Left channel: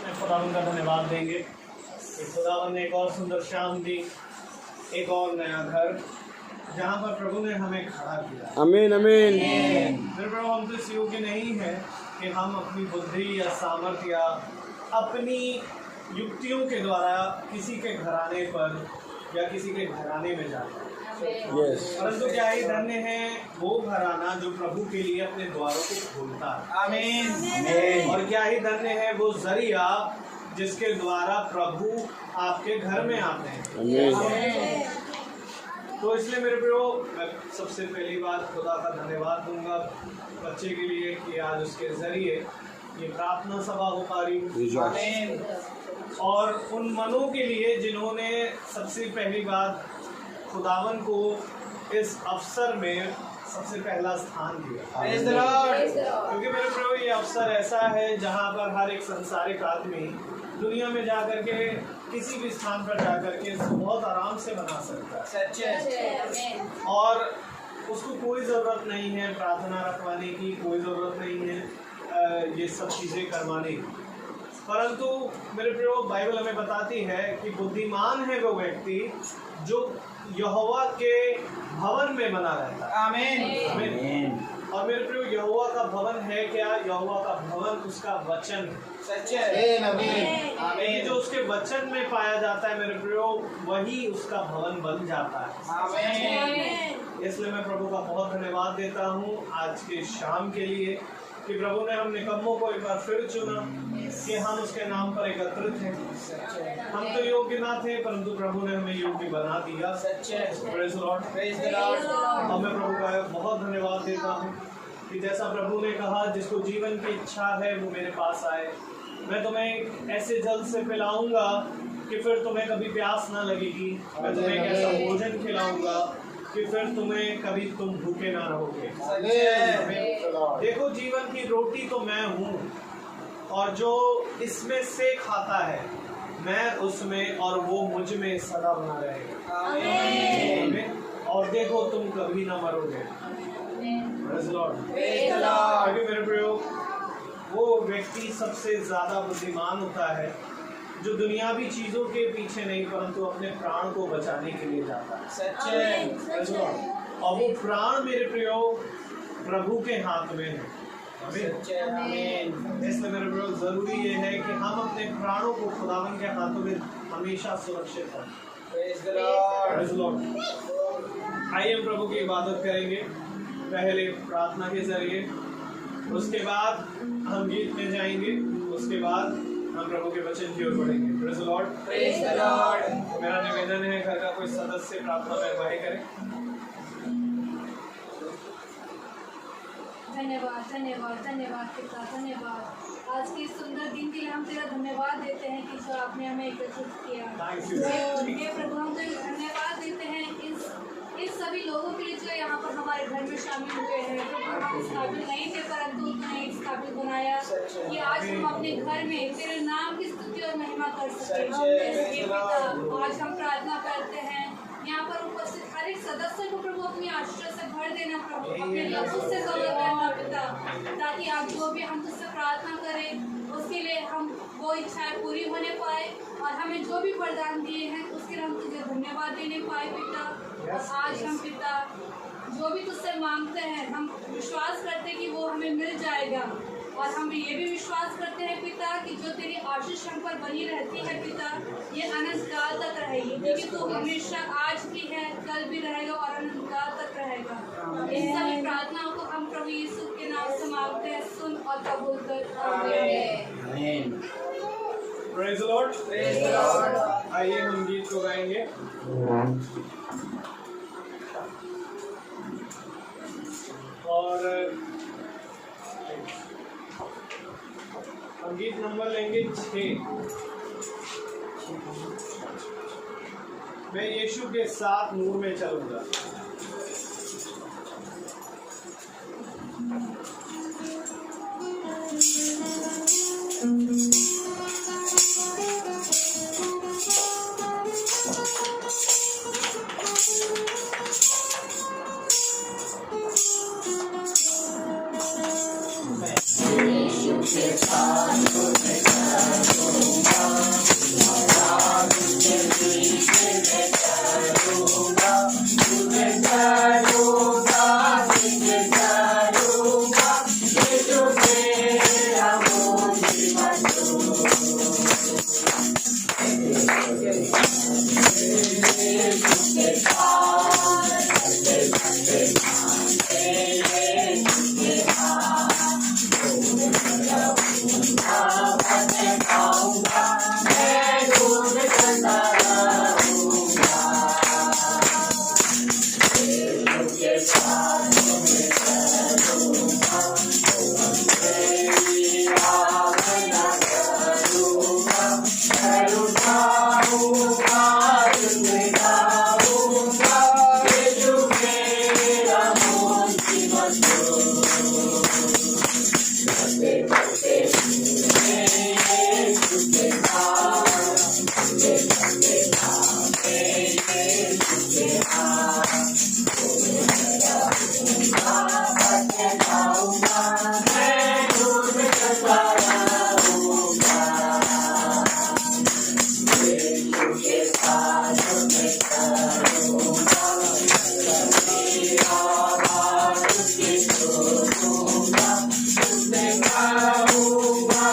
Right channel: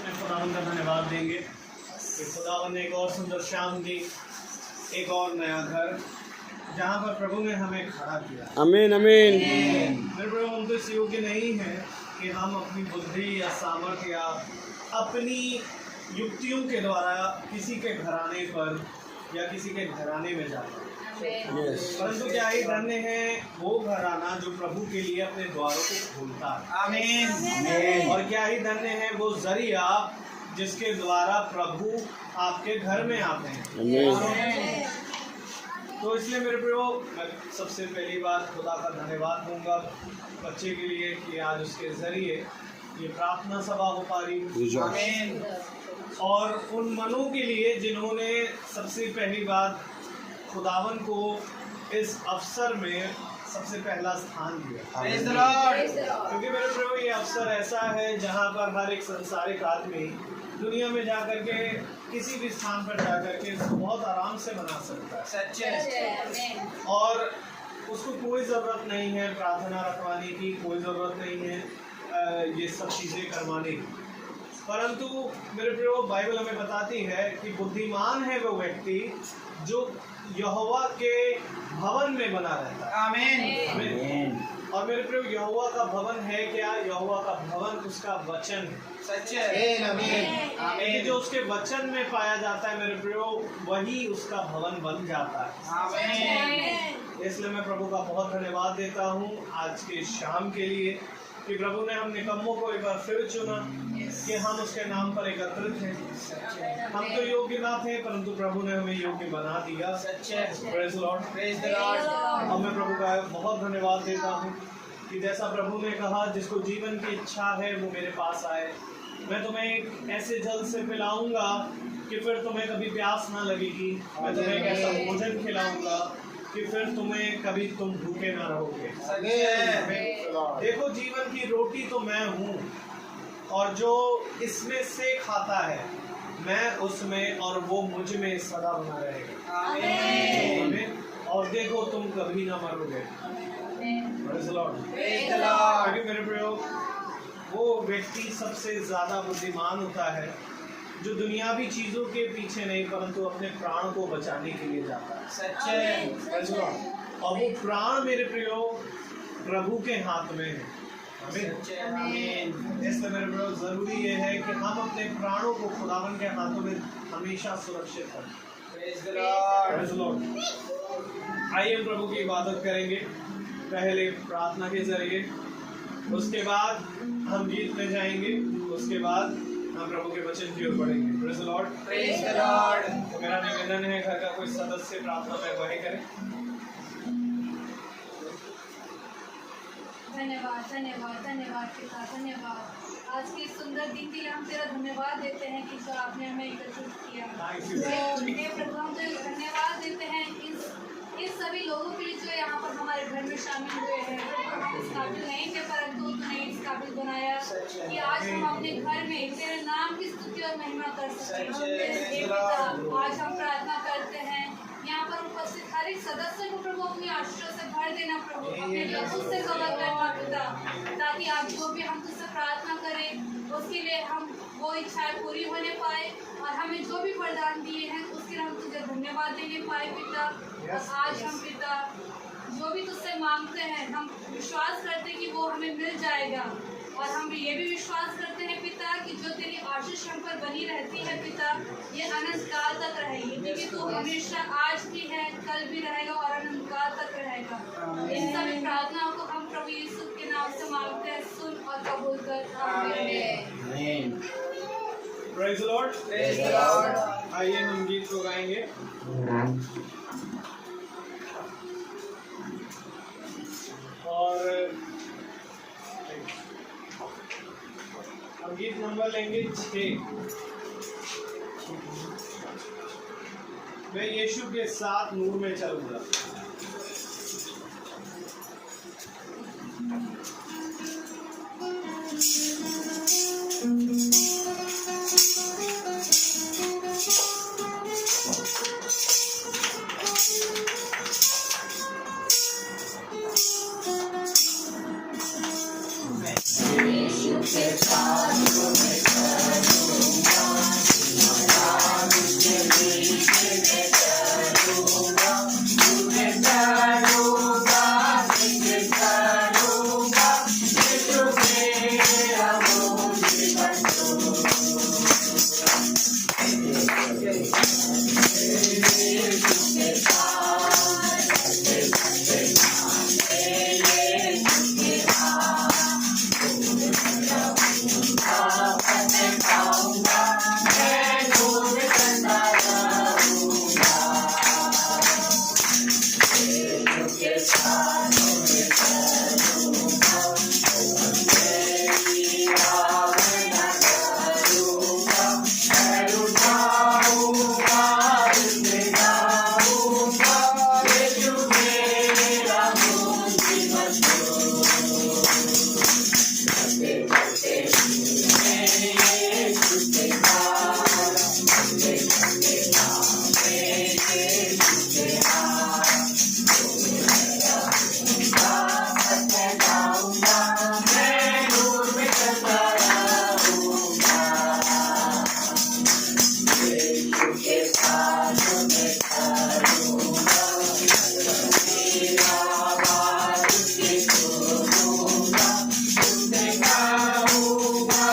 अपने खुदावन का धन्यवाद देंगे कि खुदावन ने एक और सुंदर शाम दी, एक और नया घर जहाँ पर प्रभु ने हमें खड़ा किया। आमीन आमीन। मेरे प्रभु, हम तो इस योग्य नहीं है कि हम अपनी बुद्धि या सामर्थ्य या अपनी युक्तियों के द्वारा किसी के घराने पर या किसी के घराने में जाए, परंतु क्या ही धन्य है वो घराना जो प्रभु के लिए अपने द्वारों को खोलता है। आमीन। और क्या ही धन्य है वो जरिया जिसके द्वारा प्रभु आपके घर में आते हैं। आमीन। तो इसलिए मेरे प्रभु, मैं सबसे पहली बात खुदा का धन्यवाद दूंगा बच्चे के लिए कि आज उसके जरिए ये प्रार्थना सभा हो पा रही। आमीन। और उन मनों के लिए जिन्होंने सबसे पहली बात खुदावन को इस अवसर में सबसे पहला स्थान दिया, क्योंकि मेरे प्रभु ये अवसर ऐसा है जहाँ पर हर एक संसारिक आदमी दुनिया में जाकर के किसी भी स्थान पर जाकर के बहुत आराम से बना सकता है और उसको कोई ज़रूरत नहीं है प्रार्थना रखवाने की, कोई ज़रूरत नहीं है ये सब चीज़ें करवाने की। परंतु मेरे प्रभु, बाइबल हमें बताती है कि बुद्धिमान है वो व्यक्ति जो यहोवा के भवन में बना रहता है। आमीन। और मेरे प्रभु, यहोवा का भवन है क्या? यहोवा का भवन उसका वचन है। आमीन। जो उसके वचन में पाया जाता है मेरे प्रभु, वही उसका भवन बन जाता है। आमीन। इसलिए मैं प्रभु का बहुत धन्यवाद देता हूँ आज के शाम के लिए कि प्रभु ने हम निकम्मों को एक बार फिर चुना कि हम उसके नाम पर एकत्रित हैं। हम तो योग्य ना थे, परंतु प्रभु ने हमें योग्य बना दिया। Praise the Lord. और मैं प्रभु का बहुत धन्यवाद देता हूँ कि जैसा प्रभु ने कहा, जिसको जीवन की इच्छा है वो मेरे पास आए, मैं तुम्हें ऐसे जल से पिलाऊंगा कि फिर तुम्हें कभी प्यास ना लगेगी। मैं तुम्हें एक ऐसा भोजन खिलाऊंगा कि फिर तुम भूखे ना रहोगे। देखो, जीवन की रोटी तो मैं हूँ और जो इसमें से खाता है मैं उसमें और वो मुझ में सदा बना रहेगा। आमीन। और देखो, तुम कभी ना मरोगे। क्योंकि मेरे प्रयोग, वो व्यक्ति सबसे ज्यादा बुद्धिमान होता है जो दुनियावी चीजों के पीछे नहीं परंतु अपने प्राण को बचाने के लिए जाता है। और वो प्राण मेरे प्रयोग प्रभु के हाथ में है। आमीन। इसलिए मेरे प्रभु, जरूरी ये है कि हम अपने प्राणों को खुदावन के हाथों में हमेशा सुरक्षित रखें। आइए प्रभु की इबादत करेंगे, पहले प्रार्थना के जरिए, उसके बाद हम गीत में जाएंगे, उसके बाद हम प्रभु के वचन की ओर बढ़ेंगे। Praise the Lord. मेरा निवेदन है घर का कोई सदस्य प्रार्थना में अगुवाई करे। धन्यवाद धन्यवाद धन्यवाद पिता, धन्यवाद आज की सुंदर दिन के लिए हम तेरा धन्यवाद देते हैं कि जो आपने हमें एकत्रित किया। हे प्रभु, हम तेरा धन्यवाद देते हैं इस सभी लोगों के लिए जो यहाँ पर हमारे घर में शामिल हुए हैं। हम इस काबिल नहीं थे, परंतु तूने इस काबिल बनाया कि आज हम अपने घर में तेरे नाम की स्तुति और महिमा कर सकें। आज हम प्रार्थना करते हैं, यहाँ पर उपस्थित हर एक सदस्य को प्रभु अपनी आशीर्वाद से भर देना प्रभु, अपने लफ्ज़ों से कवर करना पिता, ताकि आज जो भी हम तुझसे प्रार्थना करें उसके लिए हम वो इच्छाएं पूरी होने पाए और हमें जो भी वरदान दिए हैं उसके लिए हम तुझे धन्यवाद देने पाए पिता। और आज हम पिता जो भी तुझसे मांगते हैं हम विश्वास करते हैं कि वो हमें मिल जाएगा। और हम ये भी विश्वास करते हैं पिता कि जो तेरी आशीष हम पर बनी रहती है पिता, ये अनंत काल तक रहेगी, क्योंकि तू हमेशा आज भी है, कल भी रहेगा और अनंत काल तक रहेगा। इन सभी प्रार्थनाओं को हम प्रभु यीशु के नाम से मांगते हैं, सुन और कबूल कर। आमीन। Praise the Lord. आइए हम गीत को गाएंगे। और हम गीत नंबर लेंगे 6। मैं यीशु के साथ नूर में चलूंगा। यीशु के साथ पाऊंगा, मैं ढूंढ करता रहूंगा। यीशु के साथ में चलूंगा, मेरी आराधना करूंगा, मैं उठाऊंगा, उसमें गाऊंगा, यीशु मेरा मुंशी मशहूर। चलते चलते मेरे यीशु के पास, चलते चलते मेरे यीशु के पास, जाऊंगा, मैं ढूंढ करता रहूंगा। यीशु के साथ में चलूंगा, मेरी आवाज़ उसकी सुनूंगा, उससे गाऊंगा,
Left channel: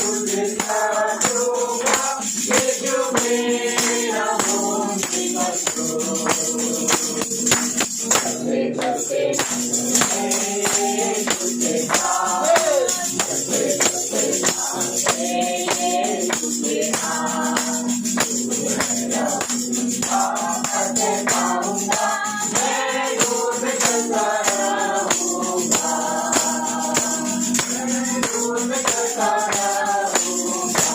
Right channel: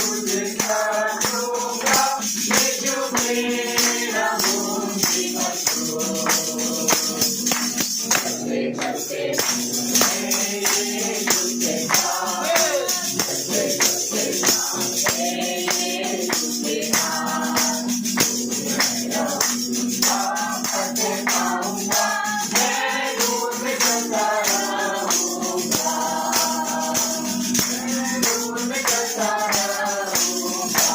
उससे चलूंगा, यीशु मेरा मुंशी मशहूर। चलते चलते मेरे यीशु के पास, चलते चलते मेरे यीशु के पास, मेरा पाते पाऊंगा, मैं ढूंढ करता रहूंगा, मैं ढूंढ करता रहूंगा,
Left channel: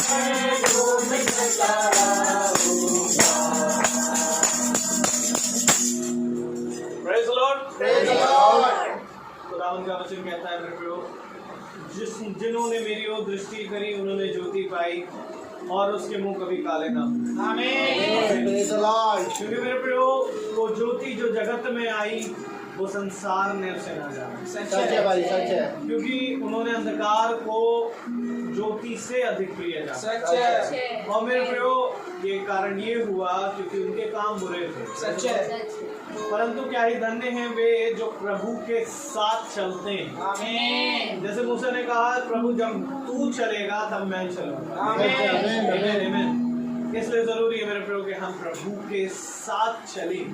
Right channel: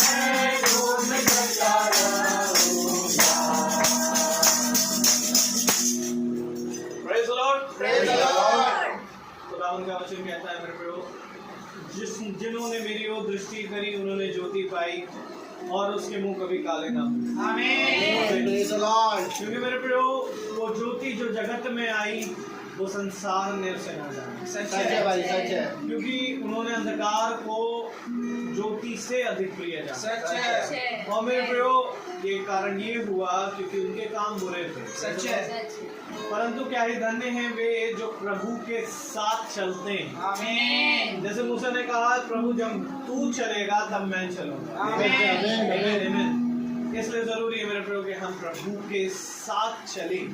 मैं ढूंढ करता रहूंगा। Praise the Lord. Praise the Lord. खुदावंद का वचन कहता है मेरे प्रभु, जिन्होंने मेरी ओर दृष्टि करी उन्होंने ज्योति पाई और उसके मुंह कभी काले ना हुए। Amen. Praise the Lord. क्योंकि मेरे प्रभु वो ज्योति जो जगत में आई वो संसार ने उसे न जाना, सच है भाई, सच है। क्योंकि उन्होंने अंधकार को ज्योति से अधिक प्रिय जाना। सच है। और मेरे प्रभु ये कारण ये हुआ क्योंकि उनके काम बुरे थे। सच है। परंतु क्या ही धन्य हैं वे जो प्रभु के साथ चलते हैं। आमीन। जैसे मूसा ने कहा, प्रभु जब तू चलेगा तब मैं चलूंगा। आमीन। आमीन। इसलिए जरूरी है मेरे प्रभु कि हम प्रभु के साथ चलें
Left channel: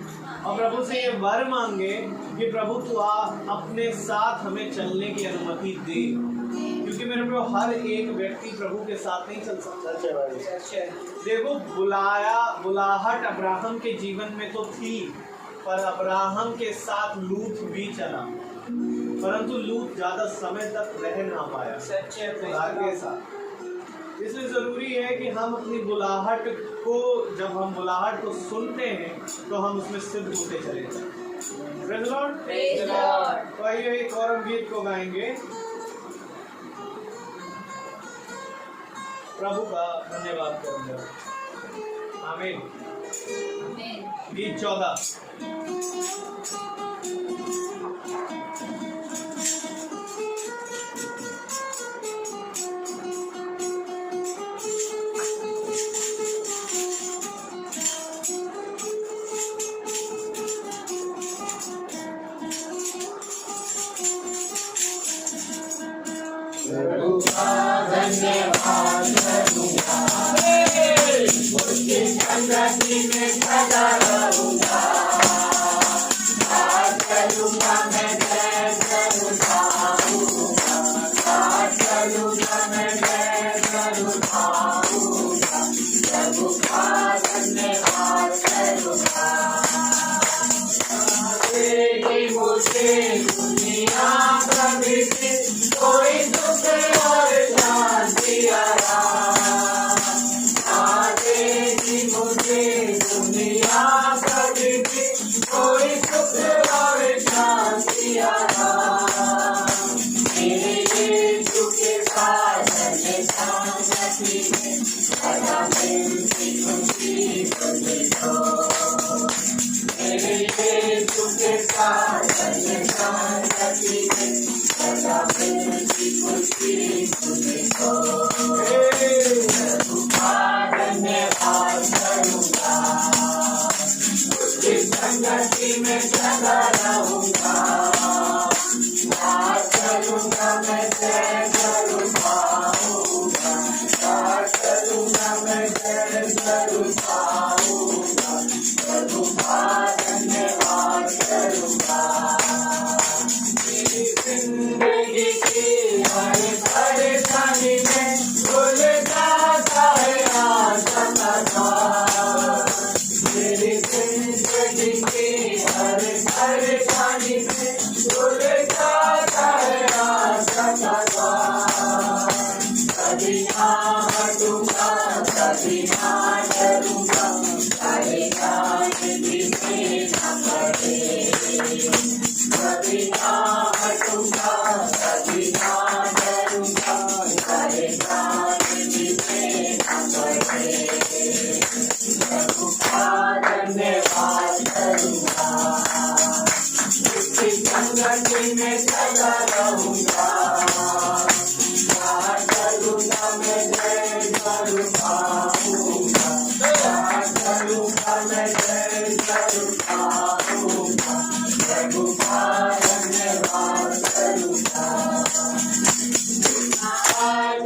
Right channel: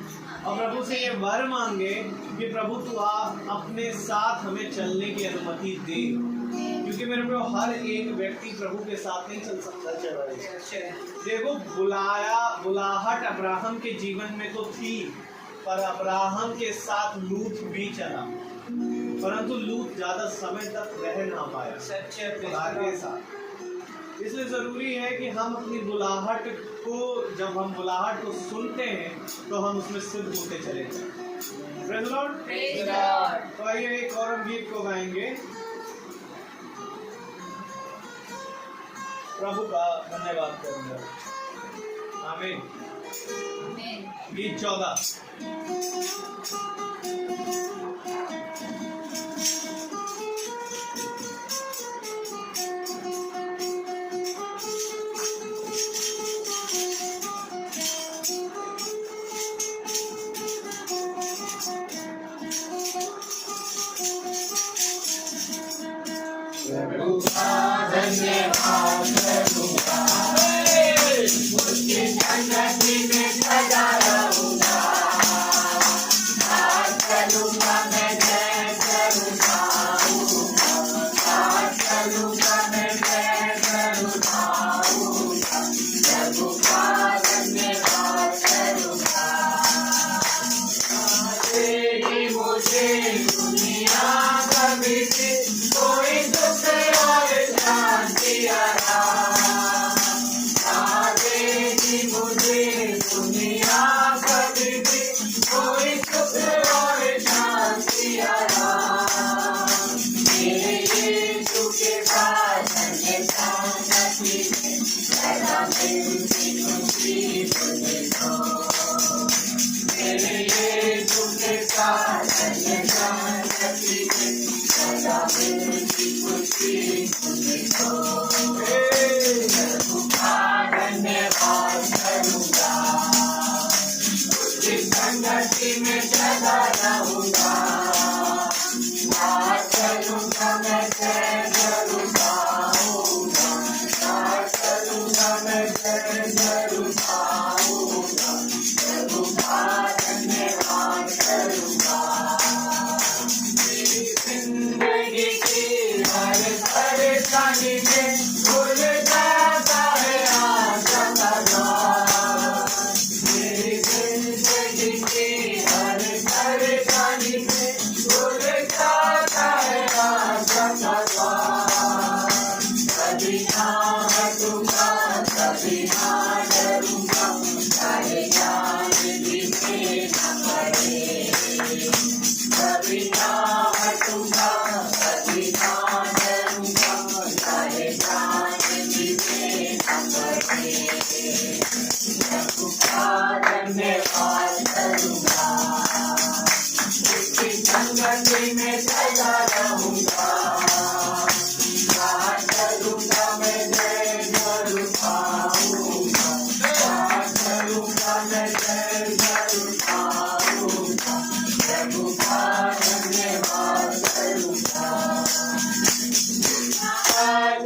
और प्रभु से ये वर मांगे कि प्रभु तू अपने साथ हमें चलने की अनुमति दे, क्योंकि मेरे प्रभु हर एक व्यक्ति प्रभु के साथ नहीं चल सकता। देखो, बुलाहट अब्राहम के जीवन में तो थी, पर अब्राहम के साथ लूत भी चला, परंतु लूत ज्यादा समय तक रह ना पाया खुदा के साथ। इसलिए जरूरी है कि हम अपनी बुलाहट को, जब हम बुलाहट को सुनते हैं तो हम उसमें सिद्ध होते चले जाएं। Praise the Lord. तो आइए एक और हम गीत को गाएंगे, प्रभु का धन्यवाद करूंगा। आमीन। गीत 14। प्रभु का धन्यवाद करूंगा, उसकी संगति में सदा रहूंगा। बात करूंगा मैं जय करूंगा, बात करूंगा मैं जय करूंगा। प्रभु का धन्यवाद करूंगा, देगी मुझे दुनिया कभी भी कोई दुख और शांति आराम, देगी मुझे दुनिया कभी भी कोई दुख और शांति आराम। मेरे यीशु के साथ में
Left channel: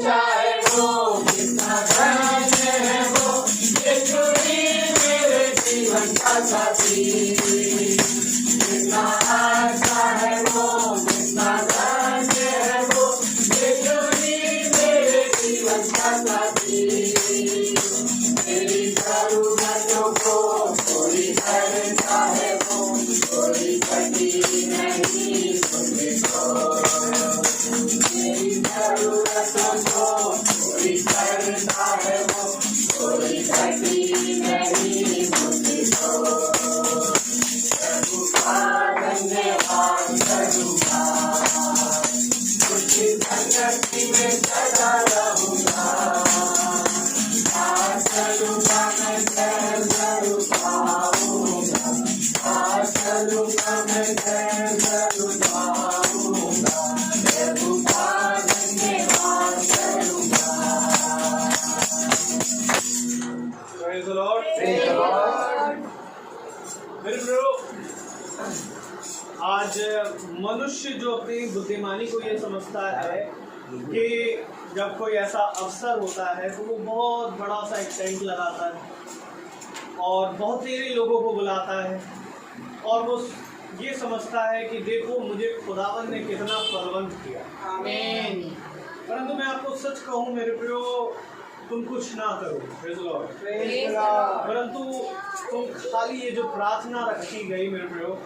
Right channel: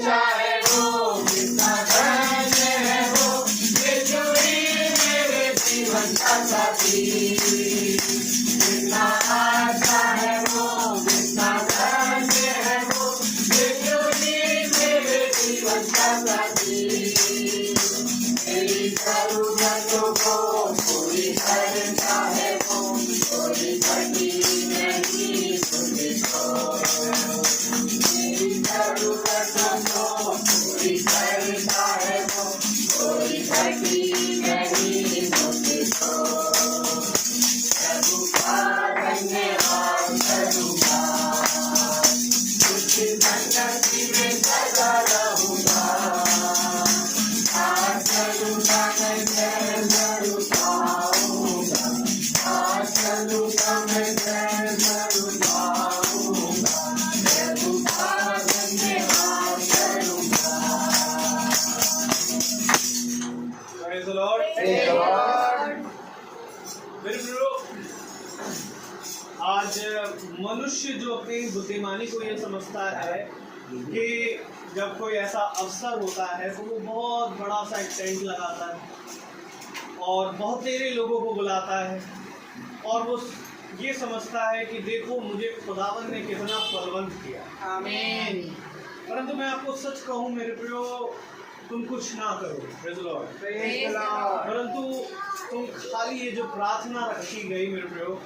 ऊंचा है वो, कितना धन्य है वो, यीशु ही मेरे जीवन का साथी। कितना अच्छा है वो, कितना धन्य है वो, यीशु ही मेरे जीवन का साथी। मेरी जरूरतों को कोई करता है वो, कोई कठिन नहीं मुझको। मेरी जरूरतों को कोई करता है वो, कोई कठिन नहीं मुझको। प्रभु का धन्यवाद करूँगा, उसकी संगति में सदा रहूँगा। आज चलूँगा मैं जरूर पाऊँगा, आज चलूँगा मैं जरूर पाऊँगा। प्रभु का धन्यवाद करूँगा। Praise the Lord. Praise the Lord. मेरे प्रियो, आज मनुष्य जो अपनी बुद्धिमानी को ये समझता है कि जब कोई ऐसा अवसर होता है तो वो बहुत बड़ा सा एक टेंट लगाता है और बहुत तेरे लोगों को बुलाता है और वो ये समझता है कि देखो मुझे खुदावन ने कितना फलवंत किया। आमीन। परंतु मैं आपको सच कहूँ मेरे प्रियो, तुम कुछ ना करो। Praise the Lord. Praise the Lord. परंतु तुम खाली ये जो प्रार्थना रखी गई मेरे प्रियो,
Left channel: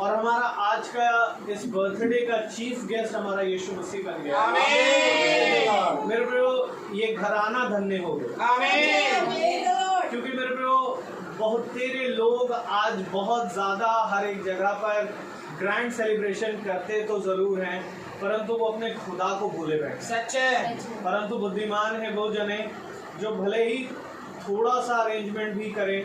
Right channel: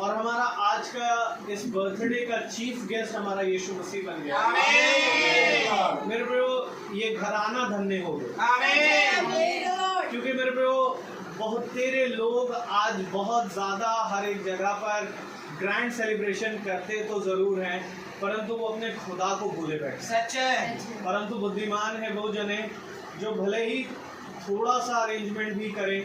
और हमारा आज का इस बर्थडे का चीफ गेस्ट हमारा यीशु मसीह बन गया। आमीन। मेरे प्रियो, ये घराना धन्य हो गया। आमीन। क्योंकि मेरे प्रियो बहुत तेरे लोग आज बहुत ज़्यादा हर एक जगह पर ग्रैंड सेलिब्रेशन करते तो ज़रूर हैं, परंतु वो अपने खुदा को भूले बैठे। सच है। परंतु बुद्धिमान है वो जने जो भले ही थोड़ा सा अरेंजमेंट भी करे,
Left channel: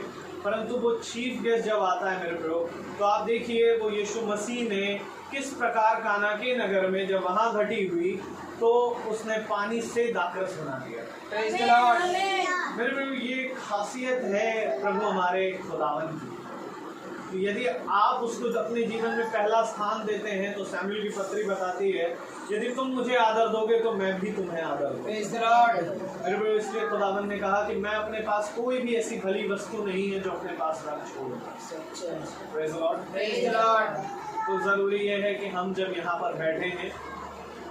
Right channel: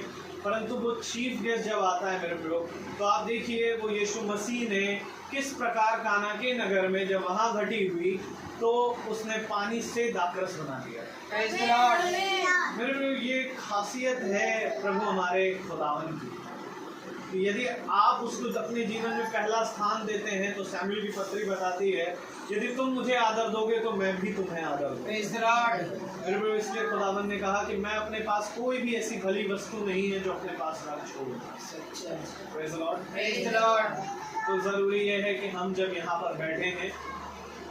परंतु वो चीफ गेस्ट जब आता है मेरे प्रियो, तो आप देखिए वो यीशु मसीह ने किस प्रकार काना के नगर में जब वहाँ घटी हुई तो उसने पानी से दाखरस बना दिया। Praise the Lord. मेरे प्रियो, ये खासियत है प्रभु हमारे खुदावन की। यदि आप उसको अपने जीवन में पहला स्थान देते हैं तो सैमुएल की पत्री बताती है, यदि तुम मुझे आदर दोगे तो मैं भी तुम्हें आदर दूंगा। Praise the Lord. मेरे प्रियो, इसलिए खुदावन ने कहा कि मैं अपने पास कोई भी ऐसी भली वस्तु नहीं है जो अपने पास रख छोड़ूंगा। सच है। Praise the Lord. Praise the Lord. तो ज़रूरी ये है कि हम जब यहाँ पर बैठे हैं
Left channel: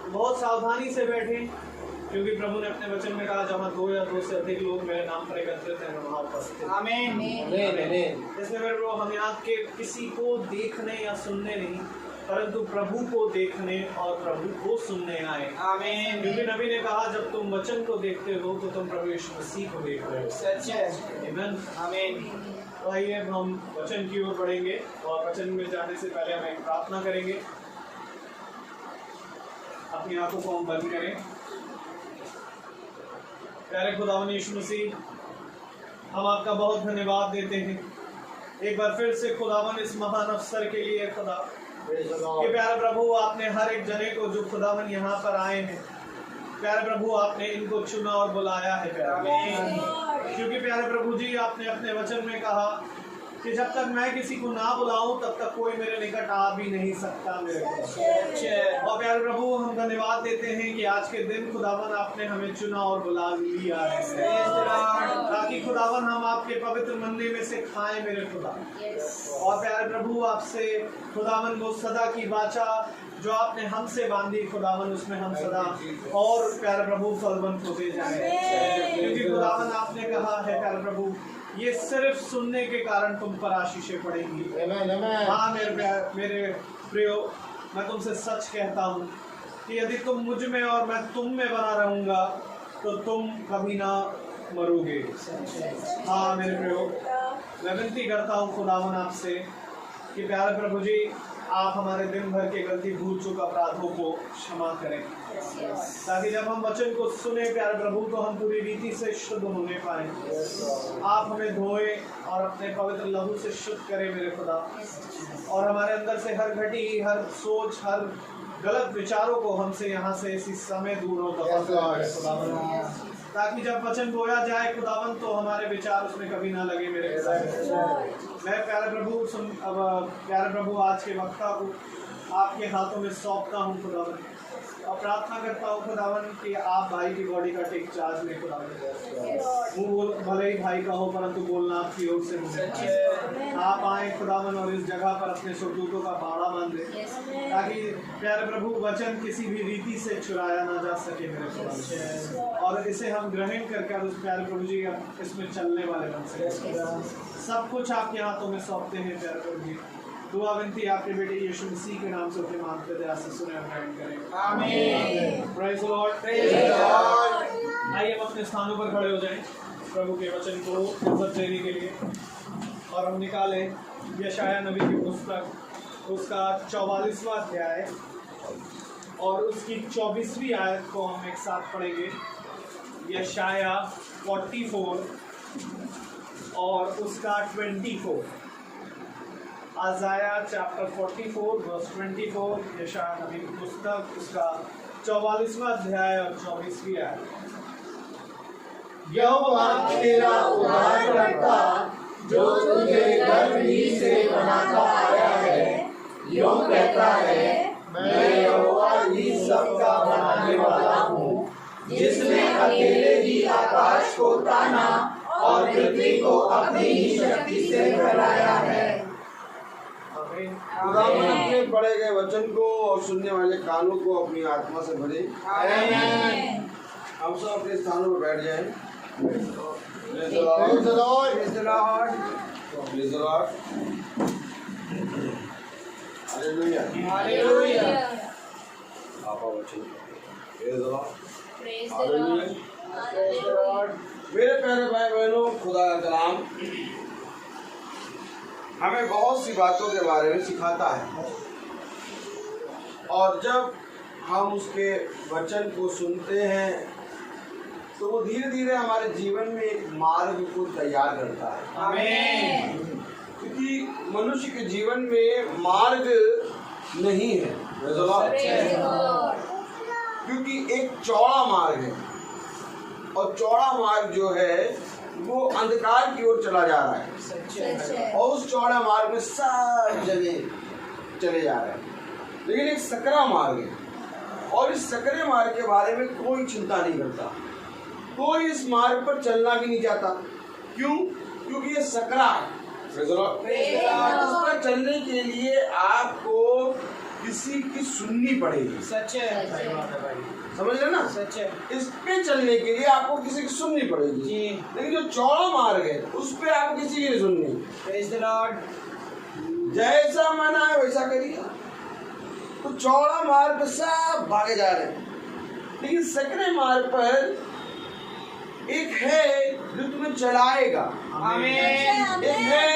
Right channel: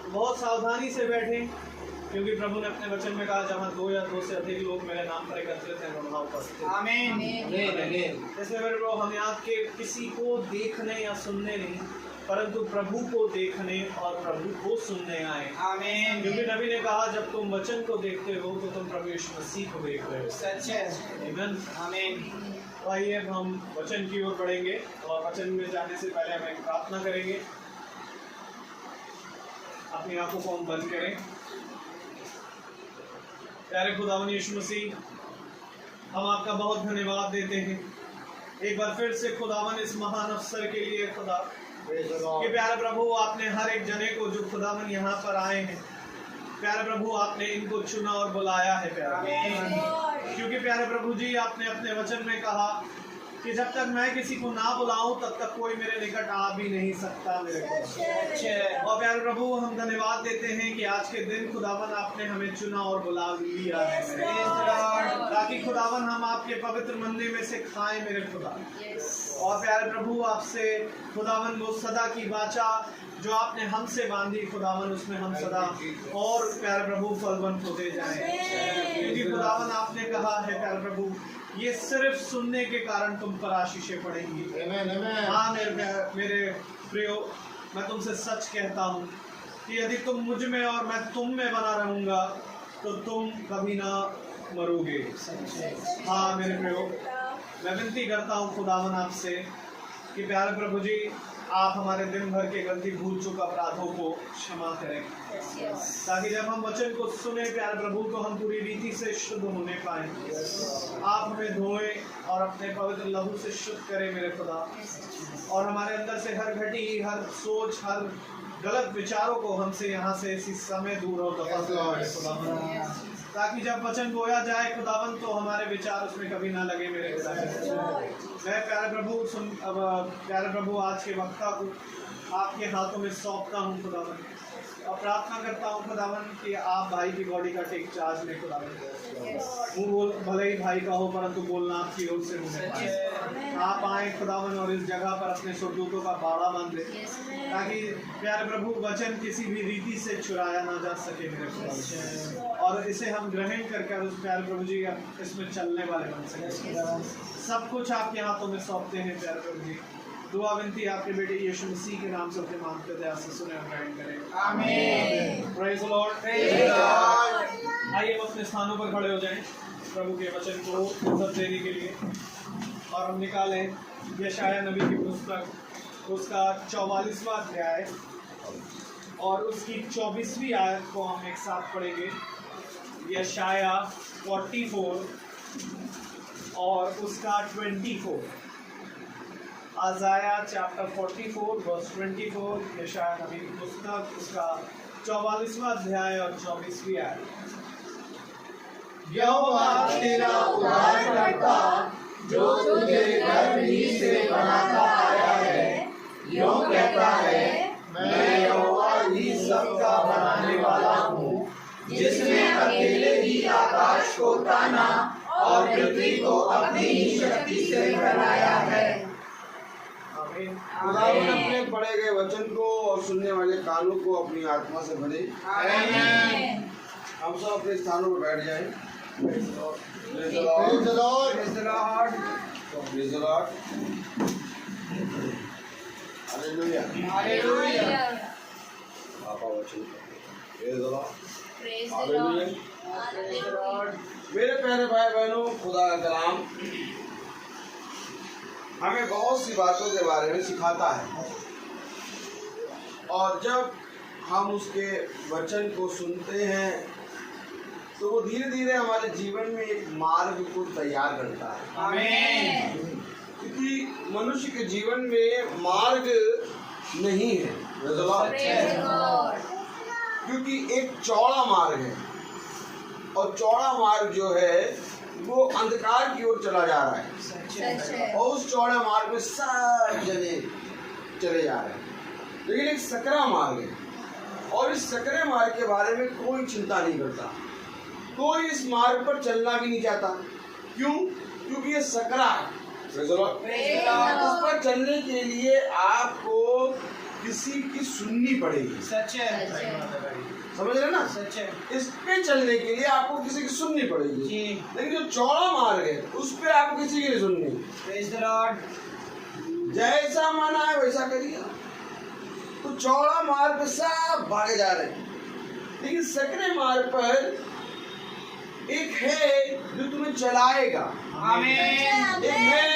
बहुत सावधानी से बैठें, क्योंकि प्रभु ने अपने वचन में कहा जहाँ 2 या 2 से अधिक लोग मेरे नाम पर एकत्रित हैं वहाँ उपस्थित हैं। आमीन। इसलिए मेरे प्रियो, हम यहाँ के किसी को देखने या सुनने नहीं, परंतु प्रभु को देखने और प्रभु को सुनने आए। आमीन। क्योंकि नबी ने कहा जब तुम वचन को देखते हो तो तुम प्रभु यीशु मसीह को देख रहे हो। सच है। आमीन। आमीन। तो आइए अब हम वचन की ओर बढ़ेंगे और वचन में जाने से पहले हम एक प्रार्थना करेंगे। अपनी आंखों को हम बंद करें। प्यारे खुदावन यीशु मसीह, हम आपका बहुत धन्यवाद देते हैं एक बार फिर से खुदावन इस महान अवसर के लिए। खुदा कि प्यारे प्रभु आपने हर एक जने को जो खुदावन यहाँ पर आए हैं, प्यारे प्रभु आपने इनको चुना और बुलाया है प्यारे, क्योंकि प्यारे प्रभु जी आपने अपने वचन में कहा कि जब तक मैं किसी को ना बुलाऊं तब तक कोई मेरे निकट आ भी नहीं सकता मेरे को। और प्यारे प्रभु हम धन्यवाद देते हैं कि आज के दिन खुदावन आपने हमें चुना और बुला लिया है, ताकि खुदावन हम आपके पवित्र मंदिर में से खाएं मेरे खुदा। और प्यारे प्रभु आपसे खुदावन वो सदा की वाचा जो आपने हमसे बांधी खुदावन, उसमें हम सदा और प्यारे प्रभु फलवंत होते जाएं, क्योंकि खुदावन आपने कहा है प्यारे प्रभु ये सिर्फ सुनने के कारण तुम पर आशीषें पड़ेंगी। हाँ मेरे प्रियो, मैं तुमसे सच कहता हूँ कि यदि तुम मुझ में और मैं तुम में बना रहूँगा तो तुम कभी ना मरोगे। हाँ मेरे प्रियो, मैं विनती करता हूँ खुदावन आपसे कि प्यारे प्रभु जी आप हमारे दिन भर के गलती भूल चूक अपराधों को क्षमा करें, ताकि जब हम वचन को सुने प्यारे प्रभु तो हम पूरी रीति से शुद्ध होने पाए। आप हमें धोएं और अपने पवित्र लहू से शुद्ध करें मेरे खुदा, और हमारे अंदर से हर घटी, हर सोच, हर गलत विचारों को हमसे यहाँ से इसी समय दूर हो खुदावन, ताकि जब वचन बोया जाए खुदावन तो हमारे विचार उसमें कभी ना लगे मेरे खुदा। मैं प्यारे प्रभु आज के वक्ता को आपके हाथों में सौंपता हूँ खुदावन, और प्रार्थना करता हूँ खुदावन कि आप भाई की बॉडी का टेक चार्ज ले खुदावन। मुंह भले ही भाई का हो परंतु बोलना आपकी ओर से मुझे आप आए खुदावन और इस जगह पर अपने स्वदूतों का बाड़ा बांध दे ताकि प्यारे प्रभु वचन किसी भी रीति से चुराया ना जा सके मेरे खुदावन, और इसे हम ग्रहण करके उस प्यारे प्रभु जी इसमें चलने वाले बन सके। सब कुछ आपके हाथों में सौंपते हैं प्यारे प्रभु जी। दुआ विनती आपके बेटे यीशु मसीह के नाम से अपने मांगते दया से सुने और ग्रहण करें। आमीन। Praise the Lord. Praise the Lord. आइए हम अपने स्थानों पर खड़े हो जाएं प्रभु के वचन को इज्जत देने के लिए, और हम निकालें यशाया नबी की पुस्तक उसका 44वां अध्याय और उसकी 24वीं आयत को हम एक साथ पढ़ेंगे। यशाया 44 और उसका 24। आज़ाया चैप्टर 44 वर्स 24, यशाया नबी की पुस्तक उसका 44वां अध्याय और 24वीं आयत। यहोवा तेरा उद्धारकर्ता जो तुझे गर्भ ही से बनाता आया है, यूं कहता है, मैं यहोवा ही सबका बनाने वाला हूँ, जिसने अकेले ही आकाश को ताना और पृथ्वी को अपनी ही शक्ति से फैलाया है। खुदावंद अपने पढ़े गए वचन को और सुनने वाले कानों को अपनी आत्मा से भरे। हम सब अपने स्थानों पर बैठ जाएं। Praise the Lord. Praise the Lord. Praise the Lord. Praise the Lord. Hallelujah. Hallelujah. आपका वचन। Praise the Lord. Praise the Hallelujah. Lord. Praise the Lord. मेरे प्यारे भाई बहनों, खुदा का कलाम हमें बहुत सी बातों के बारे में सिखाता है, और जब हम उसके वचन को सुनते हैं तो वो धीरे धीरे हमारे जीवन में एक मार्ग को तैयार करता है। आमीन। क्योंकि मनुष्य के जीवन में मार्ग नहीं है, Praise the Lord. क्योंकि एक चौड़ा मार्ग है, और चौड़ा मार्ग जो है वो अंधकार की ओर चला जा रहा है, सच है। और उस चौड़ा मार्ग में सब जने चले जा रहे हैं। लेकिन एक सकरा मार्ग है, और इस सकरे मार्ग के बारे में कोई चिंता नहीं करता, कोई इस मार्ग पर चलना भी नहीं चाहता। क्यों? क्योंकि ये सकरा है। उस पर चलने के लिए आपको किसी की सुननी पड़ेगी। सच है। सही बात है भाई। समझ रहे ना? सच है। इस पे चलने के लिए आपको किसी की सुननी पड़ेगी जी। लेकिन जो चौड़ा मार्ग है उस पे आपको किसी की नहीं सुननी। Praise the Lord. जैसा मन आए वैसा करिए। तो चौड़ा मार्ग पे सब भागे जा रहे हैं, लेकिन सकरे मार्ग पर एक है जो तुम्हें चलाएगा। आमीन। एक है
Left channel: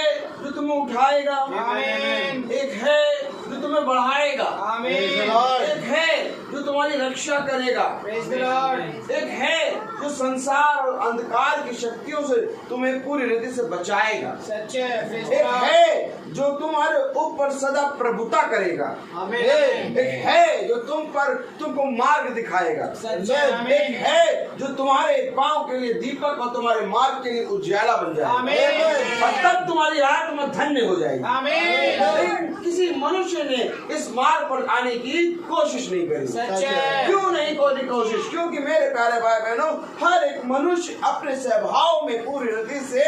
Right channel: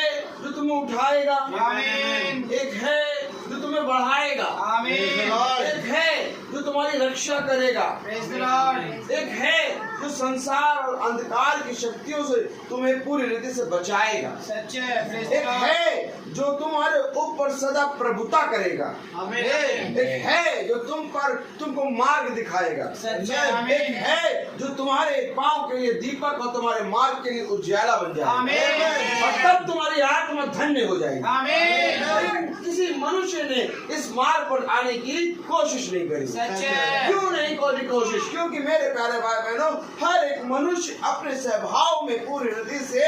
जो तुम्हें उठाएगा। आमीन। एक है जो तुम्हें बढ़ाएगा। आमीन। एक है जो तुम्हारी रक्षा करेगा। Praise the Lord. एक है जो संसार और अंधकार की शक्तियों से तुम्हें पूरी रीति से बचाएगा। सच है। प्रेज़ द एक लॉर्ड। है जो तुम्हारे ऊपर सदा प्रभुता करेगा। आमीन। एक है जो तुमको मार्ग दिखाएगा। सच है। आमीन। एक है जो तुम्हारे पांव के लिए दीपक और तुम्हारे मार्ग के लिए उजाला बन जाएगा। आमीन। और तब तुम्हारी आत्मा धन्य हो जाएगी। आमीन। लेकिन किसी मनुष्य ने इस मार्ग पर आने की कोशिश नहीं करी। सच है। क्यों नहीं करी कोशिश? क्योंकि मेरे प्यारे भाई बहनों, हर एक मनुष्य अपने स्वभाव में पूरी रीति से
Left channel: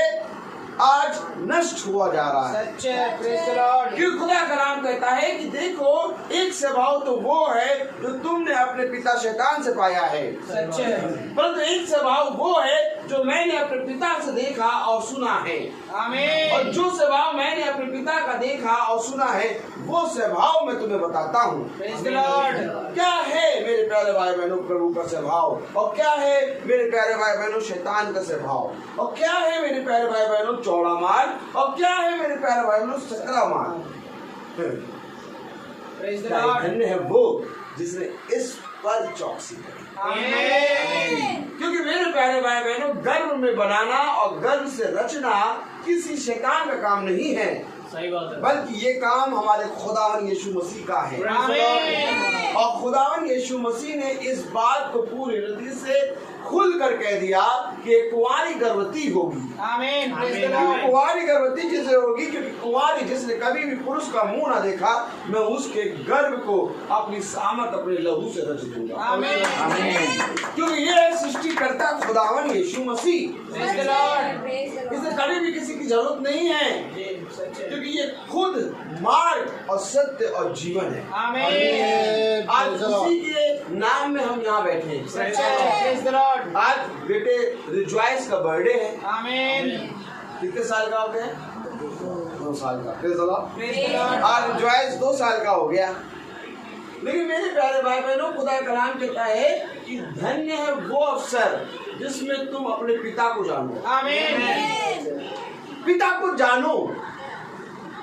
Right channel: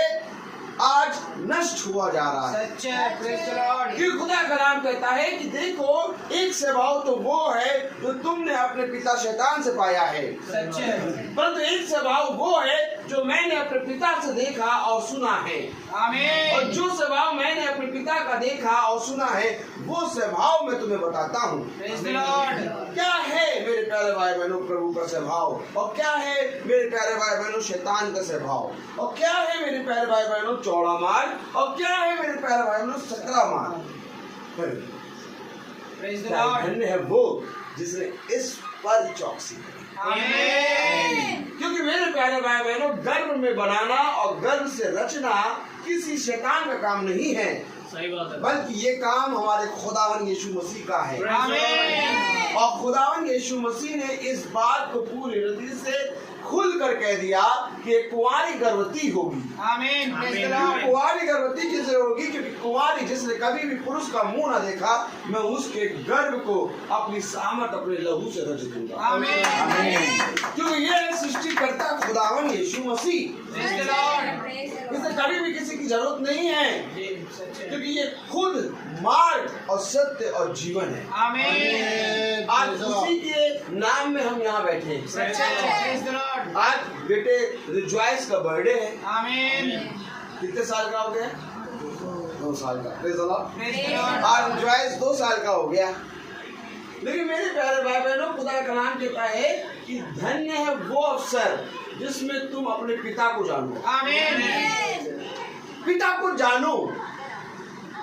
आज नष्ट हुआ जा रहा है। सच है। Praise the Lord. क्योंकि खुदा का नाम कहता है कि देखो, एक स्वभाव तो वो है जो तुमने अपने पिता शैतान से पाया है, सच है। परंतु एक स्वभाव वो है जो मैंने अपने पिता से देखा और सुना है। आमीन। और जो स्वभाव मैंने अपने पिता का देखा और सुना है वो स्वभाव मैं तुम्हें बताता हूँ। Praise the Lord. क्या है मेरे प्यारे भाई बहनों प्रभु का स्वभाव, और क्या है मेरे प्यारे भाई बहनों शैतान का स्वभाव, और क्या है मेरे प्यारे भाई बहनों चौड़ा मार्ग, और क्या है मेरे प्यारे भाई बहनों सकरा मार्ग। Praise the Lord. धन्य है वो जिसने इस पर चौकसी करी। आमीन। क्योंकि मेरे प्यारे भाई बहनों, गर्भ में बनाना और गर्भ से रचना किसी शैतान का काम नहीं है, सही बात है। बल्कि ये काम हमारे खुदावन यीशु मसीह का है। आमीन। और खुदावन यीशु मसीह ने इस बात को पूरी रीति से खुल खुलकर कह दिया कि एक कुंवारी गर्भवती होगी। आमीन। प्रेज द आमीन। लॉर्ड। कुंवारी गर्भवती जिसे होगी, क्योंकि कुंवारी जिसने कभी भी पुरुष का मुंह न देखा, मैं उसके गर्भ को अपनी सामर्थ अपने लहू से रच दूंगा। आमीन। क्योंकि ये सृष्टिकर्ता खुदावन यीशु मसीह, प्रेज द लॉर्ड। इसे कभी भी किसी की जरूरत नहीं है, जी, सच है। क्योंकि ये खुद मार्ग और सत्य और जीवन है। आमीन। आज उसी के नाम में हम यहाँ बैठे हैं। सच है। Praise the Lord. आज बेटे रिजॉइस का बर्थडे है। आमीन। कितने साल का हो गया? 2 साल का। Praise the Lord. Praise the Lord. आज रिजॉइस 2 साल का हो गया। लेकिन मेरे प्यारे भाई बहनों, खुदा का कलाम कहता है कि धन्य है वो अवसर जिसमें तुम अपने पिता को जानो। आमीन। पिता को जानो।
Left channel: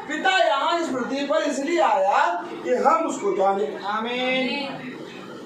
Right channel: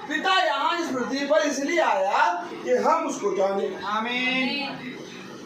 पिता यहाँ इस पृथ्वी पर इसलिए आया कि हम उसको जाने। आमीन।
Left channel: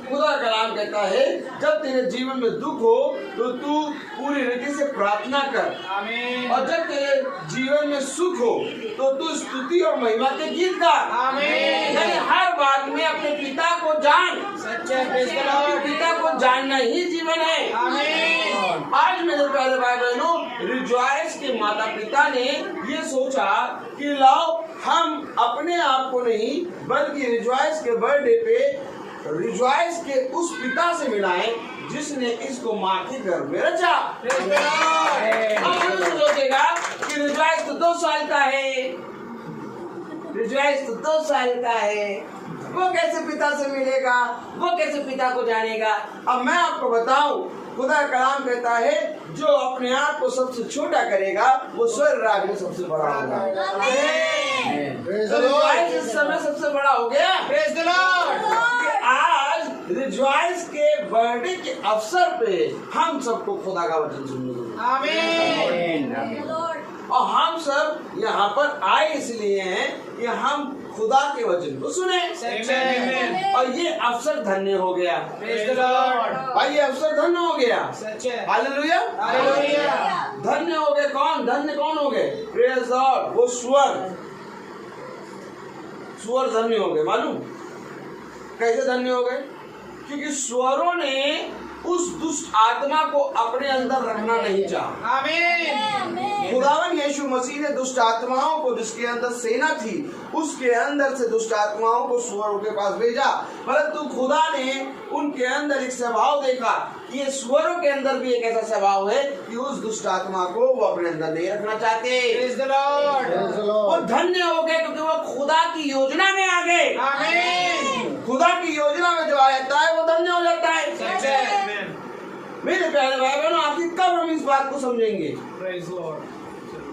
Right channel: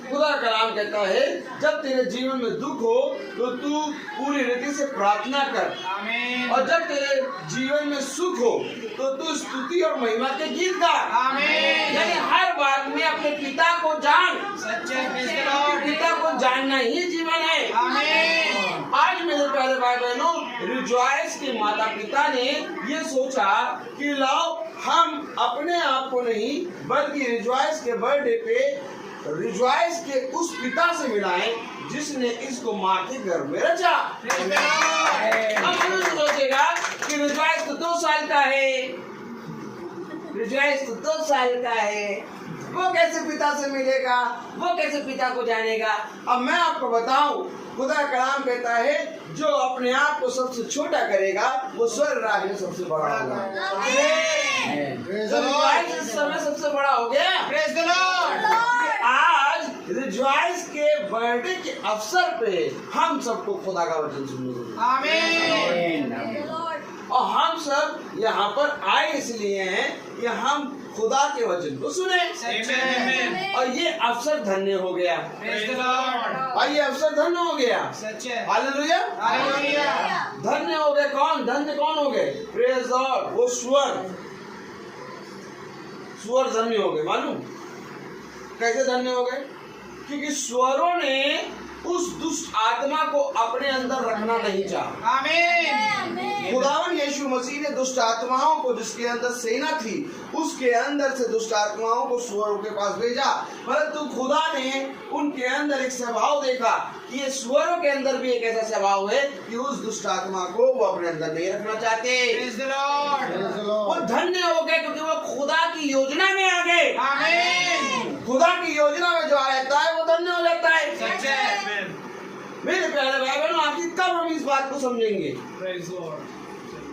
खुदा का कलाम कहता है जब तेरे जीवन में दुख हो तो तू पूरी रीति से प्रार्थना कर, आमीन। और जब तेरे जीवन में सुख हो तो तू स्तुति और महिमा के गीत गा। आमीन। यानी हर बात में अपने पिता को जान। सच है। Praise the Lord. पिता को जानना ही जीवन है। आमीन। आज मेरे प्यारे भाई बहनों, रिजॉइस के माता पिता ने ये सोचा कि लाओ हम अपने आप को नहीं बल्कि रिजॉइस के बर्थडे पे रिजॉइस के उस पिता से मिलाएं जिसने इसको माँ के गर्भ में रचा। Praise the Lord. अब कोई सोचेगा कि रिजॉइस तो 2 साल का है, रिजॉइस तो 2 साल का है, वो कैसे पिता से मिलेगा, वो कैसे पिता को जानेगा। अब मैं आपको बताऊं, खुदा का कलाम कहता है जो अपने आप को सबसे छोटा करेगा वो स्वर्ग राज्य में सबसे बड़ा होगा। तो रिजॉइस इस समय सबसे बड़ा हो गया। Praise the Lord. आज रिजॉइस के बर्थडे के अवसर पे हम सबको खुदा का वचन सुनने को मिला। आमीन। और हम सब यहाँ पर आए इसलिए हैं कि हम खुदा के वचन को सुने। सच है। और ये अवसर धन्य हो गया। Praise the Lord. और ये अवसर धन्य हो गया। सच है। हालेलुया। हालेलुया। धन्य हो गए कौन? धन्य कौन हो गए? Praise God. वो सुअर धन्य हो गए। मालूम कैसे धन्य हो गए? क्योंकि सुअरों ने उस दुष्ट आत्मा को अपने अंदर रखना नहीं चाहा। आमीन। खुदावन यीशु मसीह ने दुष्ट आत्माओं को, जिसके अंदर सेना थी, उसके अंदर से दुष्ट आत्माओं को सुअरों के पास भेजा। परंतु खुदा ने उनके अंदर एक स्वभाव देखा कि ये सुअरों के अंदर भी एक ऐसा स्वभाव है कि उस दुष्ट आत्मा को वो अपने अंदर नहीं रखना चाहते। Praise the Lord. वो धन्य हो गए क्योंकि वो खुदा की योजना में आ गए। आमीन। खुदा की योजना में जो आ जाता है वो धन्य हो जाता है। सच है। मेरे प्यारे भाई बहनों, आखिर कब हम इस बात को समझेंगे? Praise Lord.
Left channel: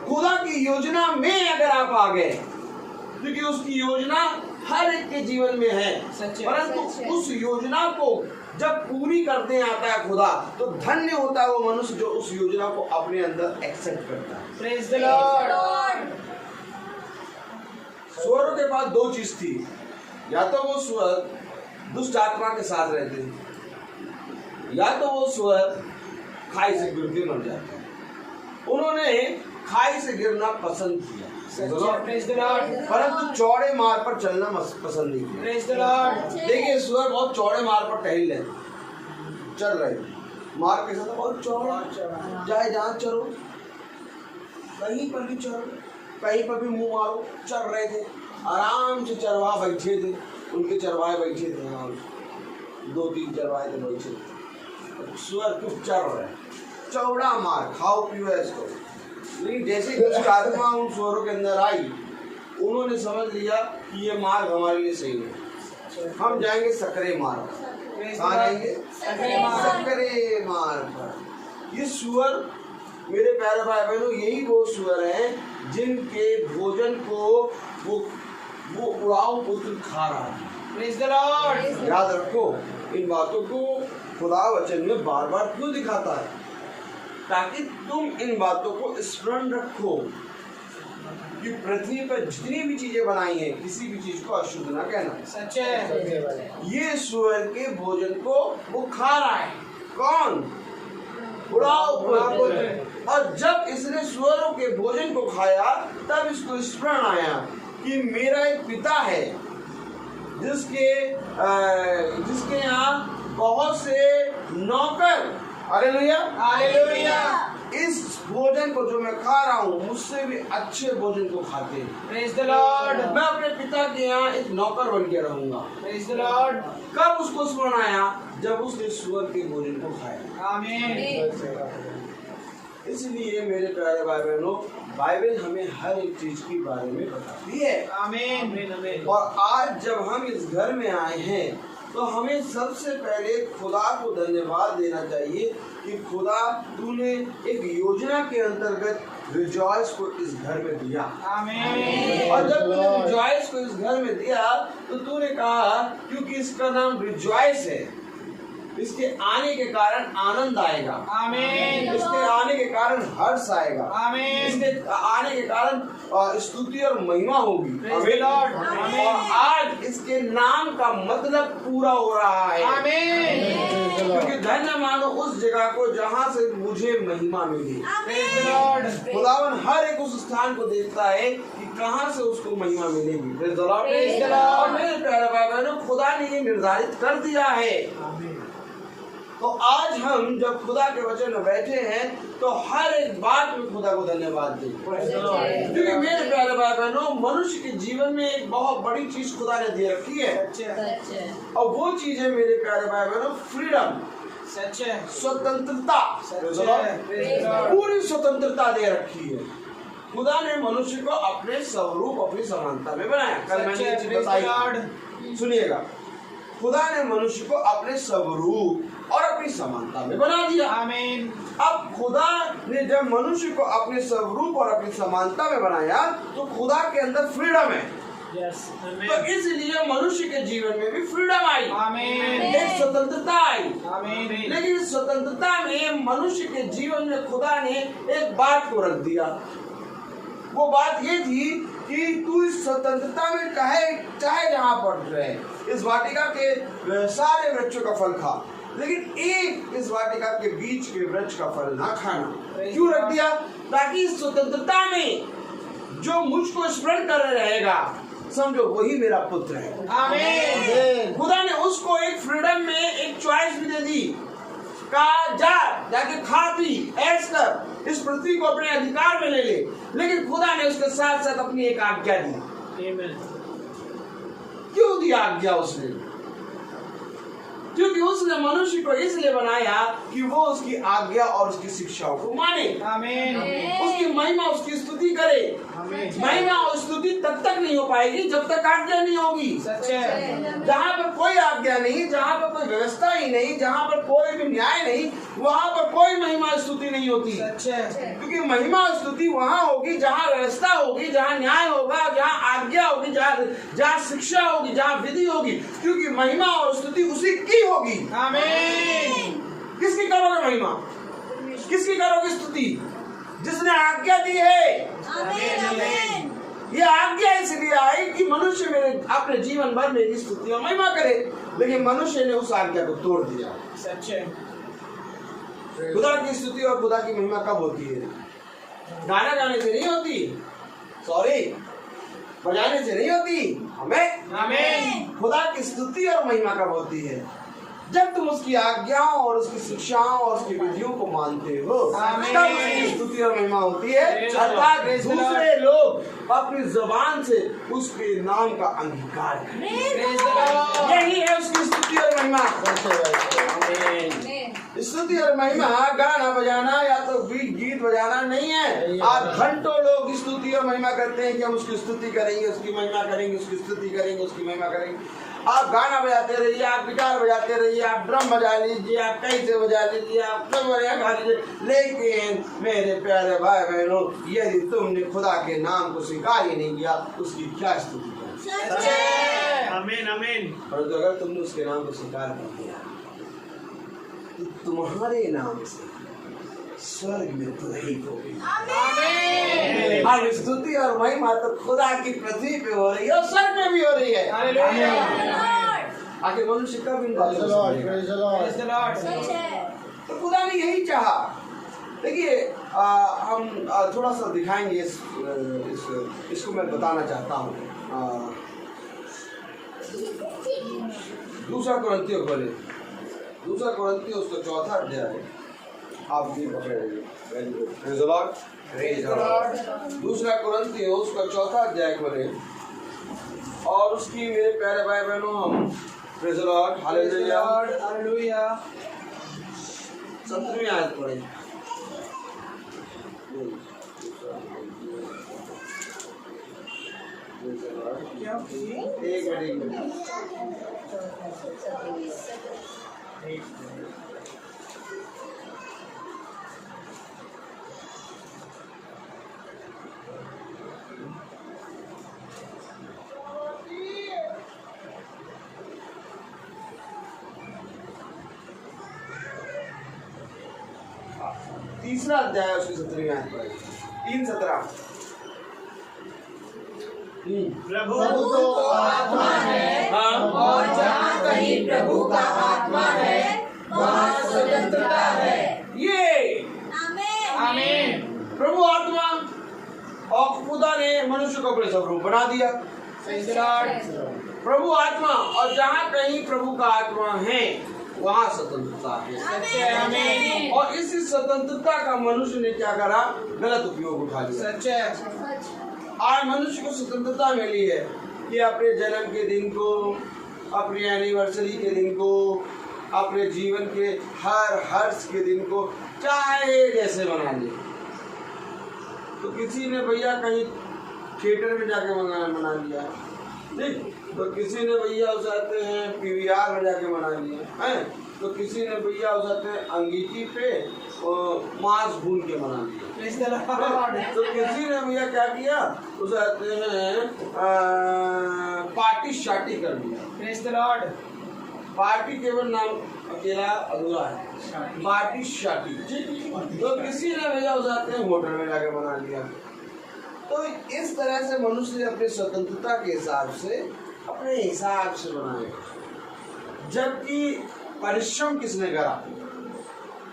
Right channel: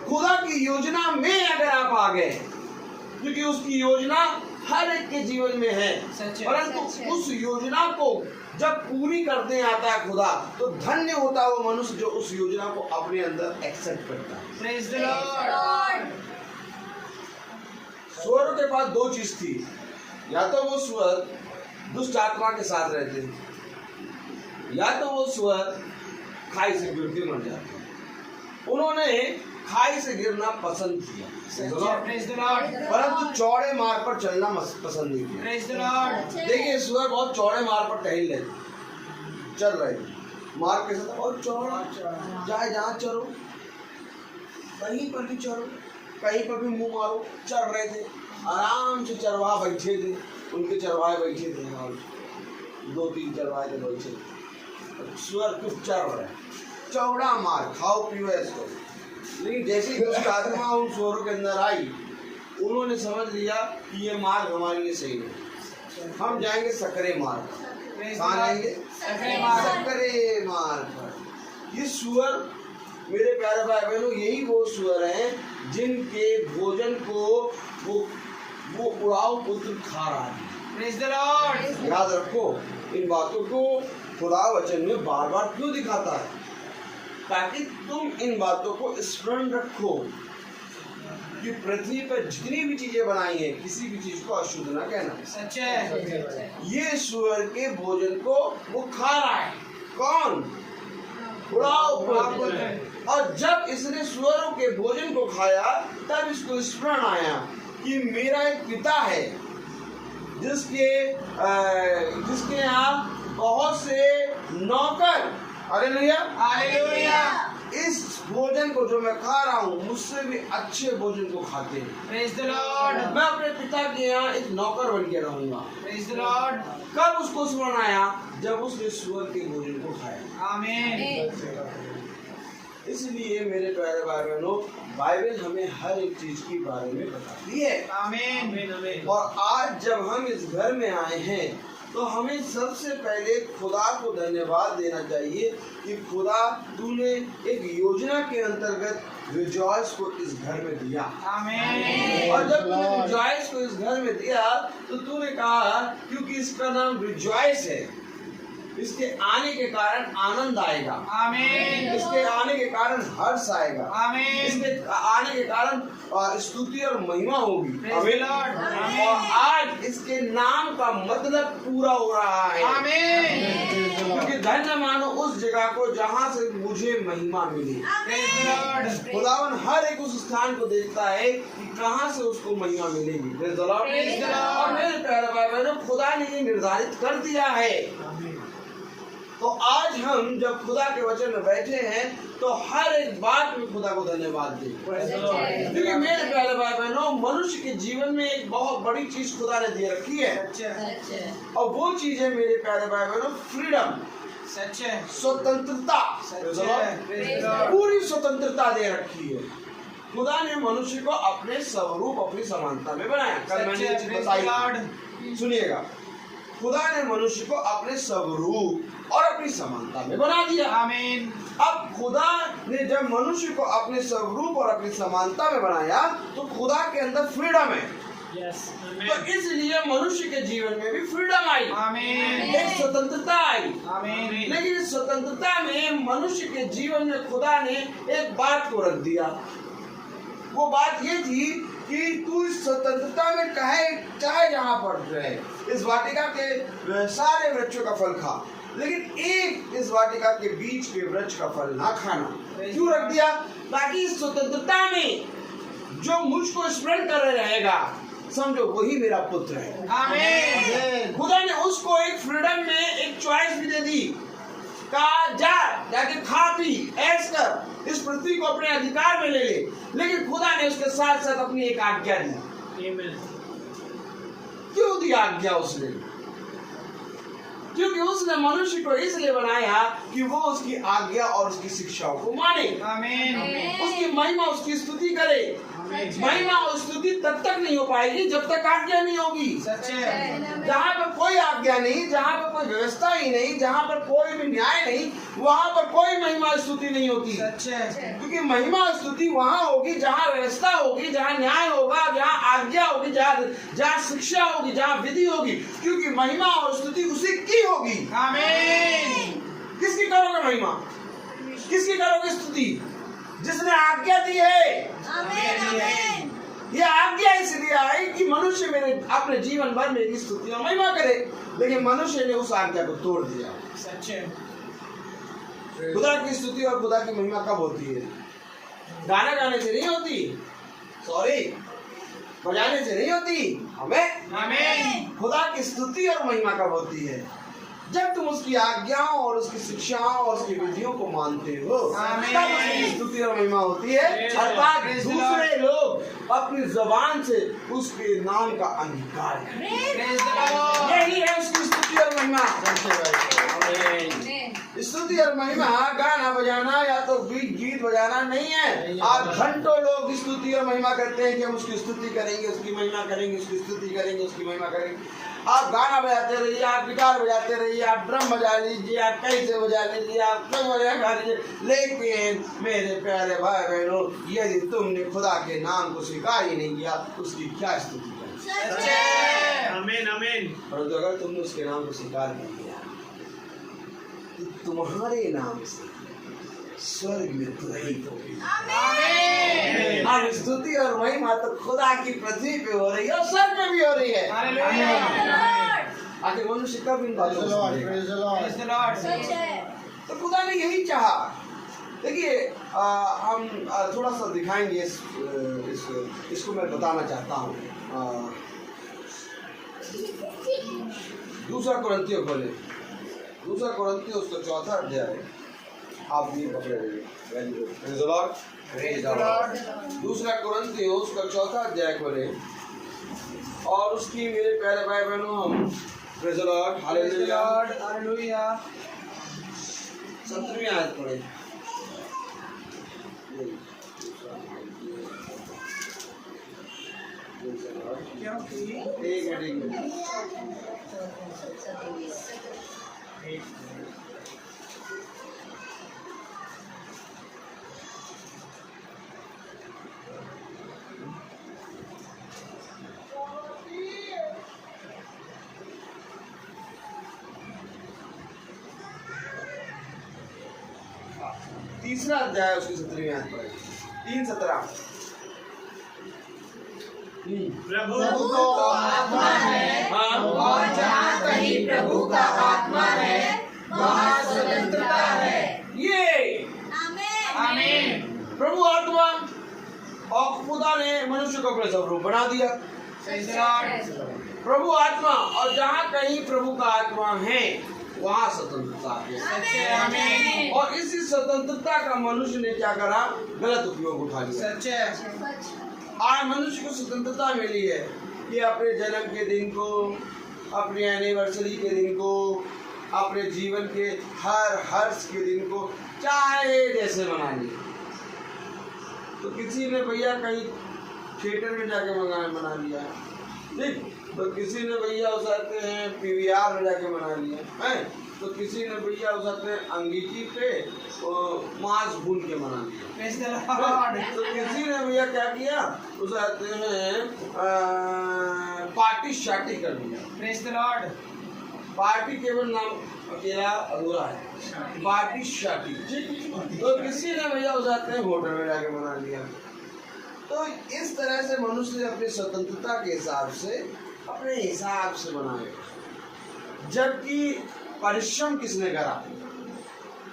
खुदा की योजना में अगर आप आ गए, क्योंकि उसकी योजना हर एक के जीवन में है, सच है। परंतु सच है। उस योजना को जब पूरी करने आता है खुदा, तो धन्य होता है वो मनुष्य जो उस योजना को अपने अंदर एक्सेप्ट करता है। Praise the Lord. सुअरों के पास 2 चीज थी, या तो वो सुअर दुष्ट आत्मा के साथ रहते थे, या तो वो सुअर खाई से गिर के मर जाते। उन्होंने खाई से गिरना पसंद किया, सच है। Praise the Lord. परंतु चौड़े मार्ग पर चलना पसंद नहीं किया। Praise the Lord. देखिए सुअर बहुत चौड़े मार्ग पर टहल रहे, चल रहे, मार्ग के साथ बहुत चौड़ा, चाहे जहाँ चलो, कहीं पर भी चलो, कहीं पर भी मुंह मारो, चल रहे थे। आराम से चरवाहा बैठे थे, उनके चरवाहे बैठे थे, और 2-3 चरवाहे थे बैठे। सुअर चुप चल रहे, चौड़ा मार्ग, खाओ पियो ऐसे करो। लेकिन जैसे ही दुष्ट आत्मा उन सुअरों के अंदर आई, उन्होंने समझ लिया कि ये मार्ग हमारे लिए सही है, हम जाएंगे सकरे मार्ग। कहाँ जाएंगे? सकरे मार्ग पर। ये सुअर, मेरे प्यारे भाई बहनों, यही वो सुअर हैं जिनके भोजन को वो उड़ाऊ पुत्र खा रहा है। Praise the Lord. याद रखो, इन बातों को खुदा वचन में बार बार क्यों दिखाता है? ताकि तुम इन बातों को स्मरण रखो कि पृथ्वी पर जितनी भी चीजें बनाई हैं, किसी भी चीज को अशुद्ध ना कहना। सच है। ये सुअर के भोजन को वो खा रहा है। कौन? उड़ाऊ पुत्र। और जब इसने सुअरों के भोजन को खाया, तब इसको स्मरण आया कि मेरा एक पिता है जिसके यहाँ बहुत से नौकर हालेलुया। हालेलुया। इस भोजन को जो मैं खा रहा हूँ मुझसे भी अच्छे भोजन को खाते हैं। Praise the Lord. मैं अपने पिता के यहाँ एक नौकर बन के रहूंगा। Praise the Lord. कब उसको स्मरण आया? जब उसने सुअर के भोजन को खाया। आमीन। इसलिए मेरे प्यारे भाई बहनों, बाइबल हमें हर एक चीज के बारे में बताती है। आमीन। और आज जब हम इस घर में आए हैं तो हमें सबसे पहले खुदा को धन्यवाद देना चाहिए कि खुदा तूने एक योजना के अंतर्गत रिजॉइस को इस घर में दिया। आमीन। और जब तूने रिजॉइस को इस घर में दिया तो तूने कहा क्योंकि इसका नाम रिजॉइस है, इसके आने के कारण आनंद आएगा। आमीन। इसके आने के कारण हर्ष आएगा। आमीन। इसके आने के कारण स्तुति और महिमा होगी। Praise the Lord. और आज इसके नाम का मतलब पूरा हो रहा है। आमीन। क्योंकि धन्य मानो उस जगह को जहाँ से मुझे महिमा मिली। Praise the Lord. खुदावन हर एक उस स्थान को देखता है कि कहाँ से उसको महिमा मिलेगी। Praise the Lord. Praise the Lord. और मेरे प्यारे भाई बहनों, खुदा ने ये निर्धारित कर दिया है। तो आज हम जब खुदा के वचन में बैठे हैं तो हर एक बात में खुदा को धन्यवाद दें। क्योंकि मेरे प्यारे भाई बहनों, मनुष्य के जीवन में एक बहुत बड़ी चीज खुदा ने दे रखी है और वो चीज है मेरे प्यारे भाई बहनों फ्रीडम, सच है। स्वतंत्रता। Praise the Lord. पूरी स्वतंत्रता दे रखी है। खुदा ने मनुष्य को अपने स्वरूप अपनी समानता में बनाया। कल मैंने ये चीज बताई, सुनिएगा। खुदा ने मनुष्य को अपने स्वरूप और अपनी समानता में बना दिया। आमीन। अब खुदा ने जब मनुष्य को अपने स्वरूप और अपनी समानता में बनाया तो खुदा के अंदर फ्रीडम है। यस। तो इसलिए मनुष्य के जीवन में भी फ्रीडम आई। आमीन। एक स्वतंत्रता आई। आमीन। लेकिन इस स्वतंत्रता में मनुष्य के जीवन में खुदा ने एक बात को रख दिया। वो बात ये थी कि तू इस स्वतंत्रता में चाहे जहाँ पड़ रहे, इस वाटिका के सारे वृक्षों का फल खा, लेकिन एक इस वाटिका के बीच के वृक्ष का फल ना खाना। क्यों रख दिया? ताकि इस स्वतंत्रता में जो मुझको स्मरण कर रहेगा, समझो वही मेरा पुत्र है। आमीन। खुदा ने उसको एक फ्रीडम में एक चॉइस भी दे दी। कहा जाके खा पी ऐश कर, इस पृथ्वी को अपने अधिकार में ले ले। लेकिन खुदा ने उसके साथ साथ अपनी एक आज्ञा दी। क्यों दी आज्ञा उसने? क्योंकि उसने मनुष्य को इसलिए बनाया कि वो उसकी आज्ञा और उसकी शिक्षाओं को माने। आमीन। उसकी महिमा उसकी स्तुति करे। महिमा और स्तुति तब तक नहीं हो पाएगी जब तक आज्ञा नहीं होगी। सच है। जहाँ पर कोई आज्ञा नहीं, जहाँ पर कोई व्यवस्था ही नहीं, जहाँ पर कोई भी न्याय नहीं, वहाँ पर कोई महिमा स्तुति नहीं होती। सच है। क्योंकि महिमा स्तुति वहाँ होगी जहाँ व्यवस्था होगी, जहाँ न्याय होगा, जहाँ आज्ञा होगी, जहाँ शिक्षा होगी, जहाँ विधि होगी। क्योंकि महिमा और स्तुति उसी की होगी। आमीन। किसकी करोगे महिमा? किसकी करोगे स्तुति? जिसने आज्ञा दी है। आमीन। ये आज्ञा इसलिए आई कि मनुष्य मेरे अपने जीवन भर मेरी स्तुति और महिमा करे, लेकिन मनुष्य ने उस आज्ञा को तोड़ दिया। सच है। खुदा की स्तुति और खुदा की महिमा कब होती है? गाना गाने से नहीं होती, सॉरी, बजाने से नहीं होती। हमें आमीन। खुदा की स्तुति और महिमा कब होती है? जब तुम उसकी आज्ञाओं और उसकी शिक्षाओं और उसकी विधियों को मानते हो, तब उसकी स्तुति और महिमा होती है। अर्थात दूसरे लोग अपनी जुबान से उसके नाम का अंगीकार करें। यही है उसकी स्तुति और महिमा। स्तुति और महिमा गाना बजाना या तो गीत बजाना नहीं है। आज घंटों लोग स्तुति और महिमा करते हैं कि हम उसकी स्तुति करेंगे, उसकी महिमा करेंगे, उसकी स्तुति करेंगे, उसकी महिमा करेंगे। आप गाना बजाते रहिए, आप गिटार बजाते रहिए, आप ड्रम बजा लीजिए, आप कैसे बजा लीजिए, आप क्या बजा लीजिए, लेकिन मेरे प्यारे भाई बहनों, यदि तुमने खुदा के नाम को स्वीकार ही नहीं किया, उसकी क्या स्तुति करें? आमीन। आमीन। परंतु अगर तुमने उसके नाम को स्वीकार कर लिया तो तुम्हारे नाम से स्वर्ग में तुरही होगी। अब स्तुति और महिमा तो खुदा की पृथ्वी पे हो रही है और स्वर्ग में भी हो रही है। आखिर मनुष्य कब इन बातों को समझेगा? तो खुदा ने यही चाहा। देखिए हम थोड़ा सा दिखाएंगे इसको मैं बताना चाहता हूँ। दूसरा कुरिन्थियों खोले, दूसरा कुरिन्थियों उसका 4वां अध्याय आप भी पकड़े रहिए। Very good. Praise the Lord. Praise the Lord. दूसरा कुरिन्थियों उसका 4था अध्याय खोले और उसकी मेरे प्यारे भाई बहनों हम praise the Lord hallelujah hallelujah 17वीं आयत पढ़े। एक मिनट तीसरा अध्याय उसकी 17वीं आयत पढ़े। 3:17 प्रभु तो आत्मा है और जहाँ कहीं प्रभु का आत्मा है वहाँ स्वतंत्रता है। ये आमीन। प्रभु आत्मा और खुदा ने मनुष्य को अपने स्वरूप बना दिया। प्रभु आत्मा और जहाँ कहीं प्रभु का आत्मा है वहाँ स्वतंत्रता है। आमीन। और इसी स्वतंत्रता का मनुष्य ने क्या करा? गलत उपयोग उठा लिया। आज मनुष्य को स्वतंत्रता मिली है कि अपने जन्म के दिन को, अपनी एनिवर्सरी के दिन को, अपने जीवन के हर हर्ष के दिन को चाहे जैसे मना ले। तो किसी ने भैया कहीं थिएटर में जाके मना लिया, ठीक, तो किसी ने भैया उसाते हैं PVR में जाके मना लिया है, तो किसी ने भैया उसाते हैं अंगीठी पे मांस भून के मना लिया। तो किसी ने भैया क्या किया, उसाते हैं पार्टी शार्टी कर लिया। पार्टी केवल नाम अकेला अधूरा है, पार्टी शार्टी। तो किसी ने भैया उसाते हैं होटल में जाके मना लिया। तो इस तरह से मनुष्य अपनी स्वतंत्रता के हिसाब से अपने हिसाब से बनाए। जबकि परिश्रम किसने करा?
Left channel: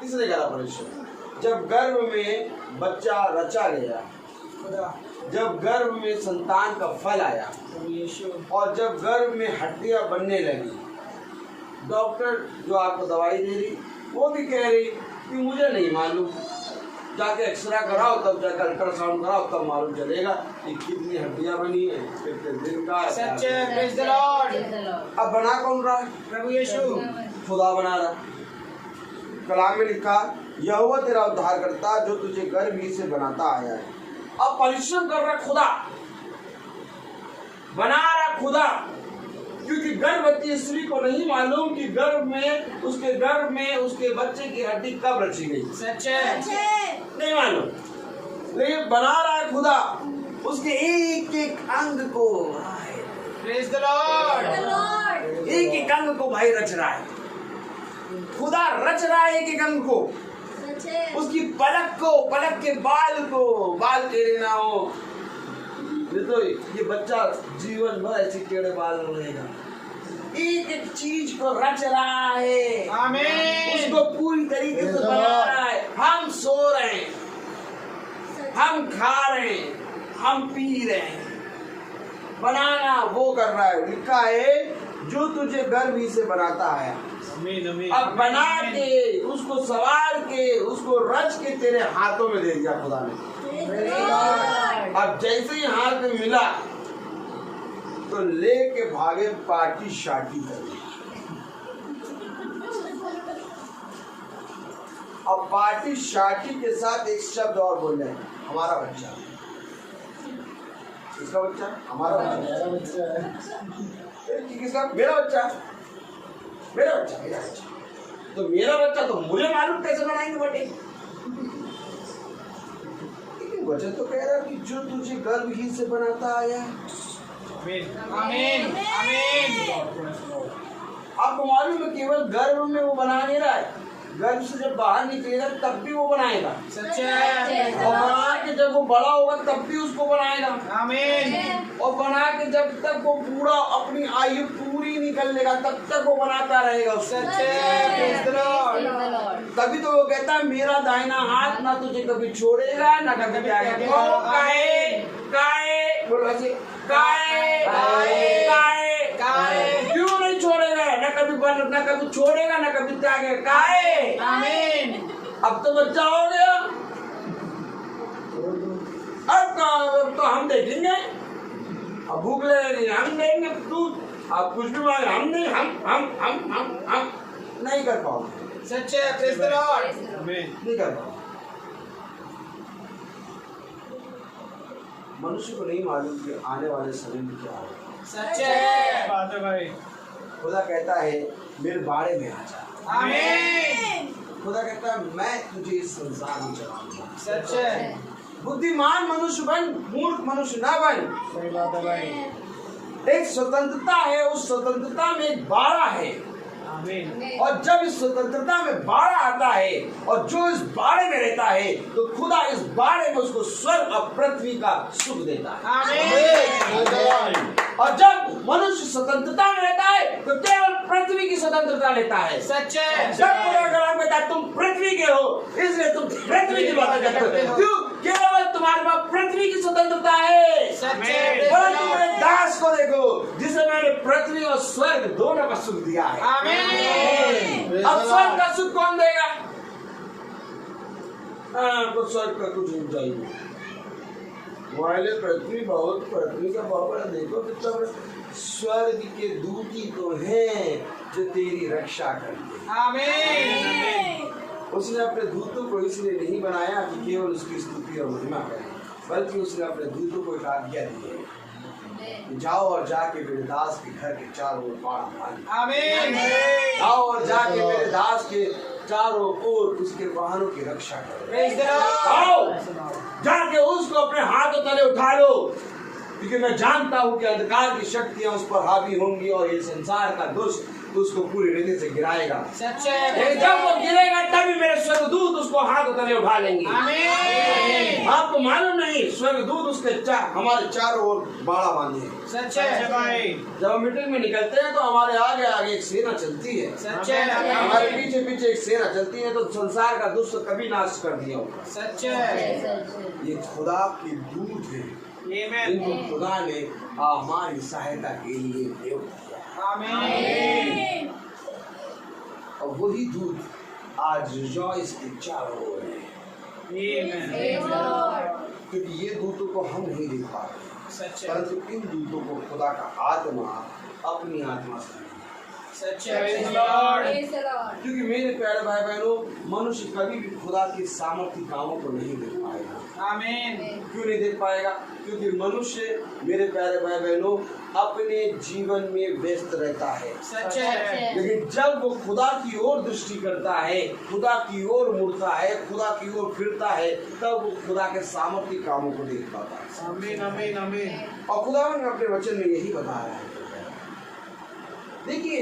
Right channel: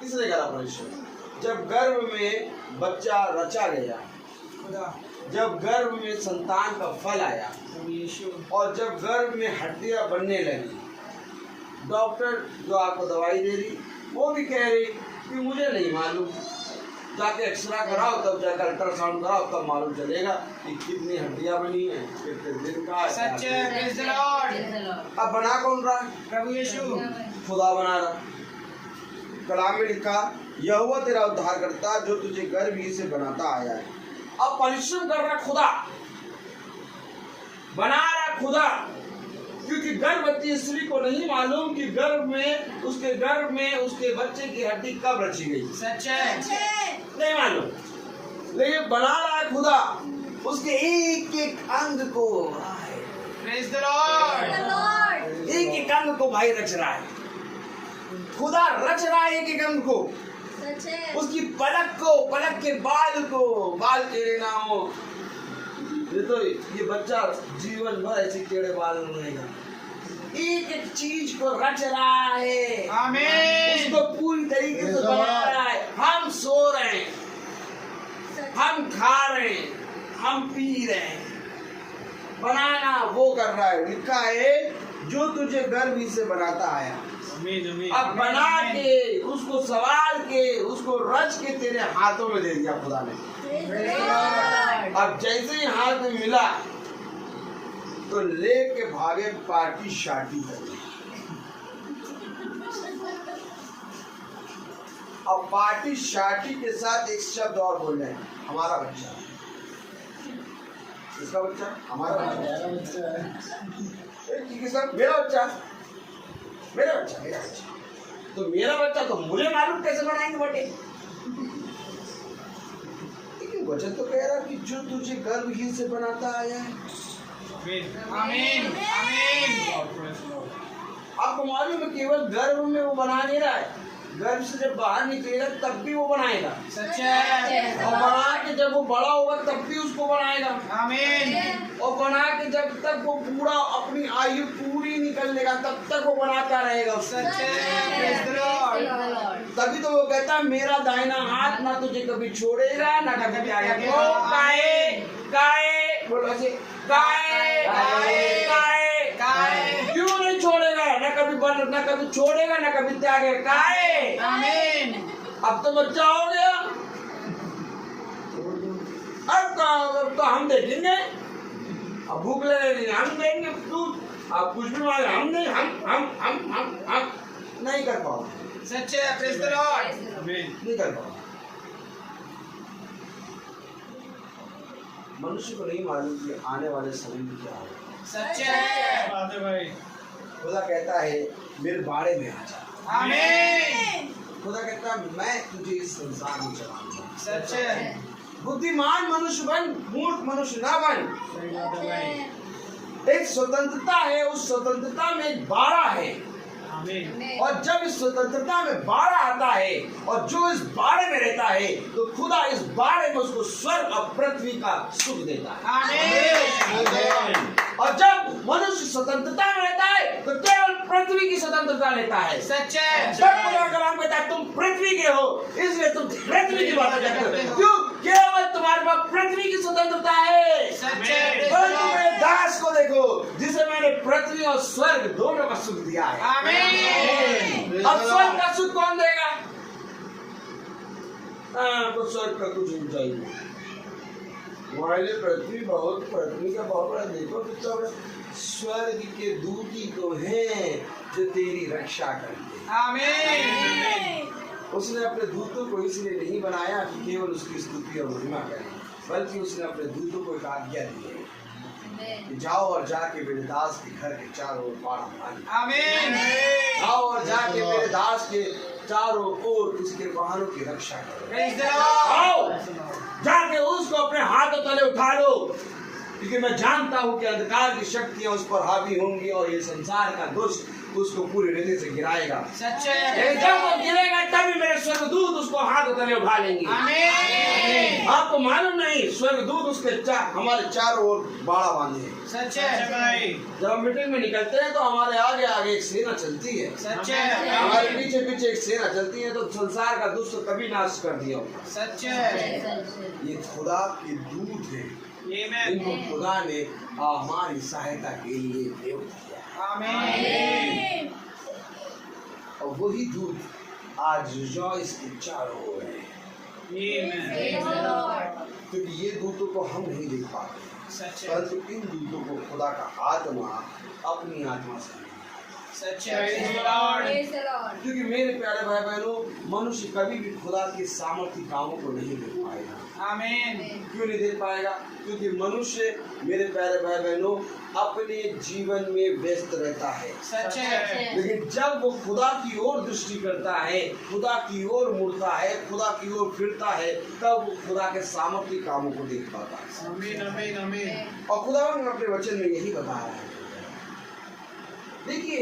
किसने करा परिश्रम? जब गर्भ में बच्चा रचा गया, जब गर्भ में संतान का फल आया और जब गर्भ में हड्डियां बनने लगी, डॉक्टर जो आपको दवाई दे रही वो भी कह रही कि मुझे नहीं मालूम, जाके एक्सरा कराओ, तब जाकर अल्ट्रासाउंड कराओ, तब मालूम चलेगा कि कितनी हड्डियां बनी है, कितने दिन का। सच्चे प्रेज़ द लॉर्ड। अब बना कौन रहा है? प्रभु यीशु। खुदा बना रहा। कलाम में लिखा, यहोवा तेरा उद्धार करता जो तुझे गर्भ ही से बनाता आया है। अब परिश्रम कर रहा खुदा, बना रहा खुदा, क्योंकि गर्भवती स्त्री को नहीं मालूम कि गर्भ में उसके बच्चे की हड्डी कब रची गई। सच्चे नहीं मालूम, लेकिन बना रहा है खुदा उसके एक एक अंग को। Praise the Lord. एक एक अंग को भाई रच रहा है, खुदा रच रहा है एक एक अंग को। उसकी पलक को, पलक के बाल को, बाल टेढ़े ना हो। तो ये बच्चा जीवन भर ऐसे टेढ़े बाल रहेगा। एक एक चीज को रच रहा है, आमीन। उसको पूरी तरीके से बना रहा है। हम सो रहे हैं, हम खा रहे हैं, हम पी रहे हैं, बनाना वो कर रहा है। लिखा है जो तुझे गर्भ ही से बनाता आया। अब बना के, उसको सवाल के, उसको रच के तेरे हाथों में दे दिया खुदा ने। अब जैसे ही हाथ में मिला तो लेके भागे पार्टी शार्टी कर। अब पार्टी शार्टी के साथ एक शब्द और बोल रहे हैं, हमारा बच्चा। किसका बच्चा? हमारा बच्चा। किसका? मेरा बच्चा, मेरा बच्चा, मेरा बच्चा। तो मेरा बच्चा तो मुझे मालूम कैसे बनाएंगे बटे। लेकिन वचन तो कह रहा कि जो तुझे गर्भ ही से बनाता आया है। आमीन। आमीन। आपको मालूम है केवल गर्भ में वो बना नहीं रहा है, गर्भ से जब बाहर निकलेगा तब भी वो बनाएगा। सच्चे। और बना के जब वो बड़ा होगा तब भी उसको बनाएगा। आमीन। और बना के जब तक वो पूरा अपनी आयु पूरी निकल लेगा तब तक वो बनाता रहेगा। सच्चे प्रेज़ द लॉर्ड। तभी तो वो कहता है मेरा दाहिना हाथ ना तुझे कभी छोड़ेगा ना कभी त्यागेगा। काहे काहे बोलो ऐसे, काहे काहे काहे क्यों नहीं छोड़ेगा? ना कभी छोड़ेगा ना कभी त्यागेगा। काहे? आमीन। अब तो बच्चा हो गया, अब तो हम देखेंगे, अब भूख लगे हम देंगे दूध, आप कुछ भी मांगे हम नहीं, हम नहीं कर पाओगे। सच्चे प्रेज़ द लॉर्ड, नहीं कर पाओगे। मनुष्य को नहीं मालूम कि आने वाले समय में क्या होगा। सच्चे बात है भाई। खुदा कहता है मेरे बारे में आ जा। आमीन। खुदा कहता है मैं तुझे इस संसार में चलाऊंगा। सच्चे बुद्धिमान मनुष्य बन, मूर्ख मनुष्य ना बन। सही बात है भाई। एक स्वतंत्रता है, उस स्वतंत्रता में एक बाड़ा है, आमीन। और जब इस स्वतंत्रता में बाड़ा आता है और जो इस बाड़े में रहता है तो खुदा इस बाड़े में उसको स्वर्ग और पृथ्वी का सुख देता है। आमीन। और जब मनुष्य स्वतंत्रता में रहता है तो केवल पृथ्वी की स्वतंत्रता लेता है। सच्चे जब खुदा कलाम कहता है तुम पृथ्वी के हो इसलिए तुम पृथ्वी की बातें करते हो, क्यों? केवल तुम्हारे पास पृथ्वी की स्वतंत्रता है। सच्चे परंतु मेरे दास को देखो जिसे मैंने पृथ्वी और स्वर्ग दोनों का सुख दिया है। आमीन। अब स्वर्ग का सुख कौन देगा? कुछ स्वर्ग का कुछ नहीं चाहिए। मोबाइल पृथ्वी बहुत, पृथ्वी का बहुत बड़ा देखो कितना बड़ा। स्वर्ग के दूत ही तो हैं जो तेरी रक्षा करते हैं। आमीन। उसने अपने दूतों को इसलिए नहीं बनाया कि केवल उसकी स्तुति और महिमा करें, बल्कि उसने अपने दूतों को एक आज्ञा दी है कि जाओ और जाके मेरे दास के घर के चारों ओर बाड़ा बांधो। आमीन। जाओ और जाके मेरे दास के चारों ओर उसके वाहनों की रक्षा करो। Praise the Lord. आओ जाके उसको अपने हाथों तले उठा लो, क्योंकि मैं जानता हूँ कि अंधकार की शक्तियाँ उस पर हावी होंगी और ये संसार का दुष्ट उसको पूरी रीति से गिराएगा। सच्चे लेकिन जब वो गिरेगा तभी मेरे स्वर्गदूत उसको हाथ तले उठा लेंगे। आमीन। आपको मालूम नहीं, स्वर्गदूत उसके हमारे चारों ओर बाड़ा बांधे। सच्चे भाई। जब हम मीटिंग में निकलते हैं तो हमारे आगे आगे एक सेना चलती है, सच्चे हमारे पीछे पीछे एक सेना चलती है। तो संसार का दुष्ट कभी नाश कर दिया होगा। सच्चे ये खुदा के दूत है, इनको खुदा ने हमारी सहायता के लिए नियुक्त किया है। आमीन। और वही दूत आज रिजॉइस के चारों ओर है, प्रेज़ द लॉर्ड। क्योंकि ये दूतों को हम नहीं देख पाते, सच्चे परंतु इन दूतों को खुदा का आत्मा अपनी आत्मा से, सच्चे praise the Lord. Praise the Lord. क्योंकि मेरे प्यारे भाई बहनों, मनुष्य कभी भी खुदा के सामर्थ्य कामों को नहीं देख पाएगा। आमीन। क्यों नहीं देख पाएगा? क्योंकि मनुष्य, मेरे प्यारे भाई बहनों, अपने जीवन में व्यस्त रहता है। सच्चे लेकिन जब वो खुदा की ओर दृष्टि करता है, खुदा की ओर मुड़ता है, खुदा की ओर फिरता है, तब वो खुदा के सामर्थ्य कामों को देख पाता है। आमीन। आमीन। आमीन। और खुदा ने अपने वचन में यही बताया है। देखिए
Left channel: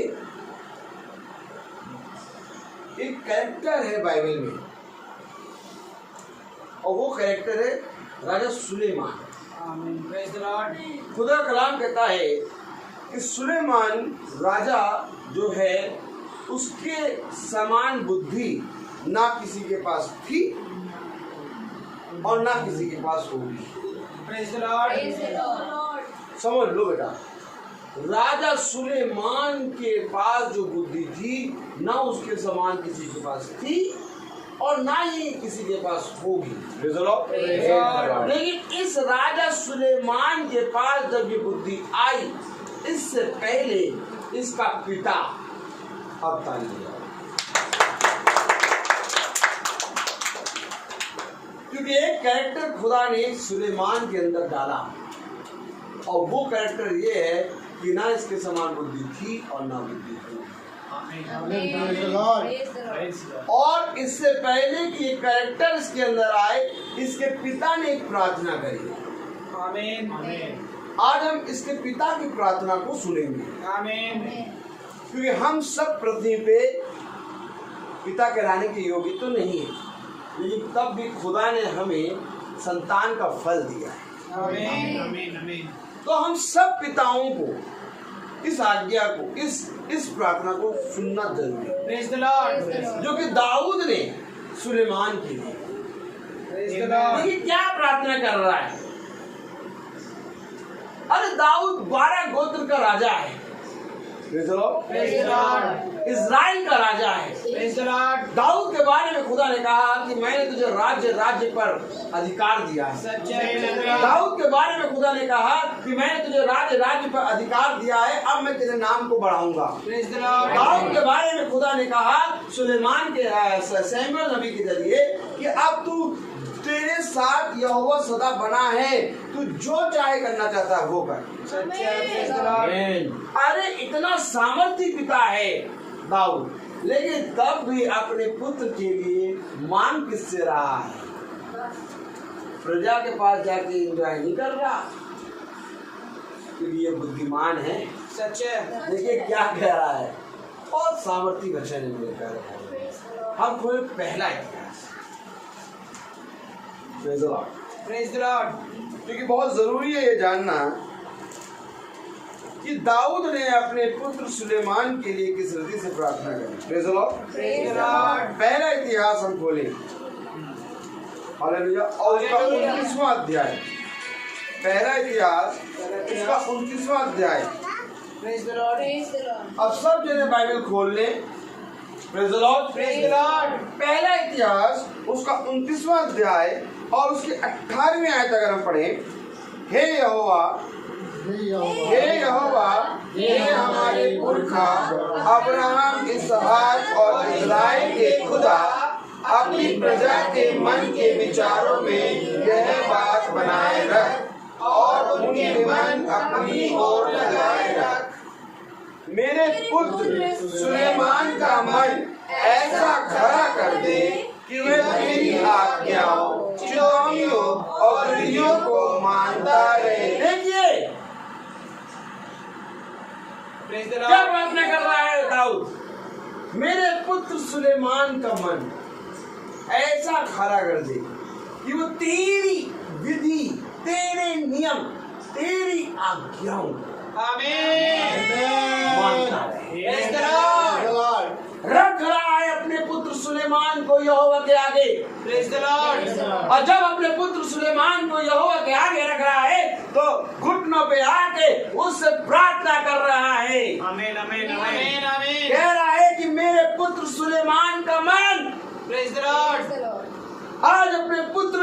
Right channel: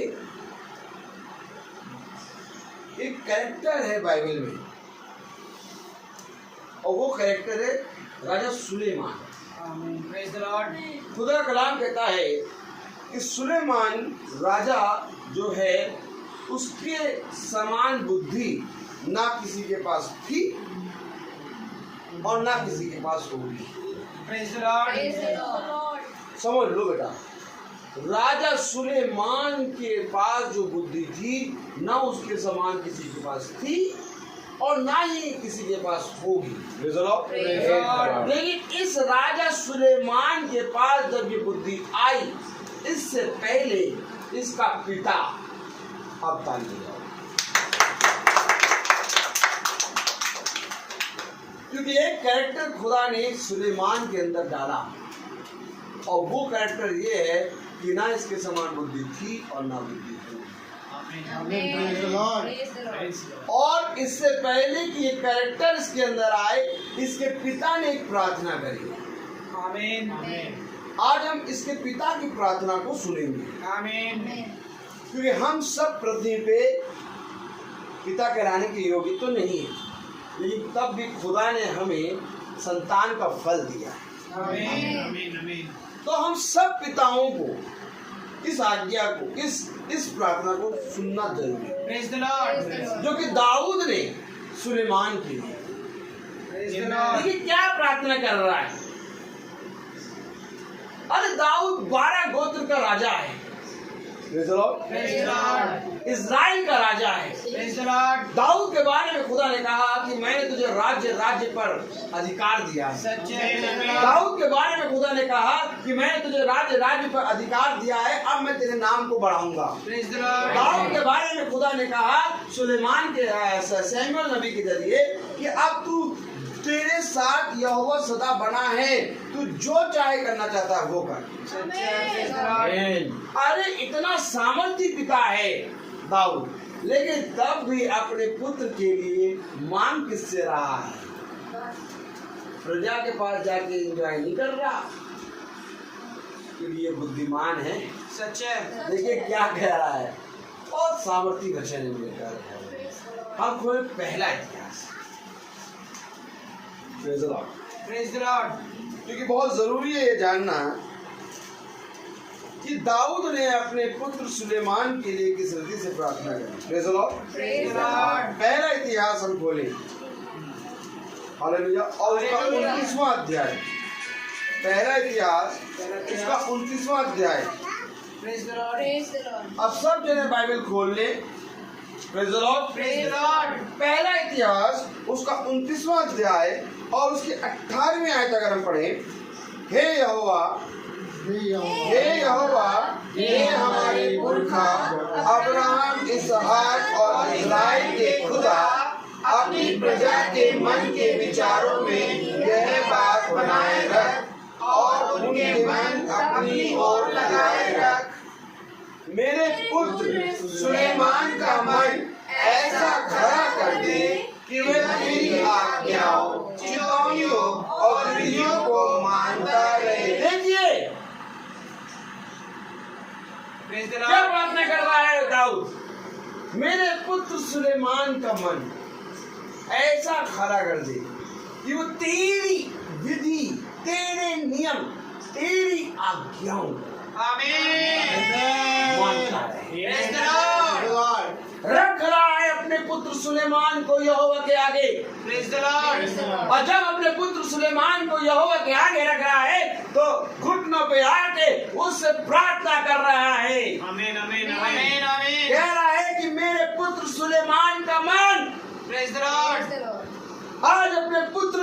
एक कैरेक्टर है बाइबल में, और वो कैरेक्टर है राजा सुलेमान। आमीन। Praise the Lord. खुदा कलाम कहता है कि सुलेमान राजा जो है उसके समान बुद्धि ना किसी के पास थी और ना किसी के पास होगी। Praise the Lord. Praise the Lord. समझ लो बेटा, राजा सुलेमान के पास जो बुद्धि थी ना उसके समान किसी के पास थी और ना ही किसी के पास होगी। लेकिन इस राजा सुलेमान के पास जब ये बुद्धि आई, इससे पहले इसका पिता, अब ताली बजाओ, क्योंकि एक कैरेक्टर खुदा ने सुलेमान के अंदर डाला और वो कैरेक्टर ये है कि ना इसके समान बुद्धि थी और ना बुद्धि थी। Praise the Lord. और इससे पहले कि ये कैरेक्टर इसके अंदर आए, इसके पिता ने एक प्रार्थना करी। आमीन। आज हम इसके पिता की प्रार्थना को सुनेंगे, आमीन। क्योंकि हम सब पृथ्वी पे पिता कहलाने के योग्य तो नहीं है, लेकिन तब भी खुदा ने हमें संतान का फल दिया है। आमीन। आमीन। आमीन। तो हम सब पिताओं को इस आज्ञा को, इस प्रार्थना को सुनना जरूरी है, प्रेज़ द लॉर्ड। जो कि दाऊद ने सुलेमान के लिए। Praise the Lord. देखिए क्या प्रार्थना कर रहा है। अरे दाऊद 12 गोत्र का राजा है, प्रेज़ द लॉर्ड। इज़राइल का राजा है। Praise the Lord. दाऊद के बारे में खुदा ने कहा कि मैंने तुझे राज्य पर अधिकार दिया है। सच्चे दाऊद के बारे में खुदा ने कहा कि मैंने तुझे राज्य पर अधिकार दिया है, अब मैं तेरे नाम को बढ़ाऊंगा। दाऊद के बारे में खुदा ने कहा सुलेमान के सैमुअल नबी के जरिए कि अब तू तेरे साथ यहोवा सदा बना है, तू जो चाहे करना चाहता है वो कर। अरे इतना सामर्थ्य पिता है दाऊद, लेकिन तब भी अपने पुत्र के लिए मांग किससे रहा है? प्रजा के पास जाके एंजॉय नहीं कर रहा, क्योंकि ये बुद्धिमान है। सच्चे देखिए क्या कह रहा है, बहुत सामर्थ्य वचन है मेरे प्यारे। हम खोले पहला इतिहास। Praise the Lord. क्योंकि बहुत जरूरी है ये जानना कि दाऊद ने अपने पुत्र सुलेमान के लिए किस रीति से प्रार्थना की। Praise the Lord. पहला इतिहास हम खोले, हालेलुया, और उसका 29वां अध्याय। पहला इतिहास उसका 29वां अध्याय। Praise the Lord. Praise the Lord. अब सब जने बाइबल खोल ले। Praise the Lord. Praise the Lord. पहला इतिहास उसका 29वां अध्याय और उसके 18वें आयत अगर हम पढ़ें, हे यहोवा, हे हमारे पुरखा अब्राहम, इसहाक और इस्राएल के खुदा, अपनी प्रजा के मन के विचारों में यह बात बनाए रख और उनके मन अपनी ओर लगाए रख। मेरे पुत्र सुलेमान का मन ऐसा खड़ा कर दे कि वह तेरी आज्ञाओं, चितौनियों और विधियों को मानता रहे। देखिए क्या प्रार्थना कर रहा है दाऊद? मेरे पुत्र सुलेमान का मन ऐसा खड़ा कर दे कि वो तेरी विधि, तेरे नियम, तेरी आज्ञाओं मानता रहे। रख रहा है अपने पुत्र सुलेमान को यहोवा के आगे। और जब अपने पुत्र सुलेमान को यहोवा के आगे रख रहा है तो घुटनों पे आके उससे प्रार्थना कर रहा है। आमीन आमीन आमीन आमीन। कह रहा है कि मेरे पुत्र सुलेमान का मन, प्रेज द लॉर्ड। आज अपने पुत्र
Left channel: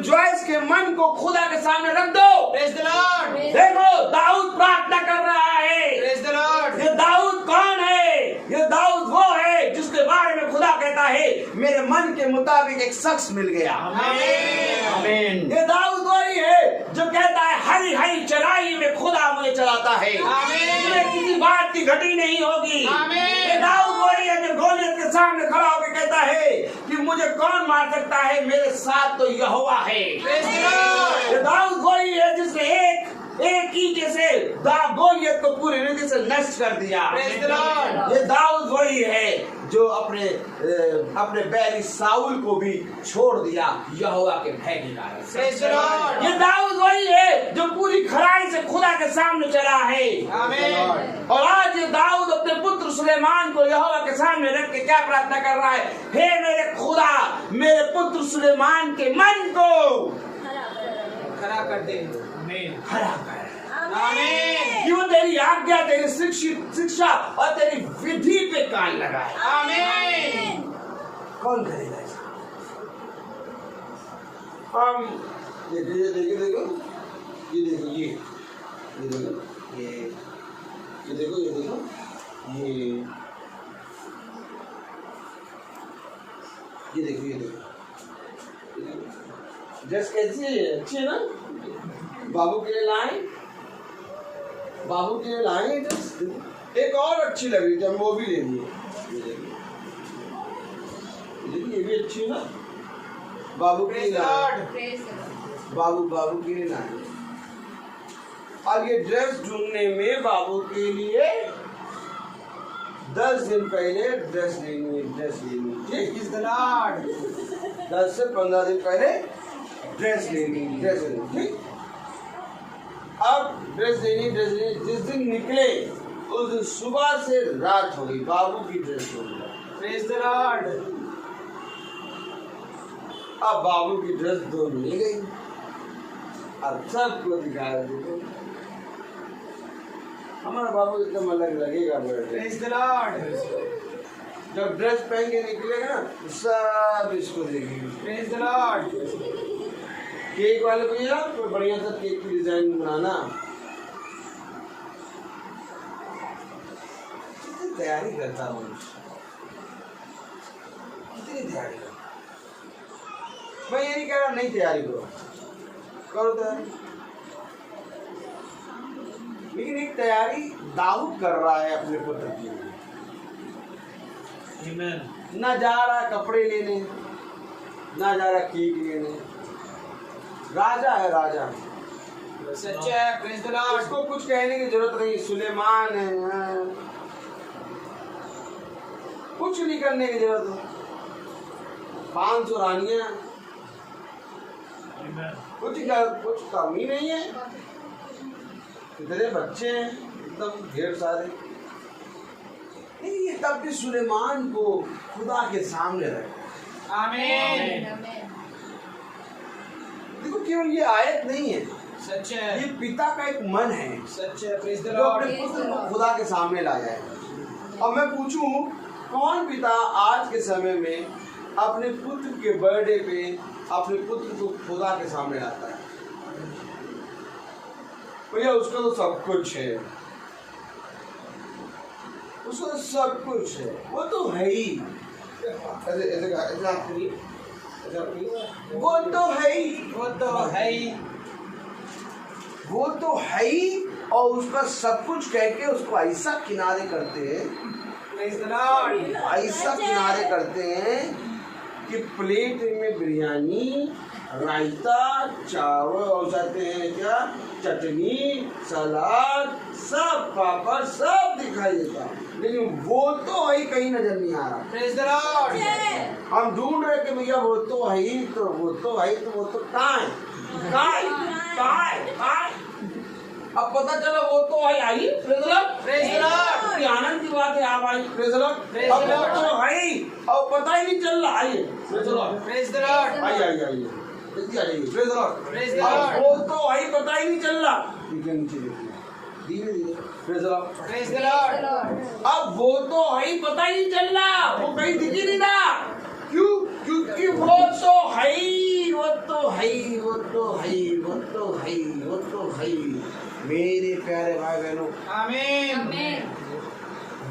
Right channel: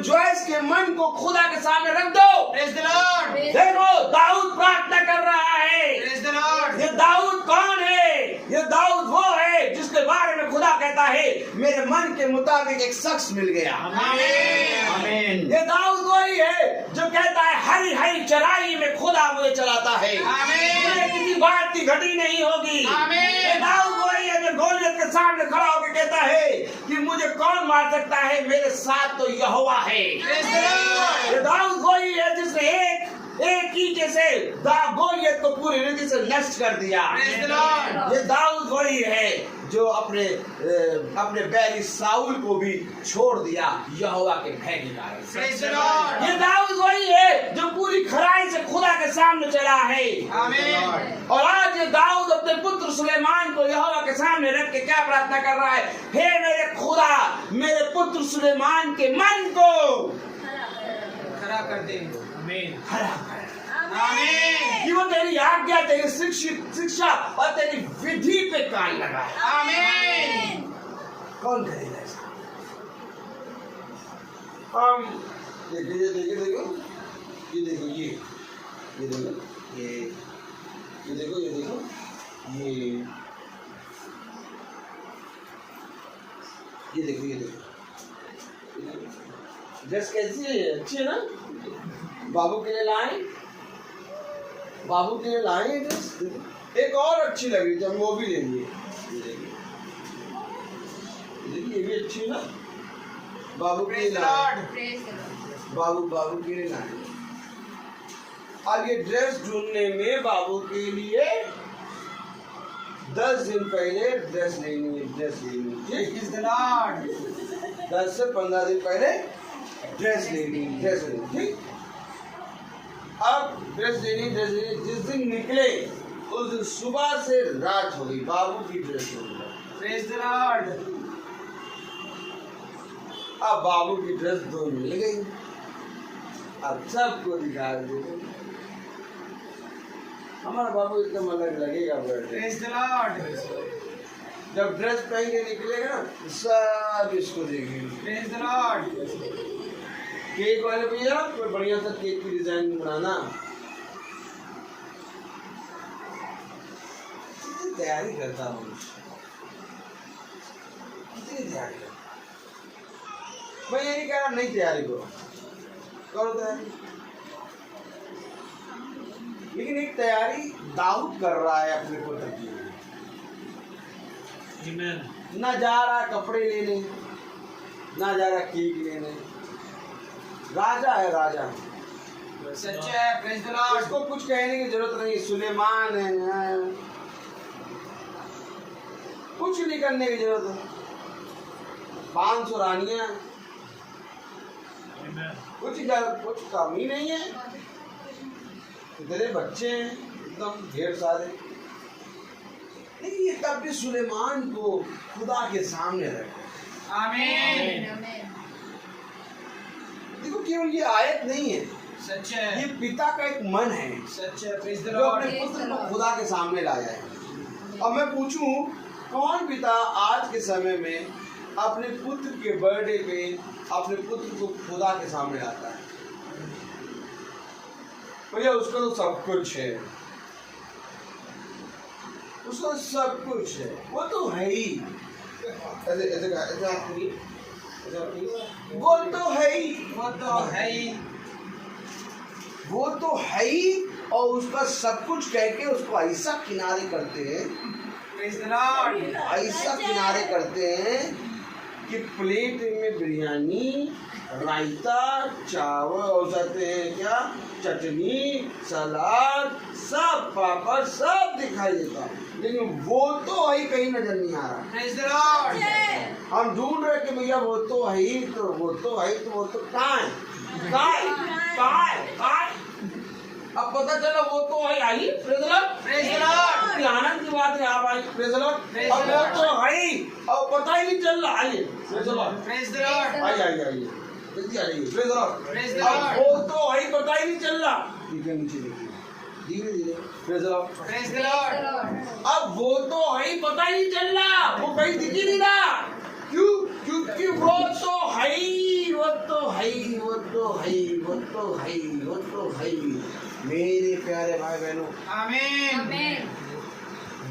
जॉयस के मन को खुदा के सामने रख दो। Praise the Lord. देखो दाऊद प्रार्थना कर रहा है। Praise the Lord. ये दाऊद कौन है? ये दाऊद वो है जिसके बारे में खुदा कहता है मेरे मन के मुताबिक एक शख्स मिल गया। आमीन। ये दाऊद वही है जो कहता है हरी हरी चराई में खुदा मुझे चलाता है, मुझे किसी बात की घटी नहीं होगी। ये दाऊद वही है जो गोलियत के सामने खड़ा होकर कहता है कि मुझे कौन मार सकता है, मेरे साथ तो यहोवा है। ये दाऊद वही है जिसने एक ईंटे से गोलियत को पूरी रीति से नष्ट कर दिया। ये दाऊद वही है जो अपने बैरी साउल को भी छोड़ दिया यहोवा के भय के कारण। ये दाऊद वही है जो पूरी खराई से खुदा के सामने चला है। और आज ये दाऊद अपने पुत्र सुलेमान को यहोवा के सामने रख के क्या प्रार्थना कर रहा है? हे मेरे खुदा, मेरे पुत्र सुलेमान के मन को खड़ा कर दे। आमीन। खड़ा कर, आमीन। कि वो तेरी आज्ञा, तेरी शिक्षा और तेरी विधि पे कान लगाए। आमीन। कौन करेगा ऐसा? हम देखो ये देखो, ये देखो, ये देखो, ये देखो, ये देखो, ये देखो, ये देखो, ड्रेस कैसी है? अच्छी है ना? बाबू के लिए लाए, बाबू के लिए लाए ड्रेस। एक और अच्छी लग रही थी, हम वो भी ले लिए। ये देखिए, ये भी अच्छी है ना? बाबू के लिए लाए, बाबू के लिए लाए। और ये ड्रेस ढूंढने में बाबू के लिए 10 दिन पहले ड्रेस लेनी है। 10 से 15 दिन पहले ड्रेस लेनी, ठीक। अब ड्रेस लेनी, जिस दिन निकले उस दिन सुबह से रात हो गई, बाबू की ड्रेस हो गई। Praise the Lord. अब बाबू की ड्रेस दो मिल गई। अब सबको दिखाया, देखो हमारा बाबू एकदम अलग लगेगा। Praise the Lord. जब ड्रेस पहन के निकलेगा ना तो सब इसको देगी। Praise the Lord. केक वाले भैया कोई बढ़िया सा केक की डिजाइन बनाना, कितनी तैयारी करता हूँ, कितनी तैयारी करता। मैं ये नहीं कह रहा नहीं तैयारी करो तैयारी, लेकिन एक तैयारी दाऊद कर रहा है अपने पुत्र की। ना जा रहा कपड़े लेने, ना जा रहा केक लेने, राजा है राजा। सच्चा है, प्रेज द लॉर्ड। उसको कुछ कहने की जरूरत नहीं, सुलेमान है, कुछ नहीं करने की जरूरत है। 500 रानियां, कुछ कमी नहीं है, इतने बच्चे हैं एकदम ढेर सारे। नहीं, ये तब भी सुलेमान को खुदा के सामने रखा। आमीन। देखो केवल ये आयत नहीं है, सच है, ये पिता का एक मन है सच है, प्रेज द जो लॉर्ड। अपने पुत्र को खुदा के सामने ला जाए। अब मैं पूछूं, कौन पिता आज के समय में अपने पुत्र के बर्थडे पे अपने पुत्र को खुदा के सामने आता है? भैया उसका तो सब कुछ है, उसका सब कुछ है, वो तो है ही। ऐसे ऐसे ऐसे आप करिए, वो तो है ही, वो तो है ही, वो तो है ही। और उसका सब कुछ कह के उसको ऐसा किनारे करते हैं, प्रेज द लॉर्ड। ऐसा किनारे करते हैं कि प्लेट में बिरयानी, रायता, चावल और जाते हैं क्या, चटनी, सलाद, सब पापड़ सब दिखाई देता है, लेकिन वो तो है ही कहीं नजर नहीं आ रहा। Praise the Lord. हम ढूंढ रहे कि भैया वो तो है ही, तो वो तो है ही, तो वो तो कहाँ है, कहाँ है, कहाँ है, कहाँ है? अब पता चला वो तो आई, praise the Lord, praise the Lord. कितनी आनंद की बात है, आप आई, praise the Lord. Praise the अब वो लॉर्ड। तो है ही, अब पता ही नहीं चल रहा, आइए praise the Lord, praise the Lord. आइए आइए आइए, जल्दी आ जाइए, praise the Lord. Praise the अब लॉर्ड। वो तो आई, पता ही नहीं चल रहा, ठीक है, नीचे देखिए, धीरे धीरे, praise the Lord. Praise the Lord. अब वो तो है, पता ही नहीं चल रहा, वो कहीं दिख ही नहीं रहा, क्यों? क्योंकि वो तो है ही, वो तो है ही, वो तो है ही, वो तो है ही, वो तो है ही। मेरे प्यारे भाई बहनों, आमीन।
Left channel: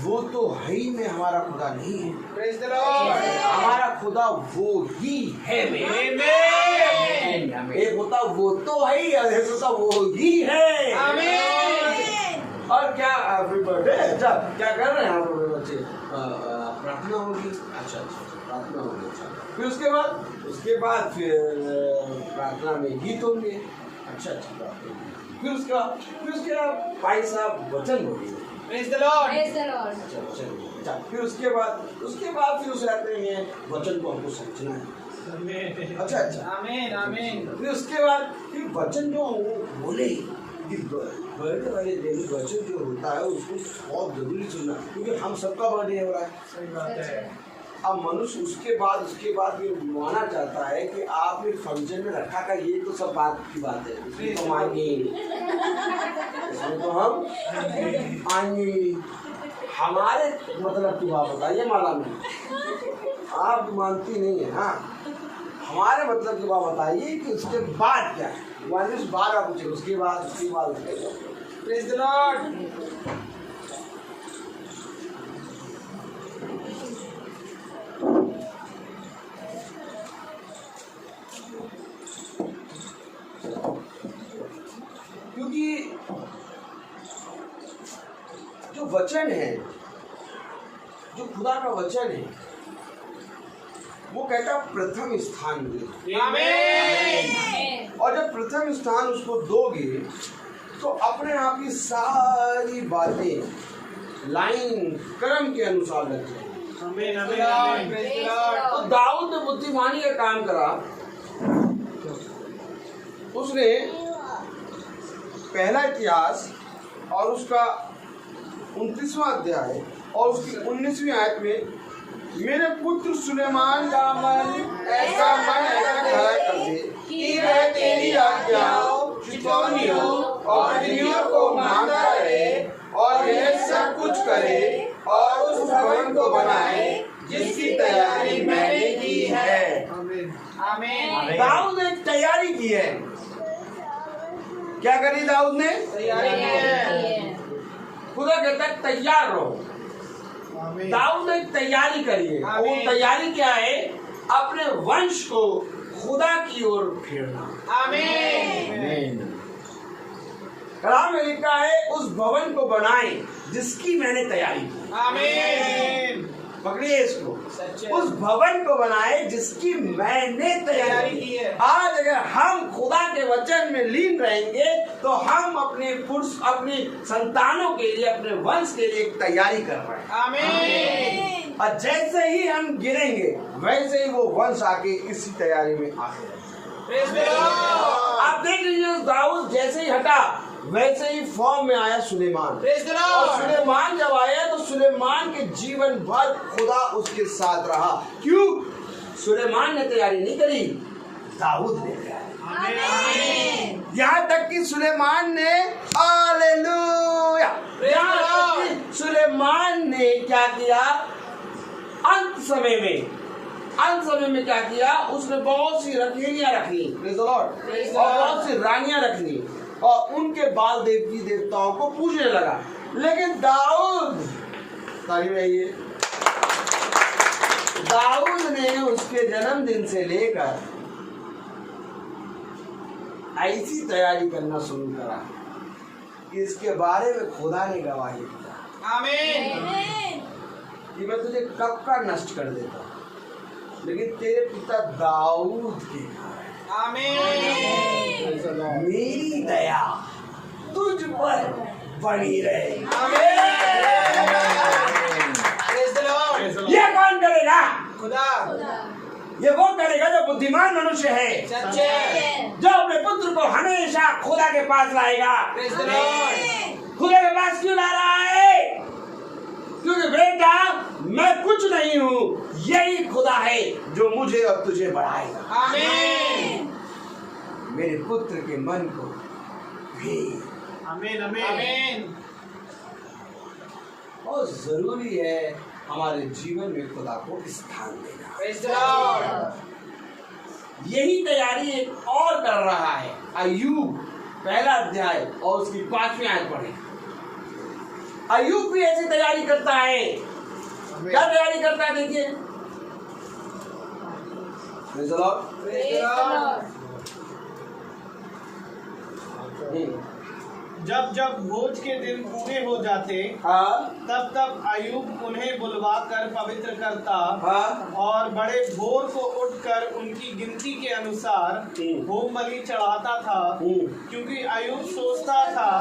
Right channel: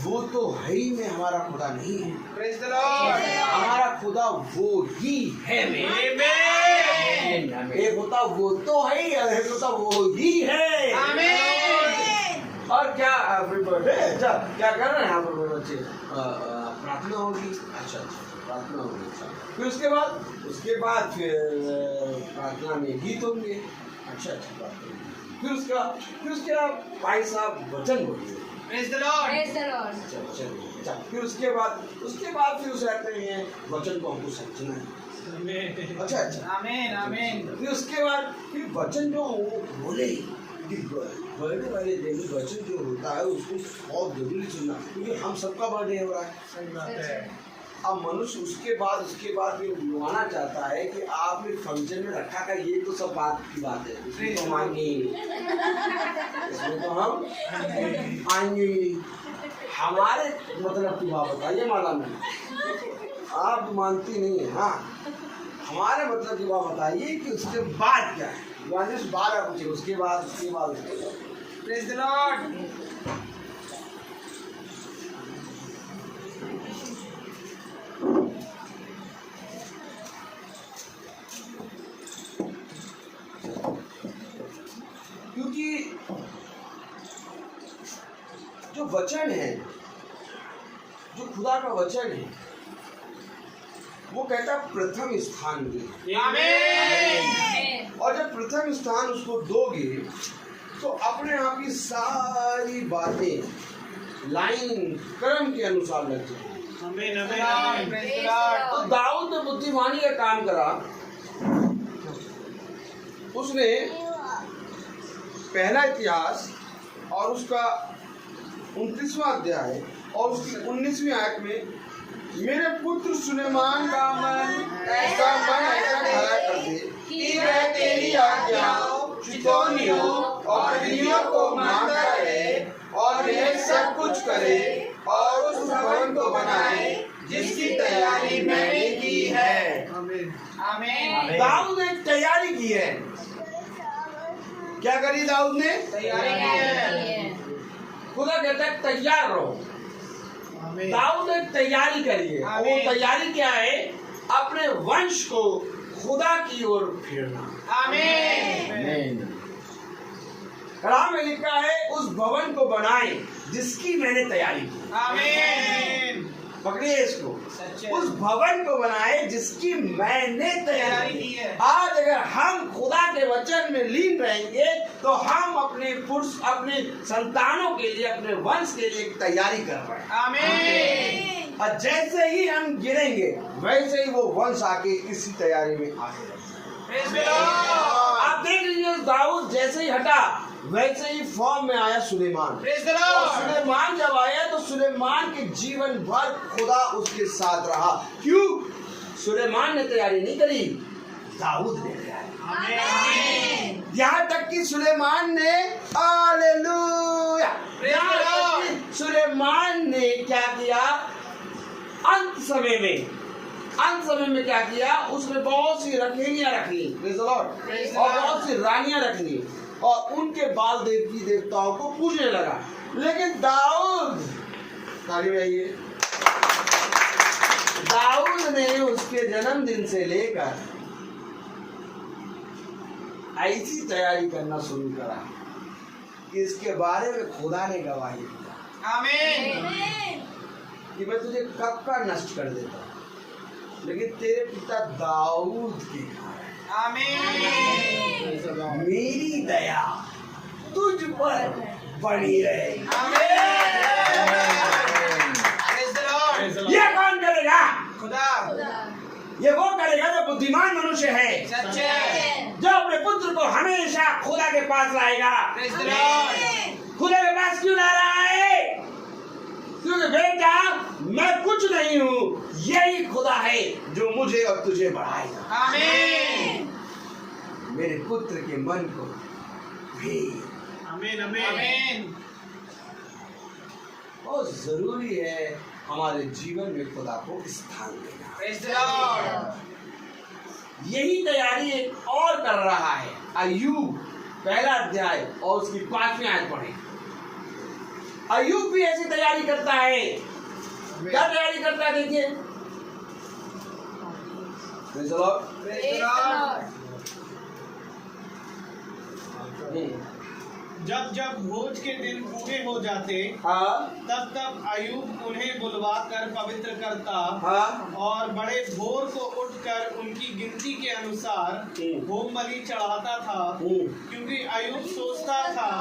वो तो है ही में हमारा खुदा नहीं है, प्रेज द लॉर्ड। हमारा खुदा वो ही है में। आमीन। एक होता वो तो है ही, एक होता वो ही है। आमीन। और क्या बर्थडे, अच्छा क्या कर रहे हैं आप बच्चे? प्रार्थना होगी, अच्छा प्रार्थना होगी, अच्छा फिर उसके बाद फिर प्रार्थना में गीत होंगे, अच्छा बात है। फिर उसके बाद भाई साहब वचन बोलिए, praise the Lord. Praise the Lord. अच्छा वचन, अच्छा फिर उसके बाद फिर उसे आते हैं वचन को हमको समझना है, अच्छा आमीन। आमीन। फिर उसके बाद फिर वचन जो बोले कि बर्थडे वाले दिन वचन जो होता है उसको बहुत जरूरी सुनना, क्योंकि हम सबका बर्थडे हो रहा है। सही बात है। अब मनुष्य उसके बाद ये बुलवाना चाहता है कि आपने फंक्शन में रखा का, ये तो सब बात की बात है, इसमें तो मांगे, इसमें तो हम आएंगे। हमारे मतलब की बात बताइए माला में, आप तो मानती नहीं है। हाँ, हमारे मतलब की बात बताइए कि उसके बाद क्या है, उस बाद आप पूछे उसके बाद प्रेज द लॉर्ड। क्योंकि जो वचन है, जो खुदा का वचन है, वो कहता प्रथम स्थान दे। आमीन। और जब प्रथम स्थान उसको दोगे तो अपने आप की सारी बातें लाइन क्रम के अनुसार लग जाएंगी। आमीन। आमीन। Praise the Lord. तो दाऊद ने बुद्धिमानी का काम करा, उसने पहला इतिहास और उसका 29वां अध्याय और उसकी 19वीं आयत में, मेरे पुत्र सुलेमान का मन ऐसा कर दे कि वह तेरी आज्ञाओं, चितौनियों और विधियों को मानता रहे और यह सब कुछ करे और उस भवन को बनाए आमीन। दाऊद ने तैयारी की है। क्या करी दाऊद ने? तैयारी है। खुदा कहता है तैयार रहो। आमीन। दाऊद ने तैयारी करी है। और वो आमीन। तैयारी क्या है? अपने वंश को खुदा की ओर फेरना। आमीन। कलाम में लिखा है उस भवन को बनाए जिसकी मैंने तैयारी की। आमीन। पकड़िए इसको। सच्चे। उस भवन को बनाए जिसकी मैंने तैयारी की है। आज अगर हम खुदा के वचन में लीन रहेंगे तो हम अपने पुरुष अपने संतानों के लिए अपने वंश के लिए एक तैयारी कर रहे हैं। आमीन। और जैसे ही हम गिरेंगे वैसे ही वो वंश आके इसी तैयारी में आगे प्रेज द लॉर्ड। आप देख लीजिए दाऊद जैसे ही हटा वैसे ही फॉर्म में आया सुलेमान। प्रेज द और लॉर्ड। सुलेमान जब आया तो सुलेमान के जीवन भर खुदा उसके साथ रहा। क्यों? सुलेमान ने तैयारी नहीं करी, दाऊद ने तैयारी। आमीन। यहाँ तक कि सुलेमान ने हालेलुया, यहाँ तक कि सुलेमान ने क्या किया? अंत समय में क्या किया? उसने बहुत सी रखैनियां रख ली। Praise the Lord. और बहुत सी रानियां रख ली और उनके बाल देवी देवताओं को पूजने लगा। लेकिन दाऊद, तारीफ है ये, दाऊद ने उसके जन्मदिन से लेकर ऐसी तैयारी करना शुरू करा कि इसके बारे में खुदा ने गवाही दिया आमीन। कि मैं तुझे कब का नष्ट कर देता हूं, लेकिन तेरे पिता दाऊद के कारण आमीन। मेरी दया तुझ पर बनी रहे। Praise the Lord. यह कौन करेगा? खुदा। ये वो करेगा जो बुद्धिमान मनुष्य है, सच्चे। जो अपने पुत्र को हमेशा खुदा के पास लाएगा। Praise the Lord. खुदा के पास क्यों ला रहा है? क्योंकि बेटा मैं कुछ नहीं हूँ, यही खुदा है जो मुझे और तुझे बढ़ाएगा। आमीन। मेरे पुत्र के मन को भी आमीन। आमीन। आमीन। बहुत जरूरी है हमारे जीवन में खुदा को स्थान देना। Praise the Lord. यही तैयारी एक और कर रहा है। अय्यूब पहला अध्याय और उसकी 5वीं आयत पढ़े। अय्यूब भी ऐसी तैयारी करता है। क्या तैयारी करता है? देखिए, praise the Lord. Praise the Lord. जब जब भोज के दिन पूरे हो जाते हाँ तब तब अयूब उन्हें बुलवा कर पवित्र करता हाँ और बड़े भोर को उठकर उनकी गिनती के अनुसार होम बलि चढ़ाता था, क्योंकि अयूब सोचता था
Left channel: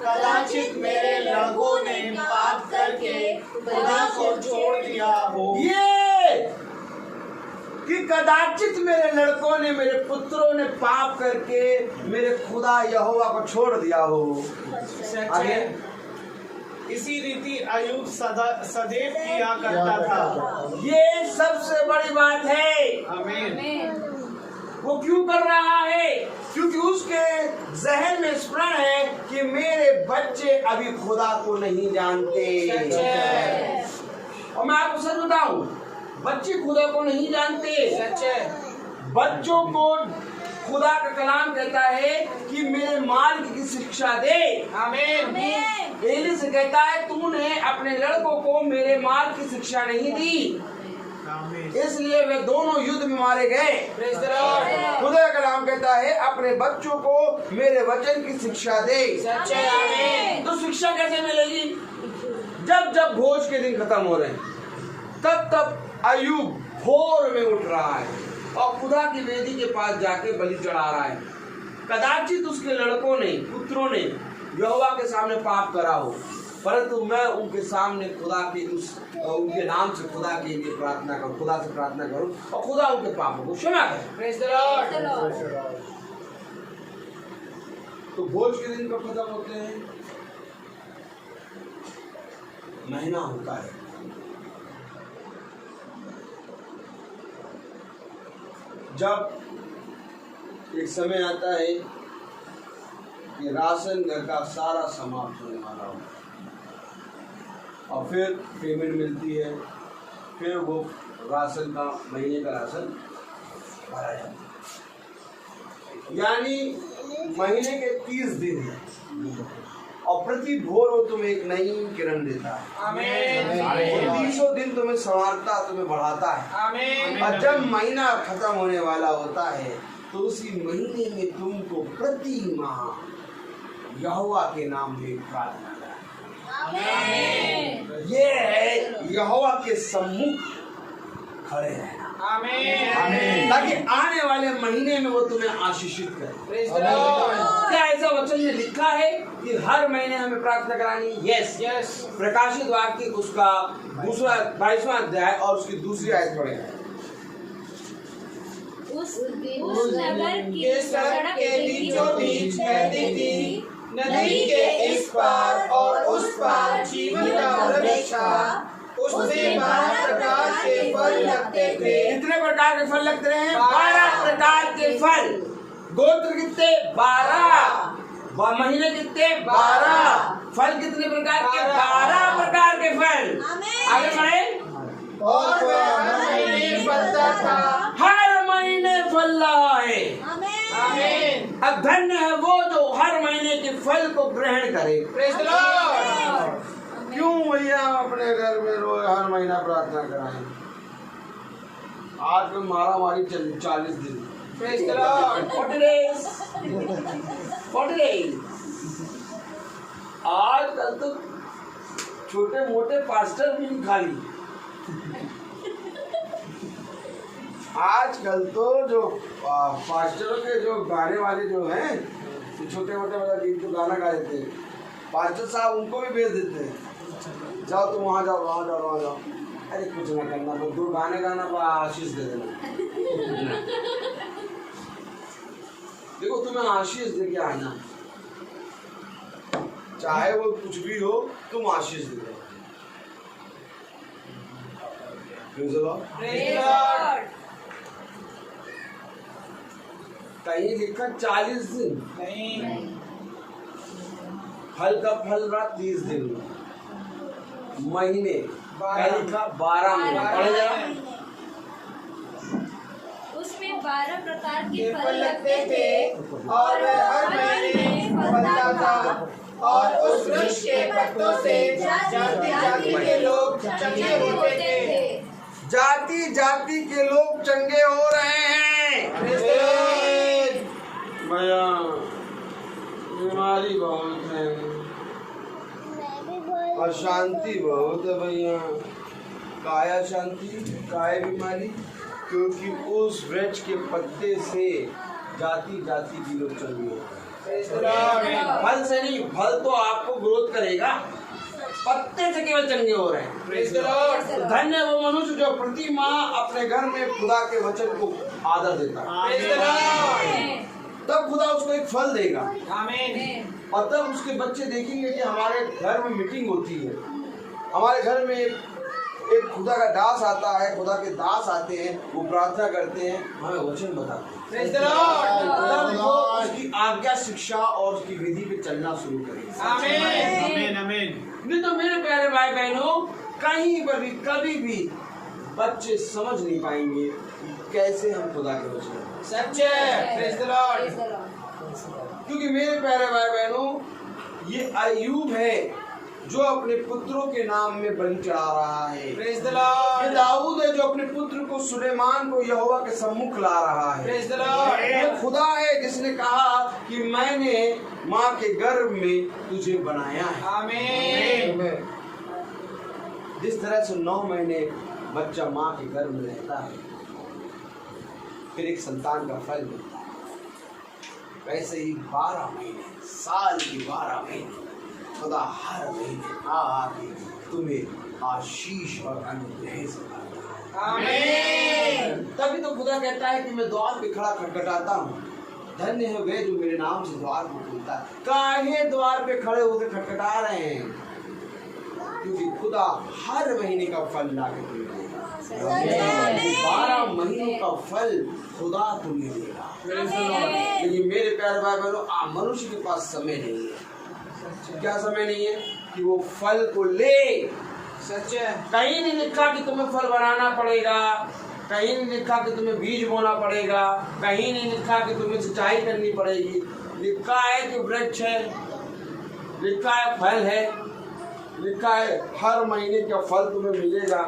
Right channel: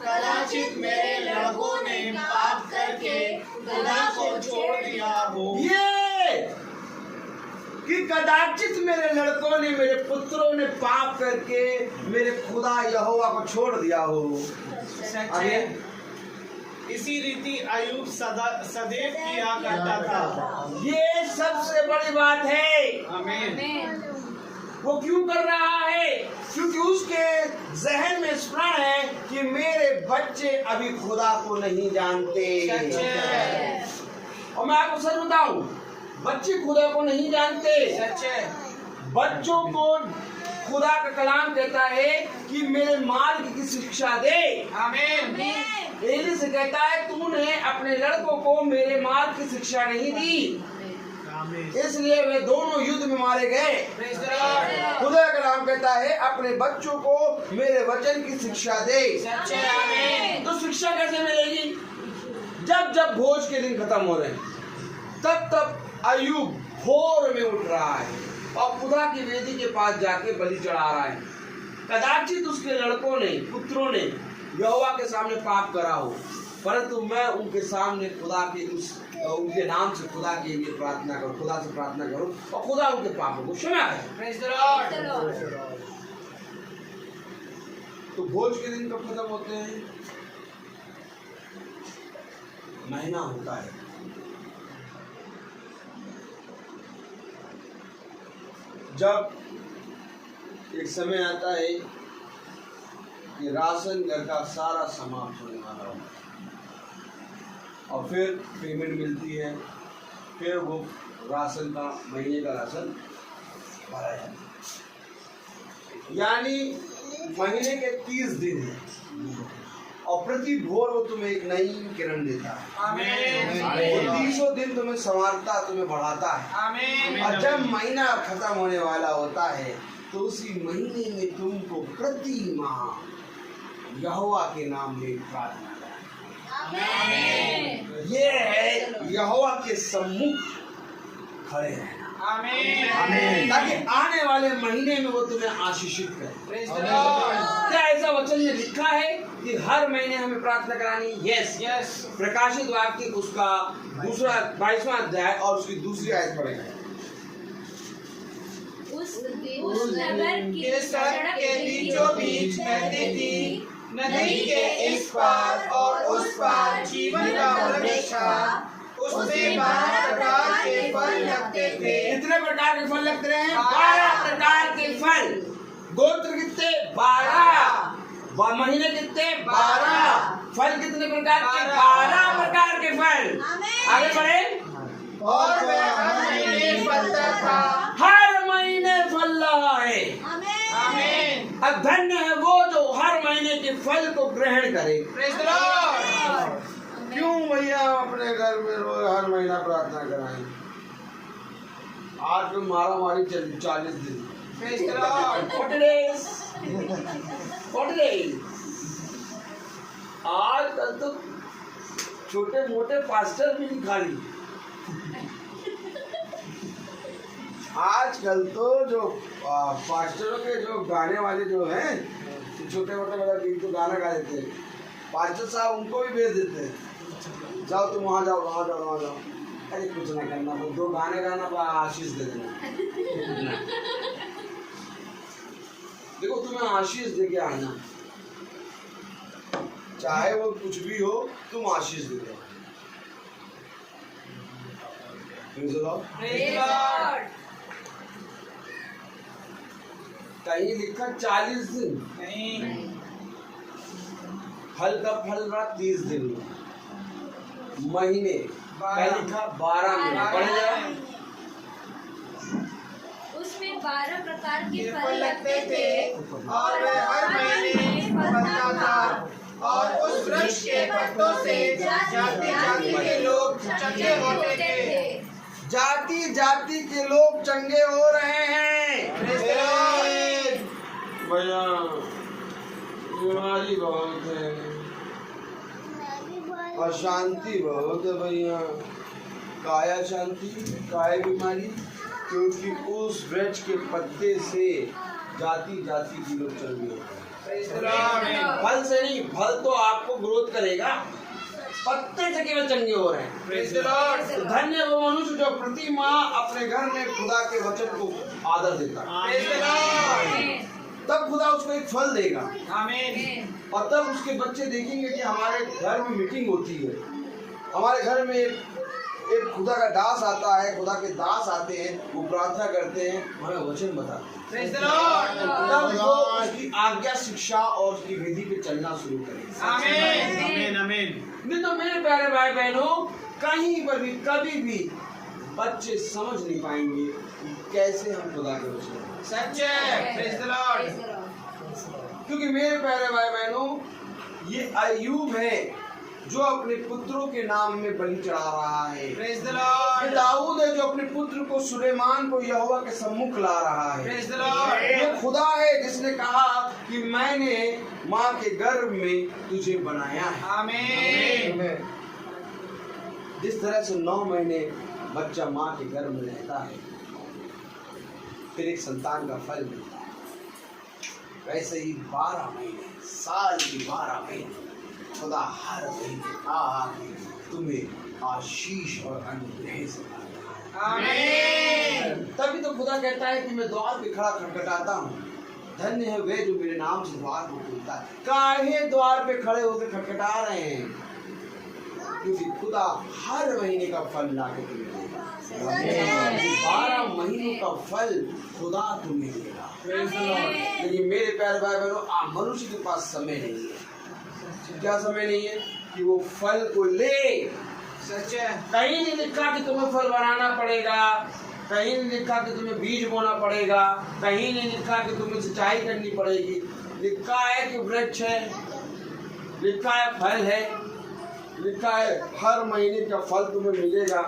कदाचित मेरे लड़कों ने पाप करके खुदा को छोड़ दिया हो। ये कि कदाचित मेरे लड़कों ने मेरे पुत्रों ने पाप करके मेरे खुदा यहोवा को छोड़ दिया हो। आगे, इसी रीति अयूब सदैव किया करता था। ये सबसे बड़ी बात है। आमीन। वो क्यों कर रहा है? क्योंकि उसके जहन में स्मरण है कि मेरे बच्चे अभी खुदा को नहीं जानते। और मैं आपको सच बताऊं, बच्चे खुदा को नहीं जानते। सच्चे। बच्चों को खुदा का कलाम कहता है कि मेरे मार्ग की शिक्षा दे। आमीन। एली से कहता है तूने अपने लड़कों को मेरे मार्ग की शिक्षा नहीं दी, इसलिए वे दोनों युद्ध में मारे गए। Praise the Lord. खुदा का कलाम कहता है अपने बच्चों को मेरे वचन की शिक्षा दे। सच्चे। आमीन। तो शिक्षा कैसे मिलेगी? जब जब भोज के दिन खत्म हो रहे हैं तब तब अयूब भोर में उठ रहा है और खुदा की वेदी के पास जाके बलि चढ़ा रहा है। कदाचित उसके लड़कों ने पुत्रों ने यहोवा के सामने पाप करा हो, परंतु मैं उनके सामने खुदा के उनके नाम से खुदा के लिए प्रार्थना करूं, खुदा से प्रार्थना करूं और खुदा उनके पापों को क्षमा करे। Praise the Lord. तो भोज के दिन कब खत्म होते हैं? महीना होता है। जब एक समय आता है कि राशन घर का सारा समाप्त होने वाला हो और फिर पेमेंट मिलती है, फिर वो राशन का महीने का राशन भरा जाता है। यानी महीने के 30 दिन है और प्रति भोर वो तुम्हें एक नई किरण देता है। वो 30 दिन तुम्हें संवारता, तुम्हें बढ़ाता है। और जब महीना खत्म होने वाला होता है तो उसी महीने में तुमको प्रति माह यहोवा के नाम में प्रार्थना करना। ये है यहोवा के सम्मुख खड़े रहना, ताकि आने वाले महीने में वो तुम्हें आशीषित करे। क्या ऐसा वचन में लिखा है कि हर महीने हमें प्रार्थना करानी? यस। प्रकाशित वाक्य उसका दूसरा 22वां अध्याय और उसकी दूसरी आयत पढ़ेगा। उस नगर की सड़क के बीचों बीच बहती थी, नदी के इस पार और उस पार जीवन का वृक्ष था। उसमें 12 प्रकार के फल लगते थे। कितने प्रकार के फल लगते हैं? 12 प्रकार के फल। गोत्र कितने? 12। महीने कितने? 12। फल कितने प्रकार के? 12 प्रकार के फल। आगे बढ़े। और वह हर महीने फलता था। हर महीने फल रहा है। आमीन। अब धन्य है वो जो हर महीने के फल को ग्रहण करे। Praise the Lord. क्यों भैया अपने घर में रोज हर महीना प्रार्थना कराएं? आज में मारा मारी चली 40 दिन। Praise the Lord. 40 days। आजकल तो छोटे मोटे पास्टर भी नहीं खाली। आजकल तो जो पास्टरों के जो गाने वाले जो हैं, छोटे मोटे मतलब गीत तो गाना गा देते हैं, पास्टर साहब उनको भी भेज देते हैं, जाओ तुम वहाँ जाओ, वहाँ जाओ, वहाँ जाओ। अरे कुछ ना करना, तो 2 गाने गाना आशीष दे देना। देखो तुम्हें आशीष दे के आना, चाहे वो कुछ भी हो, तुम आशीष दे दो। Praise the Lord. कहीं लिखा 40 दिन नहीं। फल का फल रहा 30 दिन में। महीने कहीं लिखा 12 महीने। पढ़े जरा। उसमें 12 प्रकार के फल फल लगते थे और वह हर महीने फलता था। और उस वृक्ष के पत्तों से जाति जाति के लोग चंगे होते थे। जाति जाति के लोग चंगे हो रहे हैं। Praise the Lord. भैया बीमारी बहुत है, अशांति बहुत है भैया। काय अशांति, काय बीमारी, क्योंकि उस वृक्ष के पत्ते से जाति जाति की लोग चंगे हो रहे हैं। Praise the Lord. फल से नहीं, फल तो आपको ग्रोथ करेगा, पत्ते से केवल चंगे हो रहे हैं। Praise the Lord. तो धन्य वो मनुष्य जो प्रति माह अपने घर में खुदा के वचन को आदर देता है। Praise the Lord. तब खुदा उसको एक फल देगा आमीन। और तब उसके बच्चे देखेंगे कि हमारे घर में मीटिंग होती है, हमारे घर में एक खुदा का दास आता है, खुदा के दास आते हैं, वो प्रार्थना करते हैं, हमें वचन बताते हैं। Praise the Lord. तब वो उसकी आज्ञा, शिक्षा और उसकी विधि पे चलना शुरू करेंगे। आमीन। आमीन। नहीं तो मेरे प्यारे भाई बहनों, कहीं पर भी कभी भी बच्चे समझ नहीं पाएंगे कैसे हम खुदा के वचन। सच्चे। Praise the Lord. क्योंकि मेरे प्यारे भाई बहनों, ये अय्यूब है जो अपने पुत्रों के नाम में बलि चढ़ा रहा है। प्रेज़ द ये लॉर्ड। दाऊद है जो अपने पुत्र को सुलेमान को यहोवा के सम्मुख ला रहा है। Praise the Lord. ये खुदा है जिसने कहा कि मैंने माँ के गर्भ में तुझे बनाया है। आमीन। जिस तरह से 9 महीने बच्चा माँ के गर्भ में रहता है, फिर एक संतान का फल मिलता है, वैसे ही 12 महीने, साल के 12 महीने खुदा हर महीने आके तुम्हें आशीष और अनुग्रह से भरता है। आमीन। तभी तो खुदा कहता है कि मैं द्वार पे खड़ा खटखटाता हूँ, धन्य है वे जो मेरे नाम से द्वार को खोलता है। काहे द्वार पे खड़े होकर खटखटा रहे हैं? क्योंकि खुदा हर महीने का फल ला के तुम्हें देगा। 12 महीनों का फल खुदा तुम्हें देगा। लेकिन मेरे प्यारे भाई बहनों, मनुष्य के पास समय नहीं है। क्या समय नहीं है कि वो फल को ले। सच्चे। कहीं नहीं लिखा कि तुम्हें फल बनाना पड़ेगा, कहीं नहीं लिखा कि तुम्हें बीज बोना पड़ेगा, कहीं नहीं लिखा कि तुम्हें सिंचाई करनी पड़ेगी। लिखा है कि वृक्ष है, लिखा है फल है, लिखा है हर महीने का फल तुम्हें मिलेगा,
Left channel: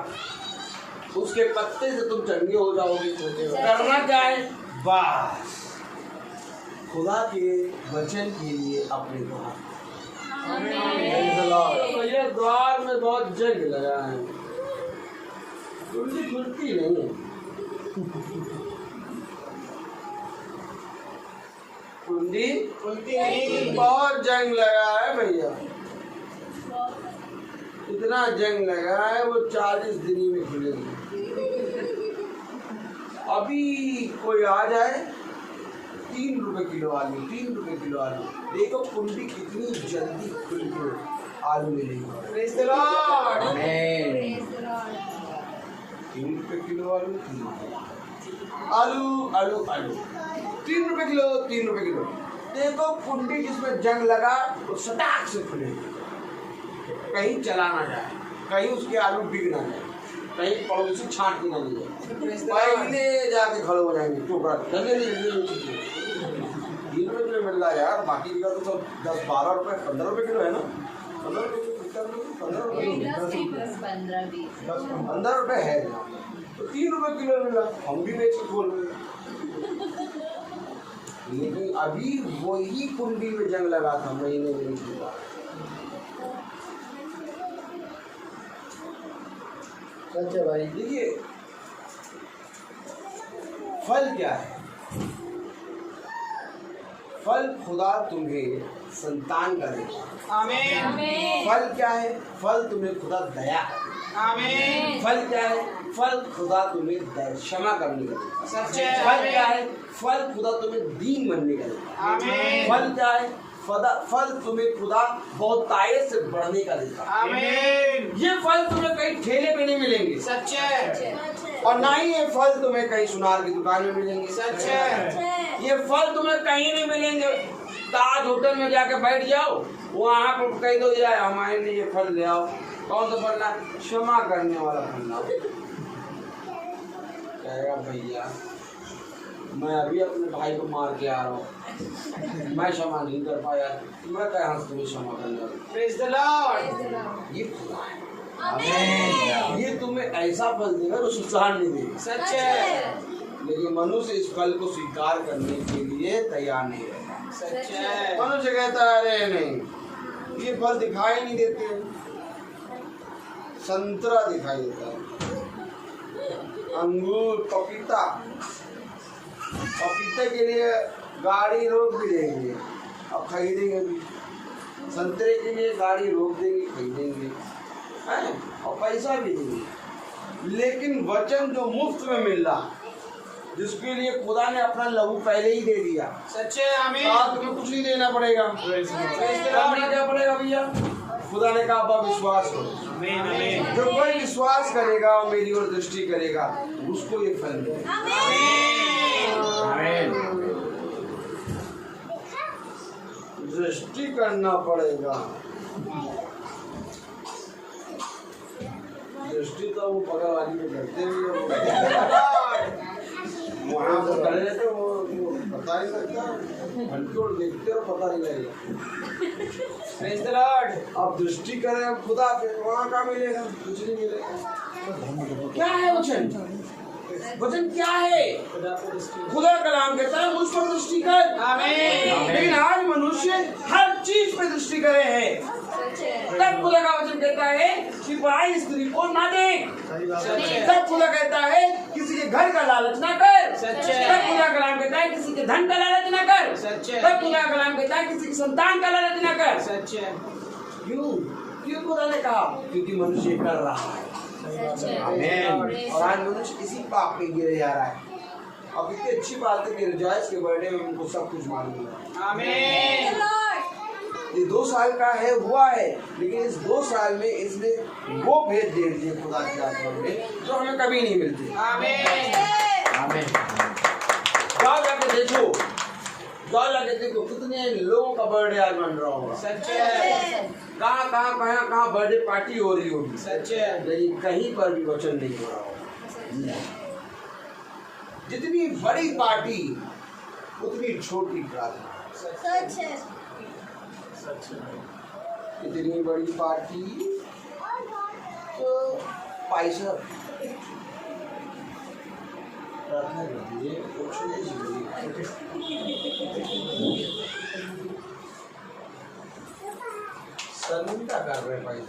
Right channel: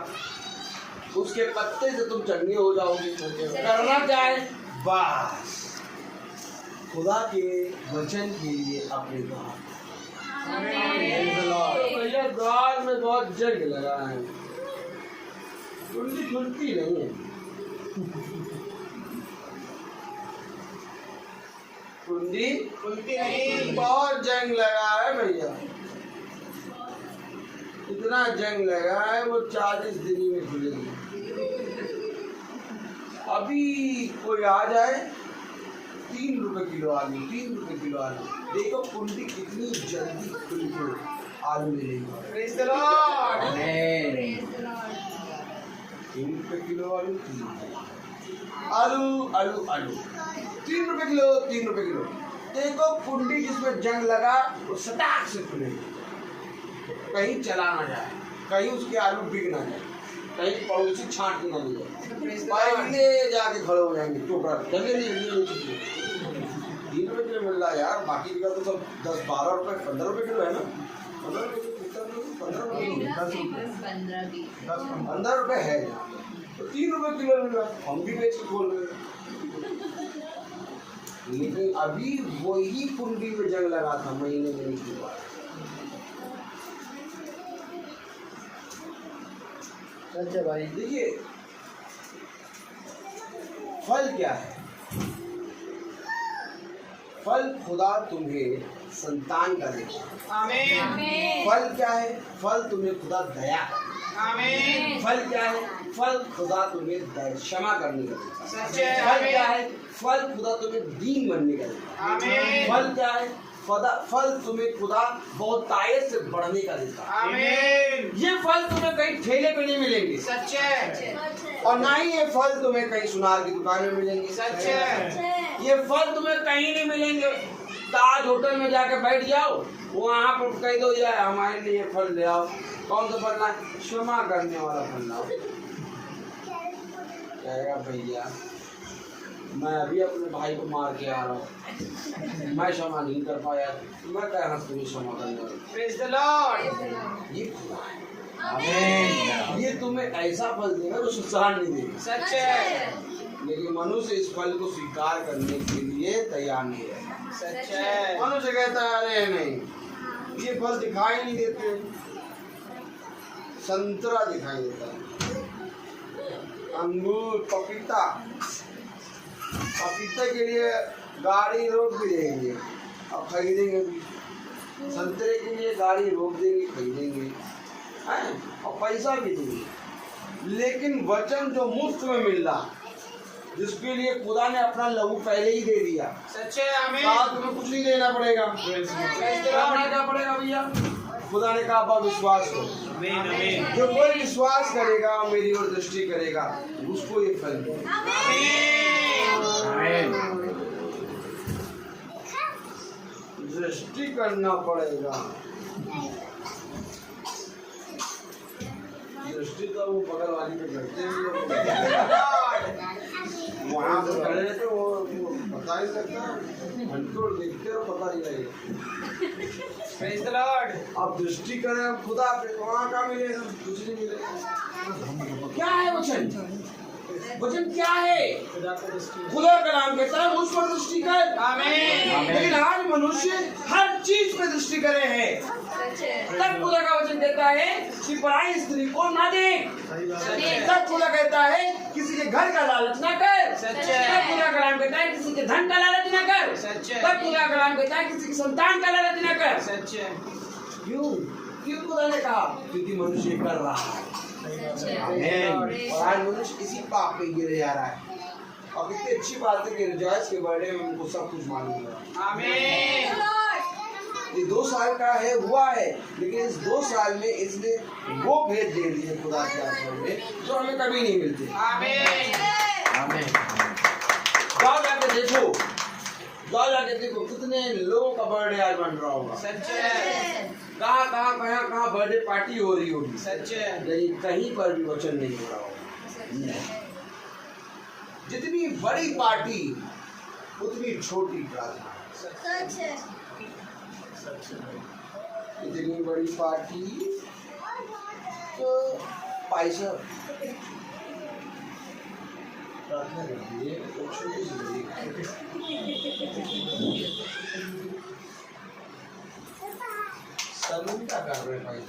उसके पत्ते से तुम चटनी हो जाओगे। करना क्या है? बस खुदा के वचन के लिए अपने द्वार। भैया द्वार में बहुत जंग लगा है, कुंडी खुलती नहीं है। कुंडी खुलती नहीं, बहुत जंग लगा है भैया, इतना जंग लगा है वो 40 दिन में खुलेगी। अभी कोई आ जाए 3 रुपए किलो आलू, 3 रुपए किलो आलू, देखो कुंडी कितनी जल्दी खुल के आलू ले लेगी। 3 रुपए किलो आलू, आलू आलू आलू 3 रुपए किलो, 3 रुपए किलो। देखो कुंडी जिसमें जंग लगा वो सटाक से खुलेगी, कहीं चला ना जाए, कहीं उसके आलू बिक ना जाए, कहीं पड़ोसी छांट ना ले जाए, पहले जाके खड़े हो जाएंगे टोकरा जगह नहीं। 3 रुपए किलो मिल रहा है यार, बाकी जगह तो सब 10-12 रुपए 15 रुपए किलो है ना। 15 रुपए है तो 3 रुपए किलो मिल रहा, हम भी बेच के खोल रहे। लेकिन अभी वही कुंडी में जंग लगा था, महीने में नहीं हुआ। अच्छा भाई देखिए फल क्या है? फल खुदा तुम्हें संतान का देगा। आमीन। फल क्या है? फल तुम्हें खुदा दया करेगा। आमीन। फल क्या है? फल खुदा तुम्हें क्षमा करने का देगा। सच्चे। फल क्या है? फल खुदा तुम्हें दीन बनने का देगा। आमीन। फल क्या है? फल तुम्हें खुदा बहुतायत से बढ़ने का देगा। आमीन। ये फल तुम्हें कहीं ठेले पे नहीं मिलेंगे, सच्चे। और ना ही ये फल तुम्हें कहीं सुनार की दुकान में मिलेंगे, सच्चे। ये फल तुम्हें कहीं नहीं मिलेंगे। ताज होटल में जाके बैठ जाओ, वहाँ पर कह दो यार हमारे लिए ये फल ले आओ, कौन सा फल लाए? क्षमा करने वाला फल लाओ। कहेगा भैया मैं अभी अपने भाई को मार के आ रहा हूँ, मैं क्षमा नहीं कर पाया, मैं कहाँ से तुम्हें क्षमा करने वाला? Praise the Lord. ये खुदा है, ये तुम्हें ऐसा फल देगा जो संसार नहीं देगा। सच्चे। लेकिन मनुष्य इस फल को स्वीकार करने के लिए तैयार नहीं है। सच्चे। मनुष्य कहता है अरे नहीं, ये फल दिखाई नहीं देते। संतरा दिखाई देता है, अंगूर, पपीता, पपीते के लिए गाड़ी रोक भी देंगे और खरीदेंगे भी, संतरे के लिए गाड़ी रोक देंगे खरीदेंगे और पैसा भी देंगे। लेकिन वचन जो मुफ्त में मिल रहा, जिसके लिए खुदा ने अपना लहू पहले ही दे दिया, सच्चे। आमीन। आज तुम्हें कुछ नहीं देना पड़ेगा। करना क्या पड़ेगा भैया? खुदा ने कहा अब विश्वास करो। आमीन। जो कोई विश्वास करेगा और मेरी ओर दृष्टि करेगा उसको ये फल मिलेगा। दृष्टि करना पड़ेगा। दृष्टि तो वो बगल वाली में करते वहाँ पर खड़े थे, वो पता ही लगता, घंटों देखते और पता ही लगेगा। Praise the Lord. अब दृष्टि करें अब खुदा पे, वहाँ का मिलेगा? कुछ नहीं मिलेगा। क्या है वचन? वचन क्या है? खुदा का नाम कहता है मुझ पर दृष्टि कर। आमीन। लेकिन आज मनुष्य हर चीज पे दृष्टि करे है। तब खुदा का वचन कहता है कि पराई स्त्री को ना देख। तब खुदा कहता है किसी के घर का लालच ना कर। तब खुदा का नाम कहता है किसी के धन का लालच ना कर। तब खुदा का नाम कहता है किसी की संतान का लालच ना कर। सच्चे। क्यों? क्यों खुदा ने कहा? क्योंकि मनुष्य कर रहा है। और आज मनुष्य इसी पाप पे गिरे जा रहा है। अब इतनी अच्छी बात है कि रिजॉइस के बर्थडे में उनको सब कुछ मालूम है। आमीन। ये 2 साल का है, हुआ है, लेकिन इस 2 साल में इसने वो भेद दे दिए खुदा के आत्मा में जो हमें कभी नहीं मिलती। आमीन। आमीन। जाओ जाके देखो, जाओ जाके देखो कितने लोगों का बर्थडे आज बन रहा होगा। सच्चे। कहाँ बर्थडे पार्टी हो रही होगी। सच्चे। लेकिन कहीं पर भी वचन नहीं हो रहा होगा। जितनी बड़ी पार्टी उतनी छोटी प्रार्थना। सच है। इतनी बड़ी पार्टी तो पैसा प्रार्थना करती है, वो छोटी सी बड़ी। शर्मिंदा कर रहे हैं भाई,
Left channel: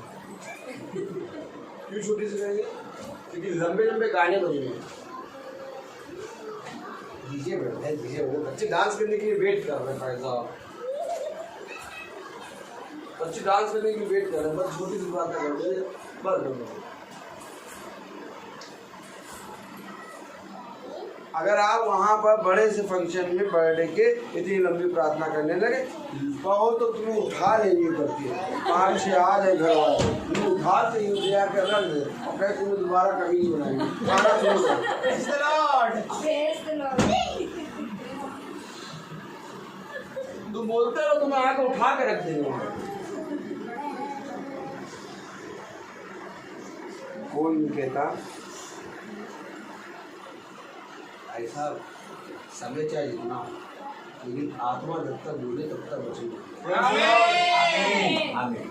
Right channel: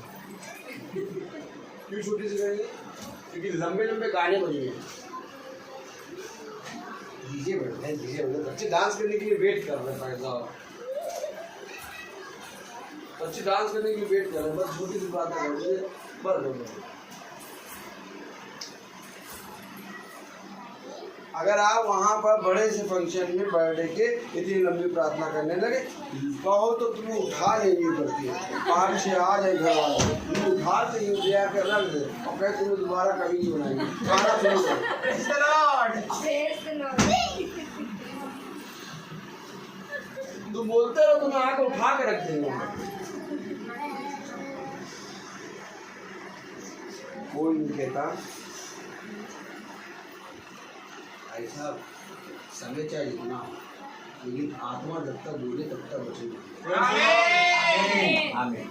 क्यों छोटी सी करेंगे? क्योंकि लंबे लंबे गाने बजे हैं, डीजे बैठे हैं, डीजे बैठे, बच्चे डांस करने के लिए वेट कर रहे हैं भाई साहब, बच्चे डांस करने के लिए वेट कर रहे हैं, बस छोटी सी बात कर रहे हैं, बस। अगर आप वहाँ पर बड़े से फंक्शन में बर्थडे के इतनी लंबी प्रार्थना करने लगे, कहो तो तुम्हें उठा नहीं करती है, 5 से आ जाए घर वाले, तुम्हें उठाते ही दिया के रख दे और कहे तुम्हें दोबारा कभी नहीं बनाएंगे, खाना शुरू तुम बोलते रहो, तुम्हें आके उठा के रख देंगे। कोई नहीं कहता ऐसा समय चाहे जितना, लेकिन आत्मा जब तक बोले तब तक बचेगी। आमीन।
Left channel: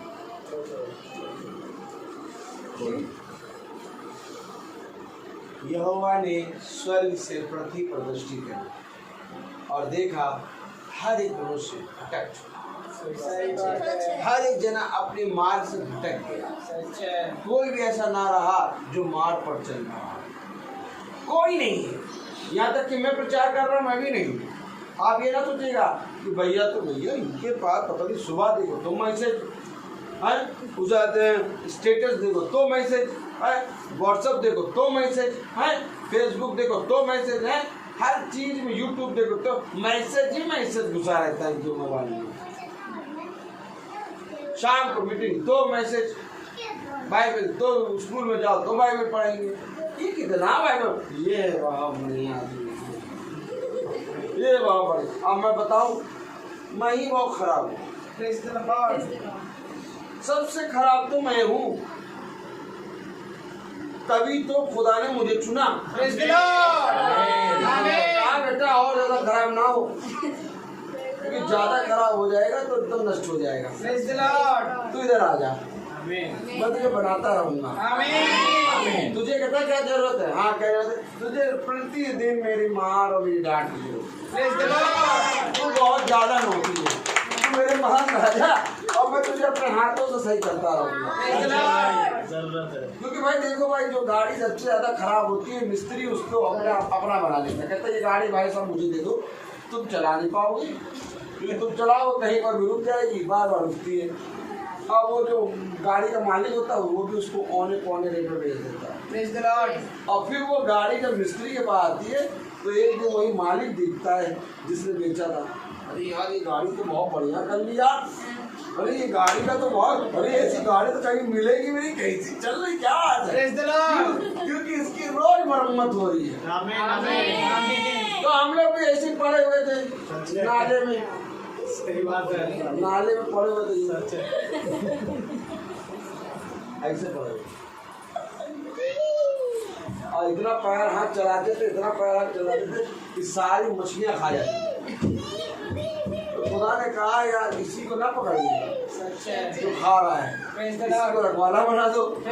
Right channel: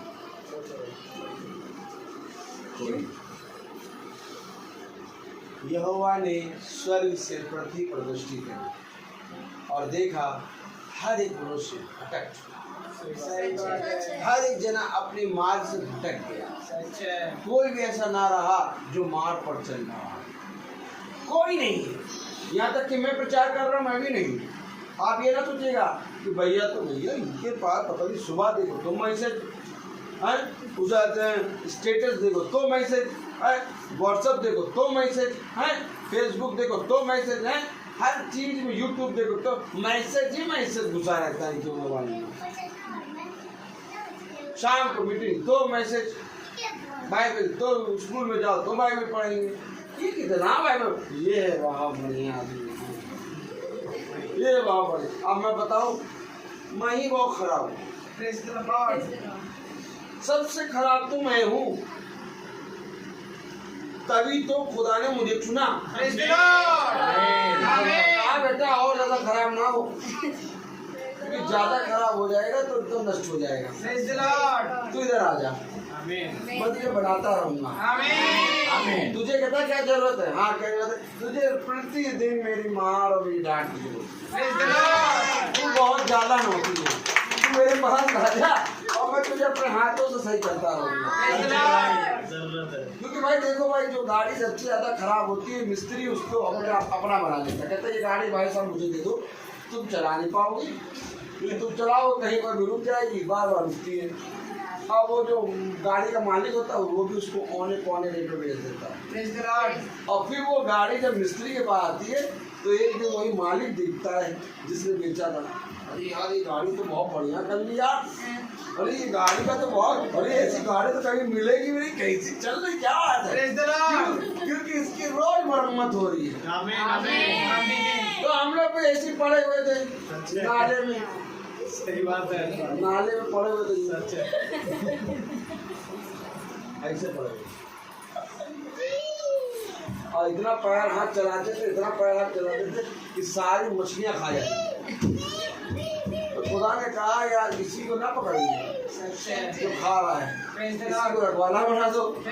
यहोवा ने स्वर्ग से पृथ्वी पर दृष्टि करी और देखा हर एक मनुष्य भटक चुका, हर एक जना अपने मार्ग से भटक गया, कोई भी ऐसा ना रहा जो मार्ग पर चल रहा है, कोई नहीं। यहाँ तक कि मैं प्रचार कर रहा हूँ, मैं भी नहीं। आप ये ना सोचिएगा कि भैया तो भैया इनके पास पता नहीं, सुबह देखो तो मैसेज है उजाते हैं, स्टेटस देखो तो मैसेज है, व्हाट्सएप देखो तो मैसेज है, फेसबुक देखो तो मैसेज है, हर चीज में यूट्यूब देखो तो मैसेज ही मैसेज घुसा रहता है जो मोबाइल में। शाम को मीटिंग तो मैसेज, बाइबल तो स्कूल में जाओ तो बाइबल पढ़ेंगे, ये कितना बाइबल, ये वहाँ बढ़िया आदमी, ये वहाँ बढ़िया। अब मैं बताऊँ, मैं ही बहुत खराब हूँ, सबसे खराब तो मैं हूँ, तभी तो खुदा ने मुझे चुना। बेटा और ज्यादा खराब ना हो, क्योंकि ज्यादा खराब हो जाएगा तो एकदम नष्ट हो जाएगा। तू इधर आ जा, मैं तुझे बनाता रहूंगा। तुझे कहता क्या जरूरत है? हाँ क्या जरूरत है? तुझे प्रतिदिन मेरी माँ और मेरी डांट की जरूरत है, तू बहुत ज्यादा नोटी है, तू मेरे महान राजा, और मैं तुझे अपने हाथों से सही करता रहूंगा। क्योंकि भाई देखो भाई, जो गाड़ी सबसे ज्यादा खराब होती है, मिस्त्री उसको अपना बना लेता, कहता है ये गाड़ी भाई साहब मुझे दे दो, तुम चला नहीं पाओगे, क्योंकि तुम चलाओ कहीं पर भी रुक जाएगी, बार बार रुकती है। अब वो जो गाड़ी का मालिक होता है वो भी उसको औने पौने रेट पर बेच देता है, और फिर वो गाड़ी जब मिस्त्री के पास आती है तो एक दिन वही मालिक दिखता है जिसने बेचा था, अरे यार ये गाड़ी तो बहुत बढ़िया कर ली यार, अरे ये गाड़ी का तो बहुत, अरे ऐसी गाड़ी तो कहीं मिलेगी भी नहीं, कैसी चल रही, क्या बात है, क्योंकि इसकी रोज मरम्मत हो रही है। तो हम लोग भी ऐसे पड़े हुए थे नाले में, सही बात है, नाले में पड़े हुए थे, ऐसे पड़े हुए, और इतना पैर हाथ चलाते थे, इतना पैर हाथ चलाते थे कि सारी मछलियां खा जाती। तो खुदा ने कहा यार इसी को ना पकड़िए जो खा रहा है, इसी को रखवाला बना दो, तो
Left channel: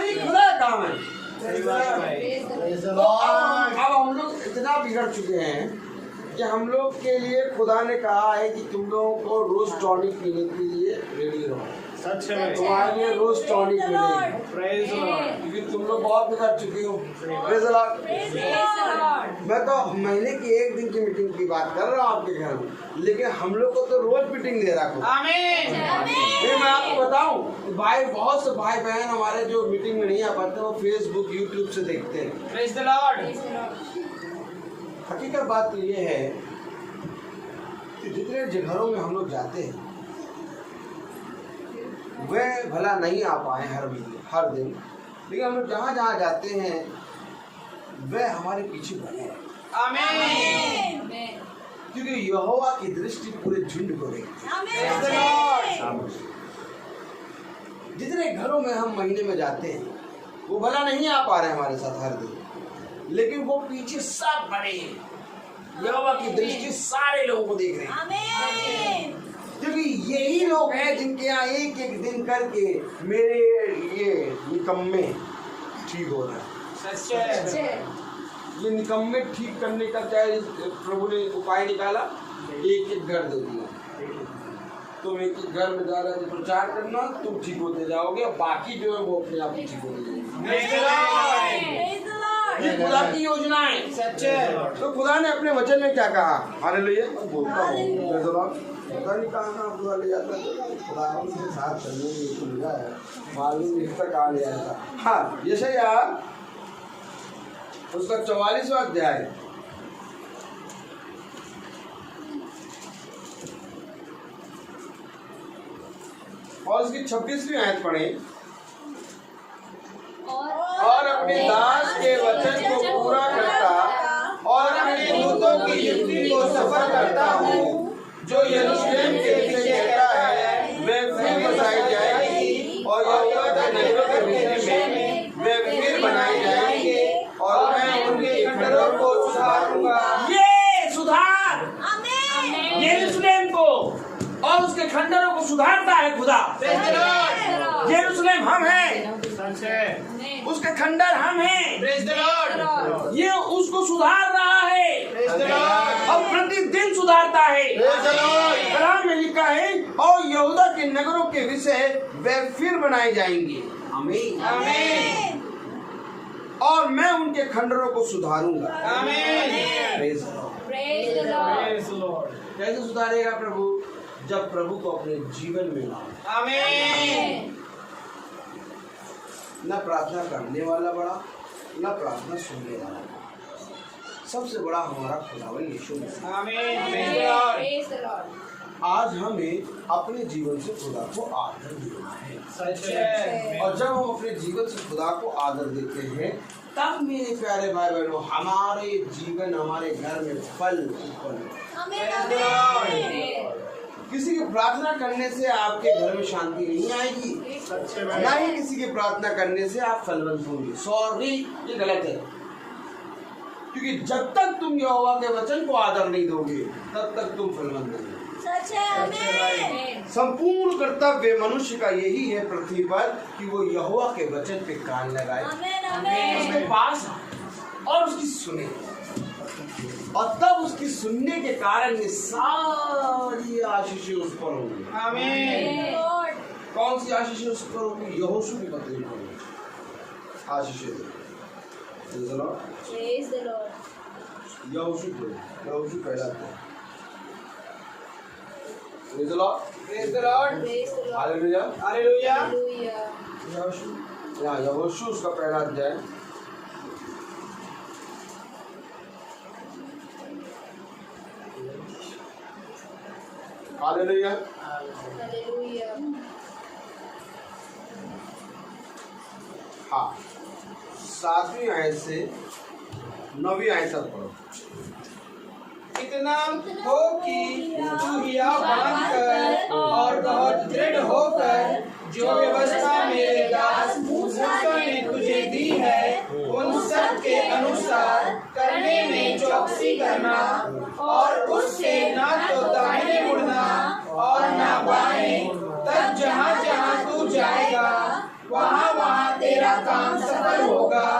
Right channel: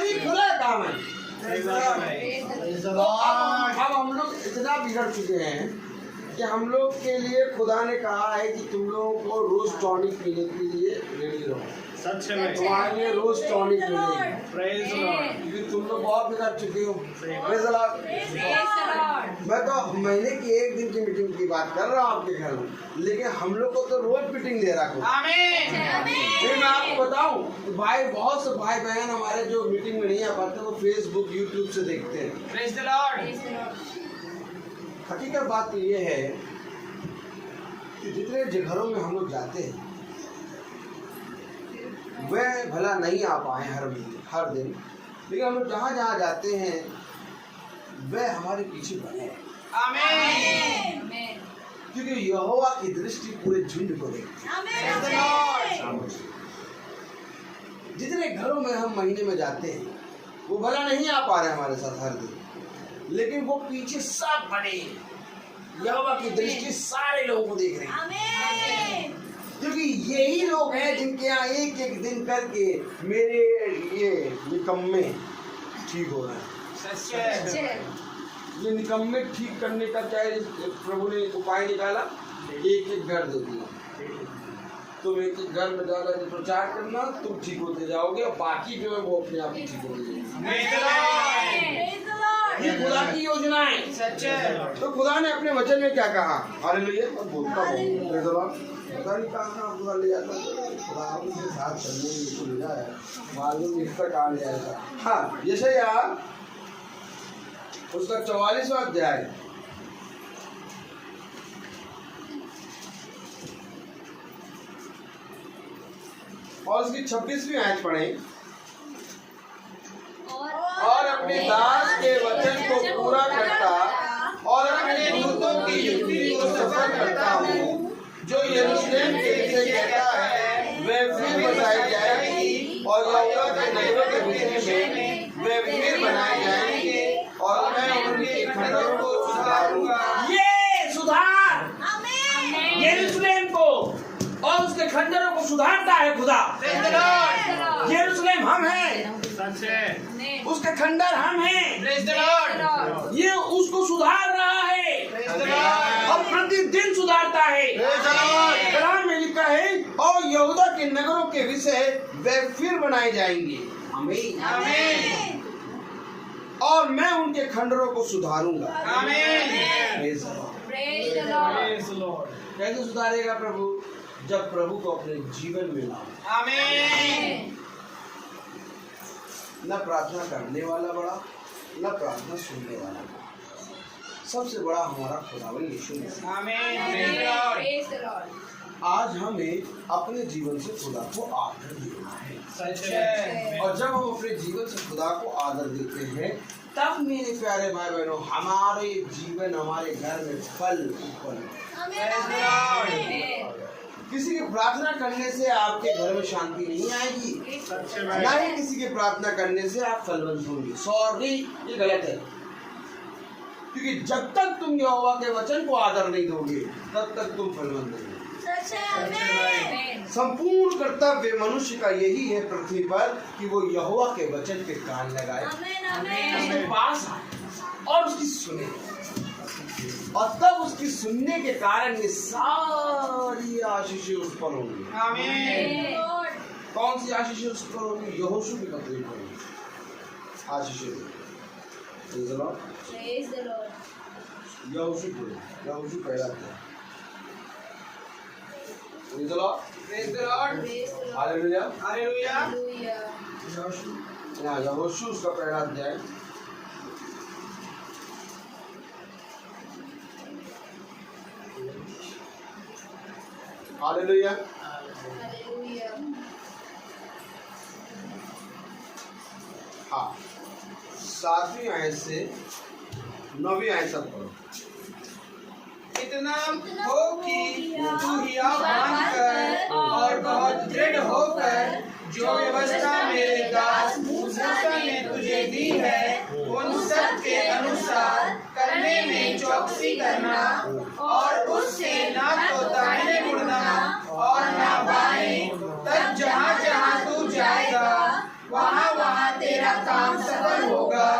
ये खुदा का काम है। अब हम लोग इतना बिगड़ चुके हैं कि हम लोग के लिए खुदा ने कहा है कि तुम लोगों को रोज टॉनिक पीने के लिए रेडी रहो, सच है, तुम्हारे लिए रोज टॉनिक मिलेगी, प्रेज लॉर्ड, क्योंकि तुम लोग बहुत बिगड़ चुकी हो। Praise Lord. मैं तो महीने की 1 दिन की मीटिंग की बात कर रहा हूँ आपके घर में, लेकिन हम लोग को तो रोज मीटिंग दे रहा है। फिर मैं आपको बताऊं, भाई बहुत से भाई बहन हमारे जो मीटिंग में नहीं आ पाते वो फेसबुक यूट्यूब से देखते हैं। Praise the Lord. हकीकत बात तो ये है कि जितने घरों में हम लोग जाते हैं वह भला नहीं आ पाए हर दिन, लेकिन हम लोग जहाँ जहाँ जाते हैं वह हमारे पीछे बने, क्योंकि यहोवा की दृष्टि पूरे झुंड को देखती है। जितने घरों में हम महीने में जाते हैं वो भला नहीं आ पा रहे हमारे साथ हर दिन, लेकिन वो पीछे सब बड़े यहोवा की दृष्टि सारे लोगों को देख रहे हैं, क्योंकि यही लोग हैं जिनके यहाँ एक एक दिन करके मेरे ये निकम्मे ठीक हो रहे हैं। ये निकम्मे ठीक करने का क्या प्रभु ने उपाय निकाला, एक एक घर दे दिया। तुम एक एक घर में ज्यादा प्रचार करना, तुम ठीक होते जाओगे, और बाकी जो है वो अपने आप ही ठीक होते जाएंगे। ये खुदा की योजना है, सच्चे। तो खुदा ने अपने वचन में क्या कहा, हालेलुया, बोलता हूँ पता नहीं कहाँ खुदा ले जाता है, खुदा के साथ चलने में तो मिला है, मालूम नहीं कहाँ ले जाता। हाँ, यशायाह उसका 44वां अध्याय और उसकी 26वीं आयत पढ़े। और अपने दास के वचन को पूरा करता और अपने दूतों की युक्ति को सफल करता हूँ, जो यरूशलेम के विषय कहता है वे फिर बसाई जाएगी और यहोवा के नगरों के विषय में वे फिर बनाए जाएंगे और मैं उनके खंडों को सुधारूंगा। ये सुधार यरूशलेम को और उसके खंडरों को सुधारता है खुदा। यरूशलेम हम हैं, उसके खंडर हम हैं। ये उसको सुधार रहा है और प्रतिदिन सुधारता है। कलाम में लिखा है और यहूदा के नगरों के विषय वे फिर बनाए जाएंगे, आमीन, और मैं उनके खंडरों को सुधारूंगा, आमीन। कैसे सुधारेगा प्रभु, जब प्रभु को अपने जीवन में लाओ, आमीन। न प्रार्थना करने वाला बड़ा, न प्रार्थना सुनने वाला बड़ा, सबसे बड़ा हमारा खुदावन यीशु मसीह, आमीन। आज हमें अपने जीवन से खुदा को आदर देना है, और जब हम अपने जीवन से खुदा को आदर देते हैं, तब मेरे प्यारे भाई बहनों हमारे जीवन, हमारे घर में फल किसी की प्रार्थना करने से आपके घर में शांति नहीं आएगी, ना ही किसी की प्रार्थना करने से आप फलवंत होंगे। सॉरी, ये गलत है, क्योंकि जब तक तुम यहोवा के वचन को आदर नहीं दोगे तब तक तुम फलवंत नहीं। संपूर्ण कर्तव्य मनुष्य का यही है पृथ्वी पर कि वो यहोवा के वचन पे कान लगाए, उसके पास आए और उसकी सुने, और तब उसकी सुनने के कारण ये सारी आशीषें उस पर होंगी, आमीन। कौन सी आशीषें उस पर होंगी, यहोशू की पत्री पर होंगी आशीषें। यहोशू पहला था, यहोशू उसका पहला अध्याय। हालेलुया। हाँ, 7वीं आयत से 9वीं आयत तक पढ़ो। इतना हो कि तू हिया बांधकर और बहुत दृढ़ होकर जो व्यवस्था मेरे दास मूसा ने तुझे दी है उन सब के अनुसार करने में चौकसी करना, और उससे ना तो दाहिने मुड़ना और ना बाएं, तब जहाँ जहाँ तू जाएगा वहाँ वहाँ तेरा काम सफल होगा।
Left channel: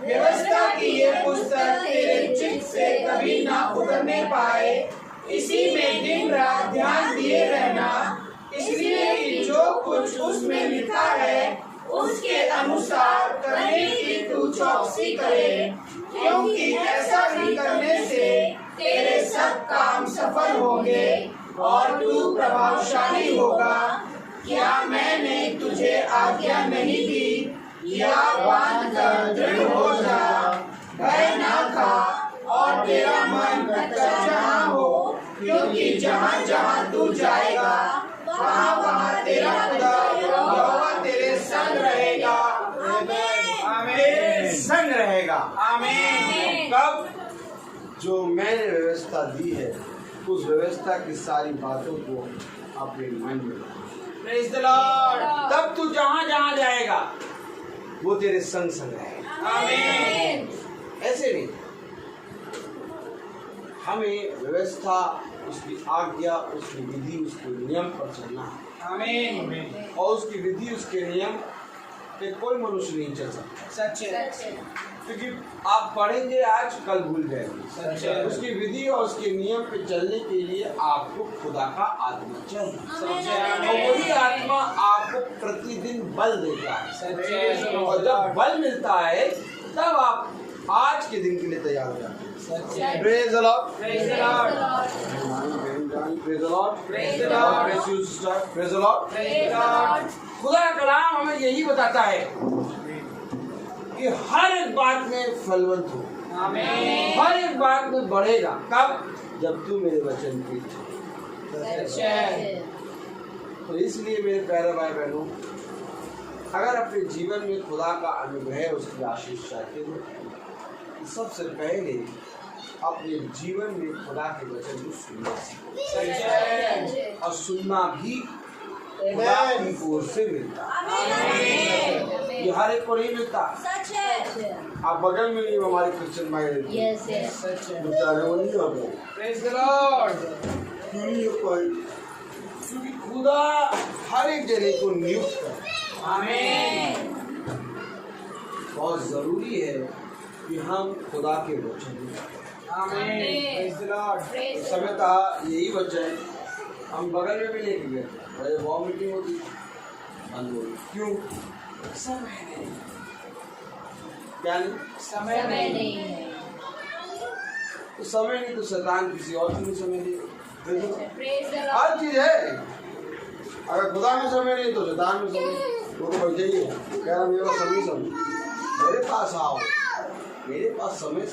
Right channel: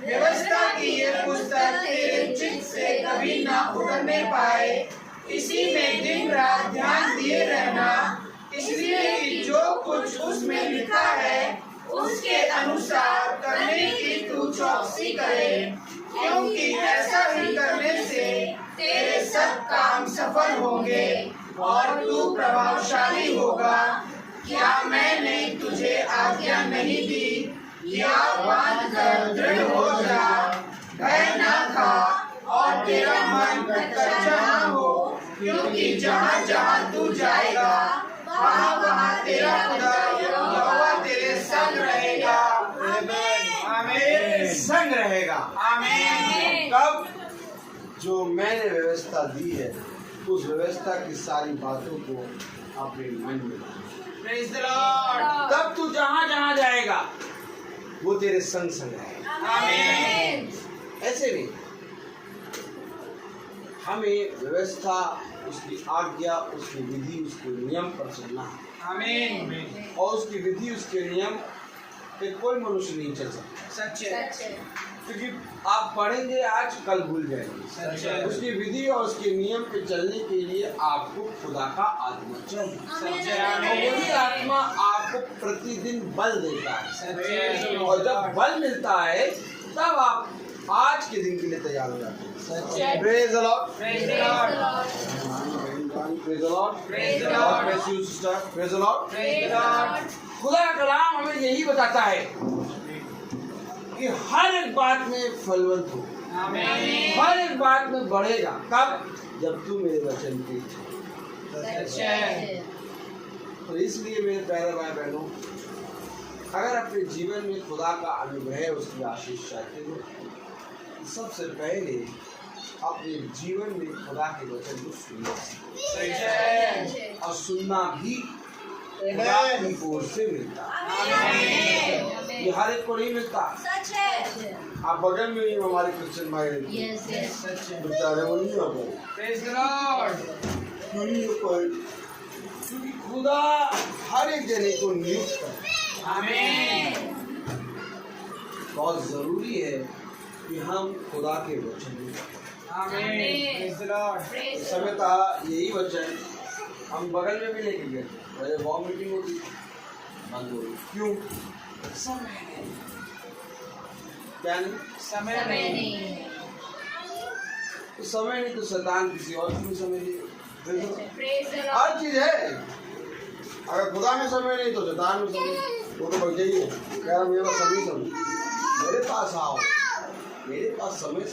व्यवस्था की ये पुस्तक तेरे चित्त से कभी ना उतरने पाए, इसी में दिन रात ध्यान दिए रहना, इसलिए कि जो कुछ उसमें लिखा है उसके अनुसार करने की तू चौकसी करे, क्योंकि ऐसा ही करने से तेरे सब काम सफल होंगे और तू प्रभावशाली होगा। क्या मैंने तुझे आज्ञा नहीं दी, या बांध कर दृढ़ हो जा, भय न खा और तेरा मन कच्चा न हो, क्योंकि जहाँ जहाँ तू जाएगा वहाँ वहाँ तेरा खुदा यहोवा तेरे संग रहेगा, आमीन। संग रहेगा, आमीन। कब, जो मैंने व्यवस्था दी है उस व्यवस्था की सारी बातों को अपने मन में रखो। Praise the Lord. तब तू जहाँ जहाँ जाएगा वो तेरे संग संग रहेगा, आमीन। ऐसे नहीं, हमें व्यवस्था, उसकी आज्ञा, उसकी विधि, उसके नियम पर चलना है। आमीन। और उसकी विधि, उसके नियम पे कोई मनुष्य नहीं चल सकता, सच है। क्योंकि आप पढ़ेंगे आज, कल भूल जाएंगे। उसकी विधि और उसके नियम पे चलने के लिए आपको खुदा का आत्मा चाहिए, और वही आत्मा आपको प्रतिदिन बल देता है। और जब बल मिलता है तब आप आज के दिन के लिए तैयार हो जाते हैं। Praise the Lord. Praise the Lord. Praise the Lord. Praise the God Lord. bless you, sister. Praise the Lord. Praise the Lord. खुदा का कलाम हमें यही बताता है कि हर एक बात में फलवंत हो, आमीन। हर एक बात में बढ़ेगा। कब? जब तू मेरे वचन की। सच है। तो इसलिए मेरे प्यारे भाई बहनों, अगर अपने जीवन में खुदा का अनुग्रह, उसकी आशीष चाहते हो, सबसे पहले अपने जीवन में खुदा के वचन को सुनना सीखो। सच है। और सुनना भी खुदा की ओर से मिलता है, ये हर एक को नहीं मिलता। आप बगल में ही हमारे क्रिश्चियन भाई सच है। बेचारे वो नहीं हो गए, Praise the Lord. क्यों नहीं हो पाए? क्योंकि खुदा हर एक जने को नियुक्त करे। आमीन। बहुत जरूरी है कि हम खुदा के वचन में आमीन। Praise the Lord. समय था यही वचन हम बगल में भी लेके गए, अरे वॉर मीटिंग होती बंद हो गई। क्यों? समय नहीं। क्या नहीं? समय नहीं। तो समय नहीं तो शैतान किसी और चीज में समय नहीं। Praise the Lord. हर चीज है, अगर खुदा में समय नहीं तो शैतान में समय। वो तो बैठे ही है, कह रहा मेरे पास समय, मेरे पास आओ, मेरे पास समय।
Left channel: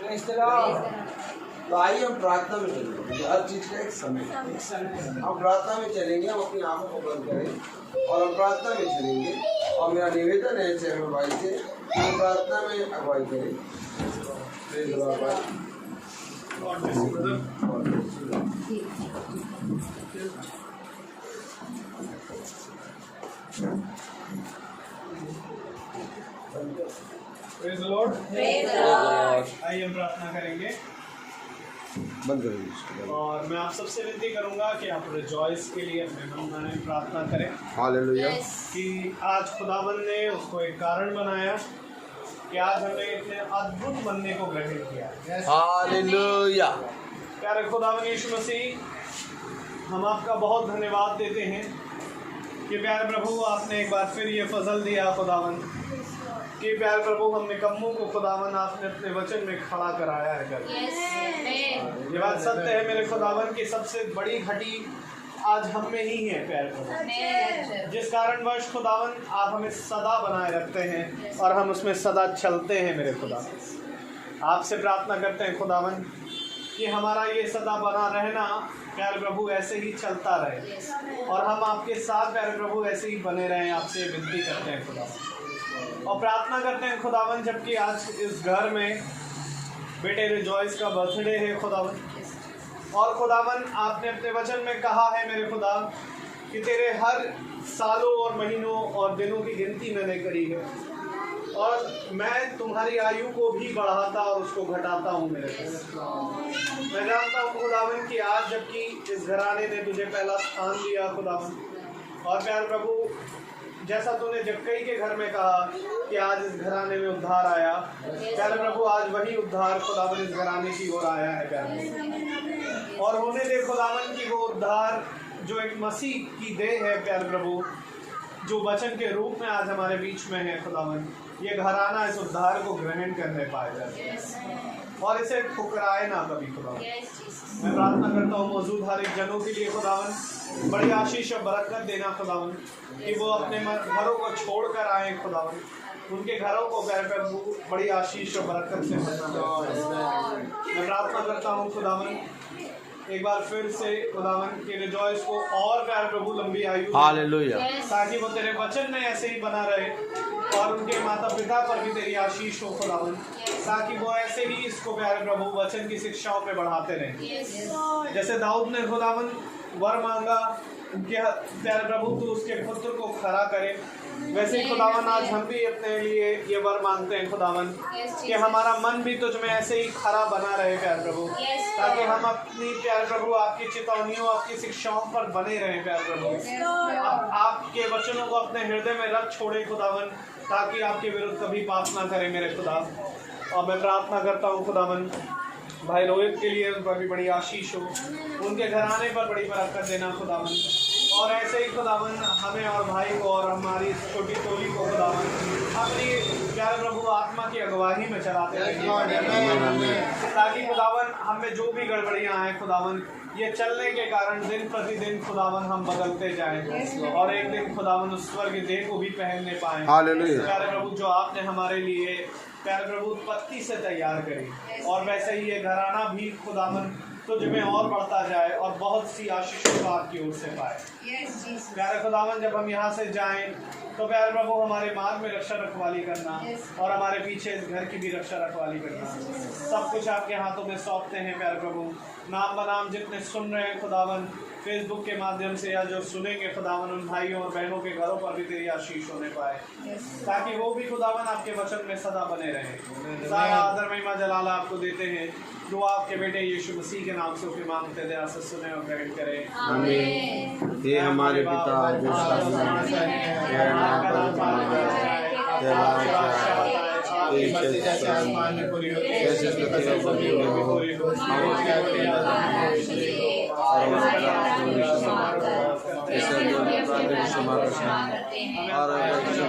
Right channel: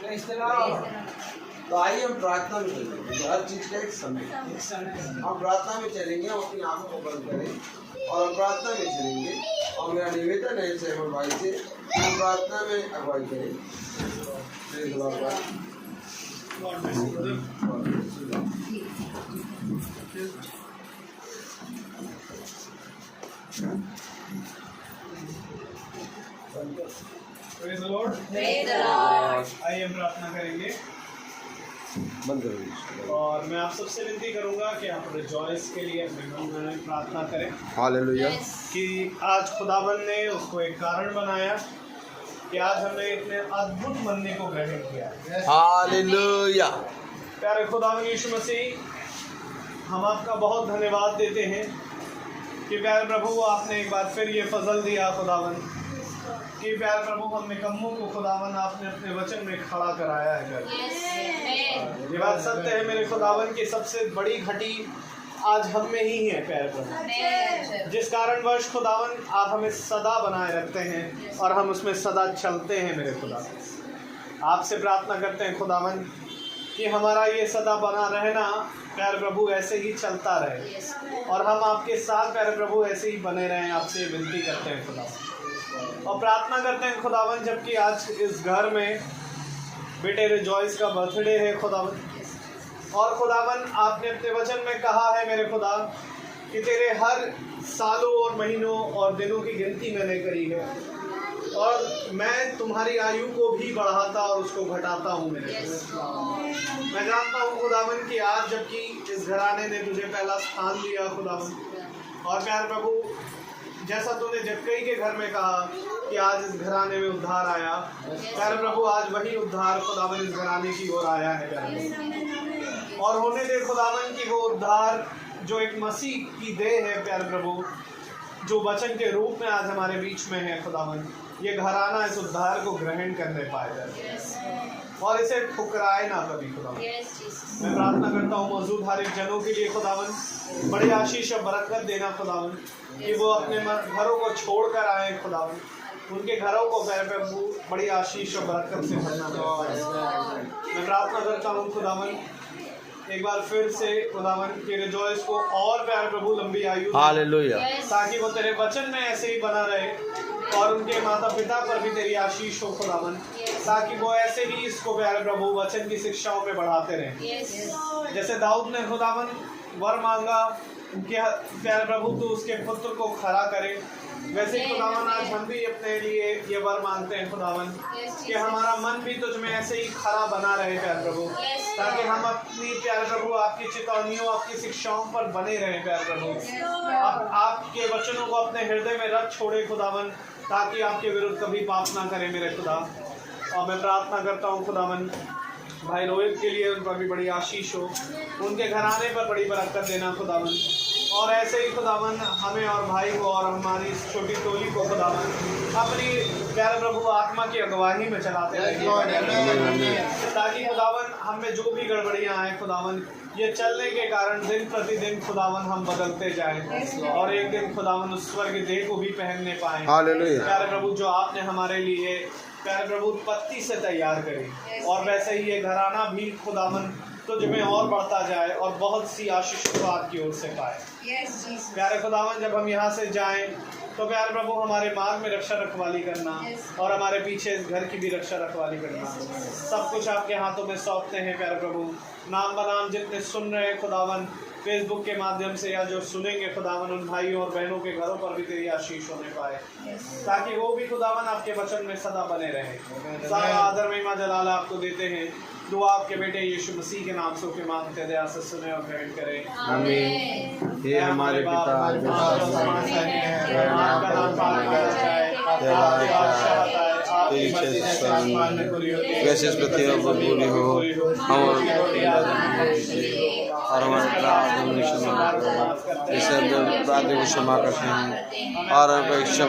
Praise the Lord. तो आइए हम प्रार्थना में चलेंगे। हर चीज का एक समय है। एक समय है। हम प्रार्थना में चलेंगे, हम अपनी आंखों को बंद करें और हम प्रार्थना में चलेंगे। और मेरा निवेदन है सहमत भाई से, हम प्रार्थना में अगुवाई करें। Praise the Lord, भाई। God bless you, brother. Praise the Lord. Praise the Lord. आइए हम प्रार्थना करेंगे बंद करें। और मैं आप सबसे विनती करूंगा कि आप रिजॉइस के लिए अपने मन में प्रार्थना करें हालेलुया। कि आज खुदावन ने उसको एक कारण बनाया कि आज हमने इतने अद्भुत बनने को ग्रहण किया है। हालेलुया। प्यारे खुदावन यीशु मसीह, हम आपका बहुत धन्यवाद देते हैं कि प्यारे प्रभु आपने एक बार फिर ये फजल दिया खुदावन, कि प्यारे प्रभु हम निकम्मों को खुदावन आपने अपने वचन में खड़ा कराया है घर। ये बात सत्य है मेरे खुदावन की सबसे बड़ी घटी आज हम में ही है प्यारे प्रभु, जिस कारणवश खुदावन आप हमें सदा बनाए रखते हैं और हम उसमें सदा चलते हैं मेरे खुदा। आपसे प्रार्थना करते हैं खुदावन कि हमारा ये सदा बना रहना प्यारे प्रभु ऐसे ही चलता रहे और हम आपके साथ प्यारे प्रभु ऐसे ही बने रहें। आपसे विनती करते हैं खुदावन और प्रार्थना करते हैं खुदावन, जबकि आज इस घर में बेटे रिजॉइस का बर्थडे है खुदावन, और खुदावन आपने अपने वचन में कहा है मेरे खुदा कि तेरे हर सालों और महीनों और दिनों की गिनती मैंने करी है और मैं तुम्हारी आयु को भी बढ़ाता और उसको घटाता हूँ मेरे खुदा। मैं जानता हूँ खुदावन कि आज जबकि इस घराने ने तुझे पहला स्थान दिया खुदावन, और प्यार प्रभु जैसा तूने जक्कई के घर में कहा कि आज इस घराने में उद्धार आया, प्यारे प्रभु आज वही उद्धार खुदावन इस घराने की ओर आया है प्यारे, और होने दे खुदावन की वो उद्धार जो एक मसीह की देह है प्यारे प्रभु, जो वचन के रूप में आज हमारे बीच में है खुदावन, ये घराना इस उद्धार को ग्रहण करने पाए और इसे ठुकराए ना कभी खुदावन। मैं प्रार्थना करता हूँ मौजूद हर एक जनों के लिए खुदावन बड़ी आशीष और बरकत देना खुदावन, कि वो अपने घरों को छोड़ कर आए खुदावन, उनके घरों को प्रभु बड़ी आशीष और बरकत से भरना। मैं प्रार्थना करता हूँ खुदावन एक बार फिर से खुदावन के रिजॉइस को और प्यारे प्रभु लंबी आयु, हालेलुया, ताकि वो तेरे वचन में ऐसे ही बना रहे और उनके माता पिता पर भी तेरी आशीष हो खुदावन, ताकि वो ऐसे ही इसको प्यारे प्रभु वचन की शिक्षाओं पे बढ़ाते रहें। जैसे दाऊद ने खुदावन वर मांगा कि प्यारे प्रभु तू उसके पुत्र को खड़ा करे। वैसे ही खुदावन आज हम भी अपने लिए ये वर मांगते हैं खुदावन कि हमारा मन भी तुझ में ऐसे ही खड़ा बना रहे प्यारे प्रभु, ताकि हम अपनी प्यारे प्रभु आपकी चेतावनियों आपकी शिक्षाओं पर बने रहें प्यारे प्रभु। आपके वचनों को अपने हृदय में रख छोड़े खुदावन, ताकि आपके विरुद्ध कभी पाप ना करें मेरे खुदा। और मैं प्रार्थना करता हूँ खुदावन भाई रोहित के लिए, उन पर भी बड़ी आशीष हो, उनके घराने पर बड़ी बरकत देना खुदावन। और ऐसे ही खुदावन हमें और भाई को और हमारी इस छोटी टोली को खुदावन अपनी प्यारे प्रभु आत्मा की अगुवाही में चलाते रहें, ताकि खुदावन हमें जो भी गड़बड़ियाँ आए खुदावन ये चलने के कारण दिन प्रतिदिन खुदावन हम बदलते जाएं और एक दिन खुदावन उस स्वर्ग देह को भी पहनने पाएं। प्यारे प्रभु जो आपने हमारे लिए प्यारे प्रभु उत्पत्ति से तैयार करी, और वैसे ही ये घराना भी खुदावन तुझ में और बढ़ता जाए और बहुत सी आशीषों को आपकी ओर से पाए। प्यारे खुदावन जब हम यहाँ से जाएं तो प्यारे प्रभु हमारे मार्ग में रक्षा रखवाली करना और हमारे पीछे इस घर की भी रक्षा रखवाली करना, सब कुछ आपके हाथों में सौंपते हैं प्यारे प्रभु। नाम बनाम जितने सुन रहे हैं खुदावन फेसबुक के माध्यम से या जो सुनेंगे खुदावन, उन भाइयों और बहनों के घरों पर भी तेरी आशीष होने पाए, ताकि वो भी खुदावन आपके वचन में सदा बने रहे। सारा आदर महिमा जलाल आपको देते हैं। दुआ आपके बेटे यीशु मसीह के नाम से के मांगते दया से सुने और ग्रहण करें, आमीन। हे हमारे पिता जो स्वर्ग में है, नाम जैसे पृथ्वी पर भी हो, क्षमा करते हैं और अपेक्षा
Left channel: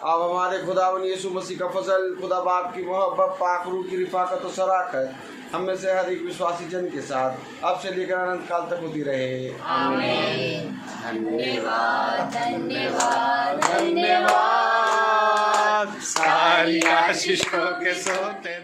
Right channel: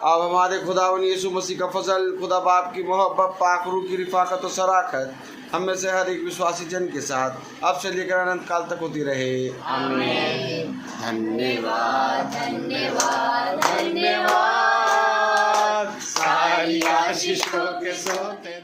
अब हमारे खुदावन यीशु मसीह का फजल, खुदा बाप की मोहब्बत, पाक रूह की रिफाकत और शराकत हम में से हर एक विश्वासी जन के साथ अब से लेकर अनंत काल तक होती रहे, आमीन। धन्यवाद धन्यवाद धन्यवाद, सारी आशीषों के सोते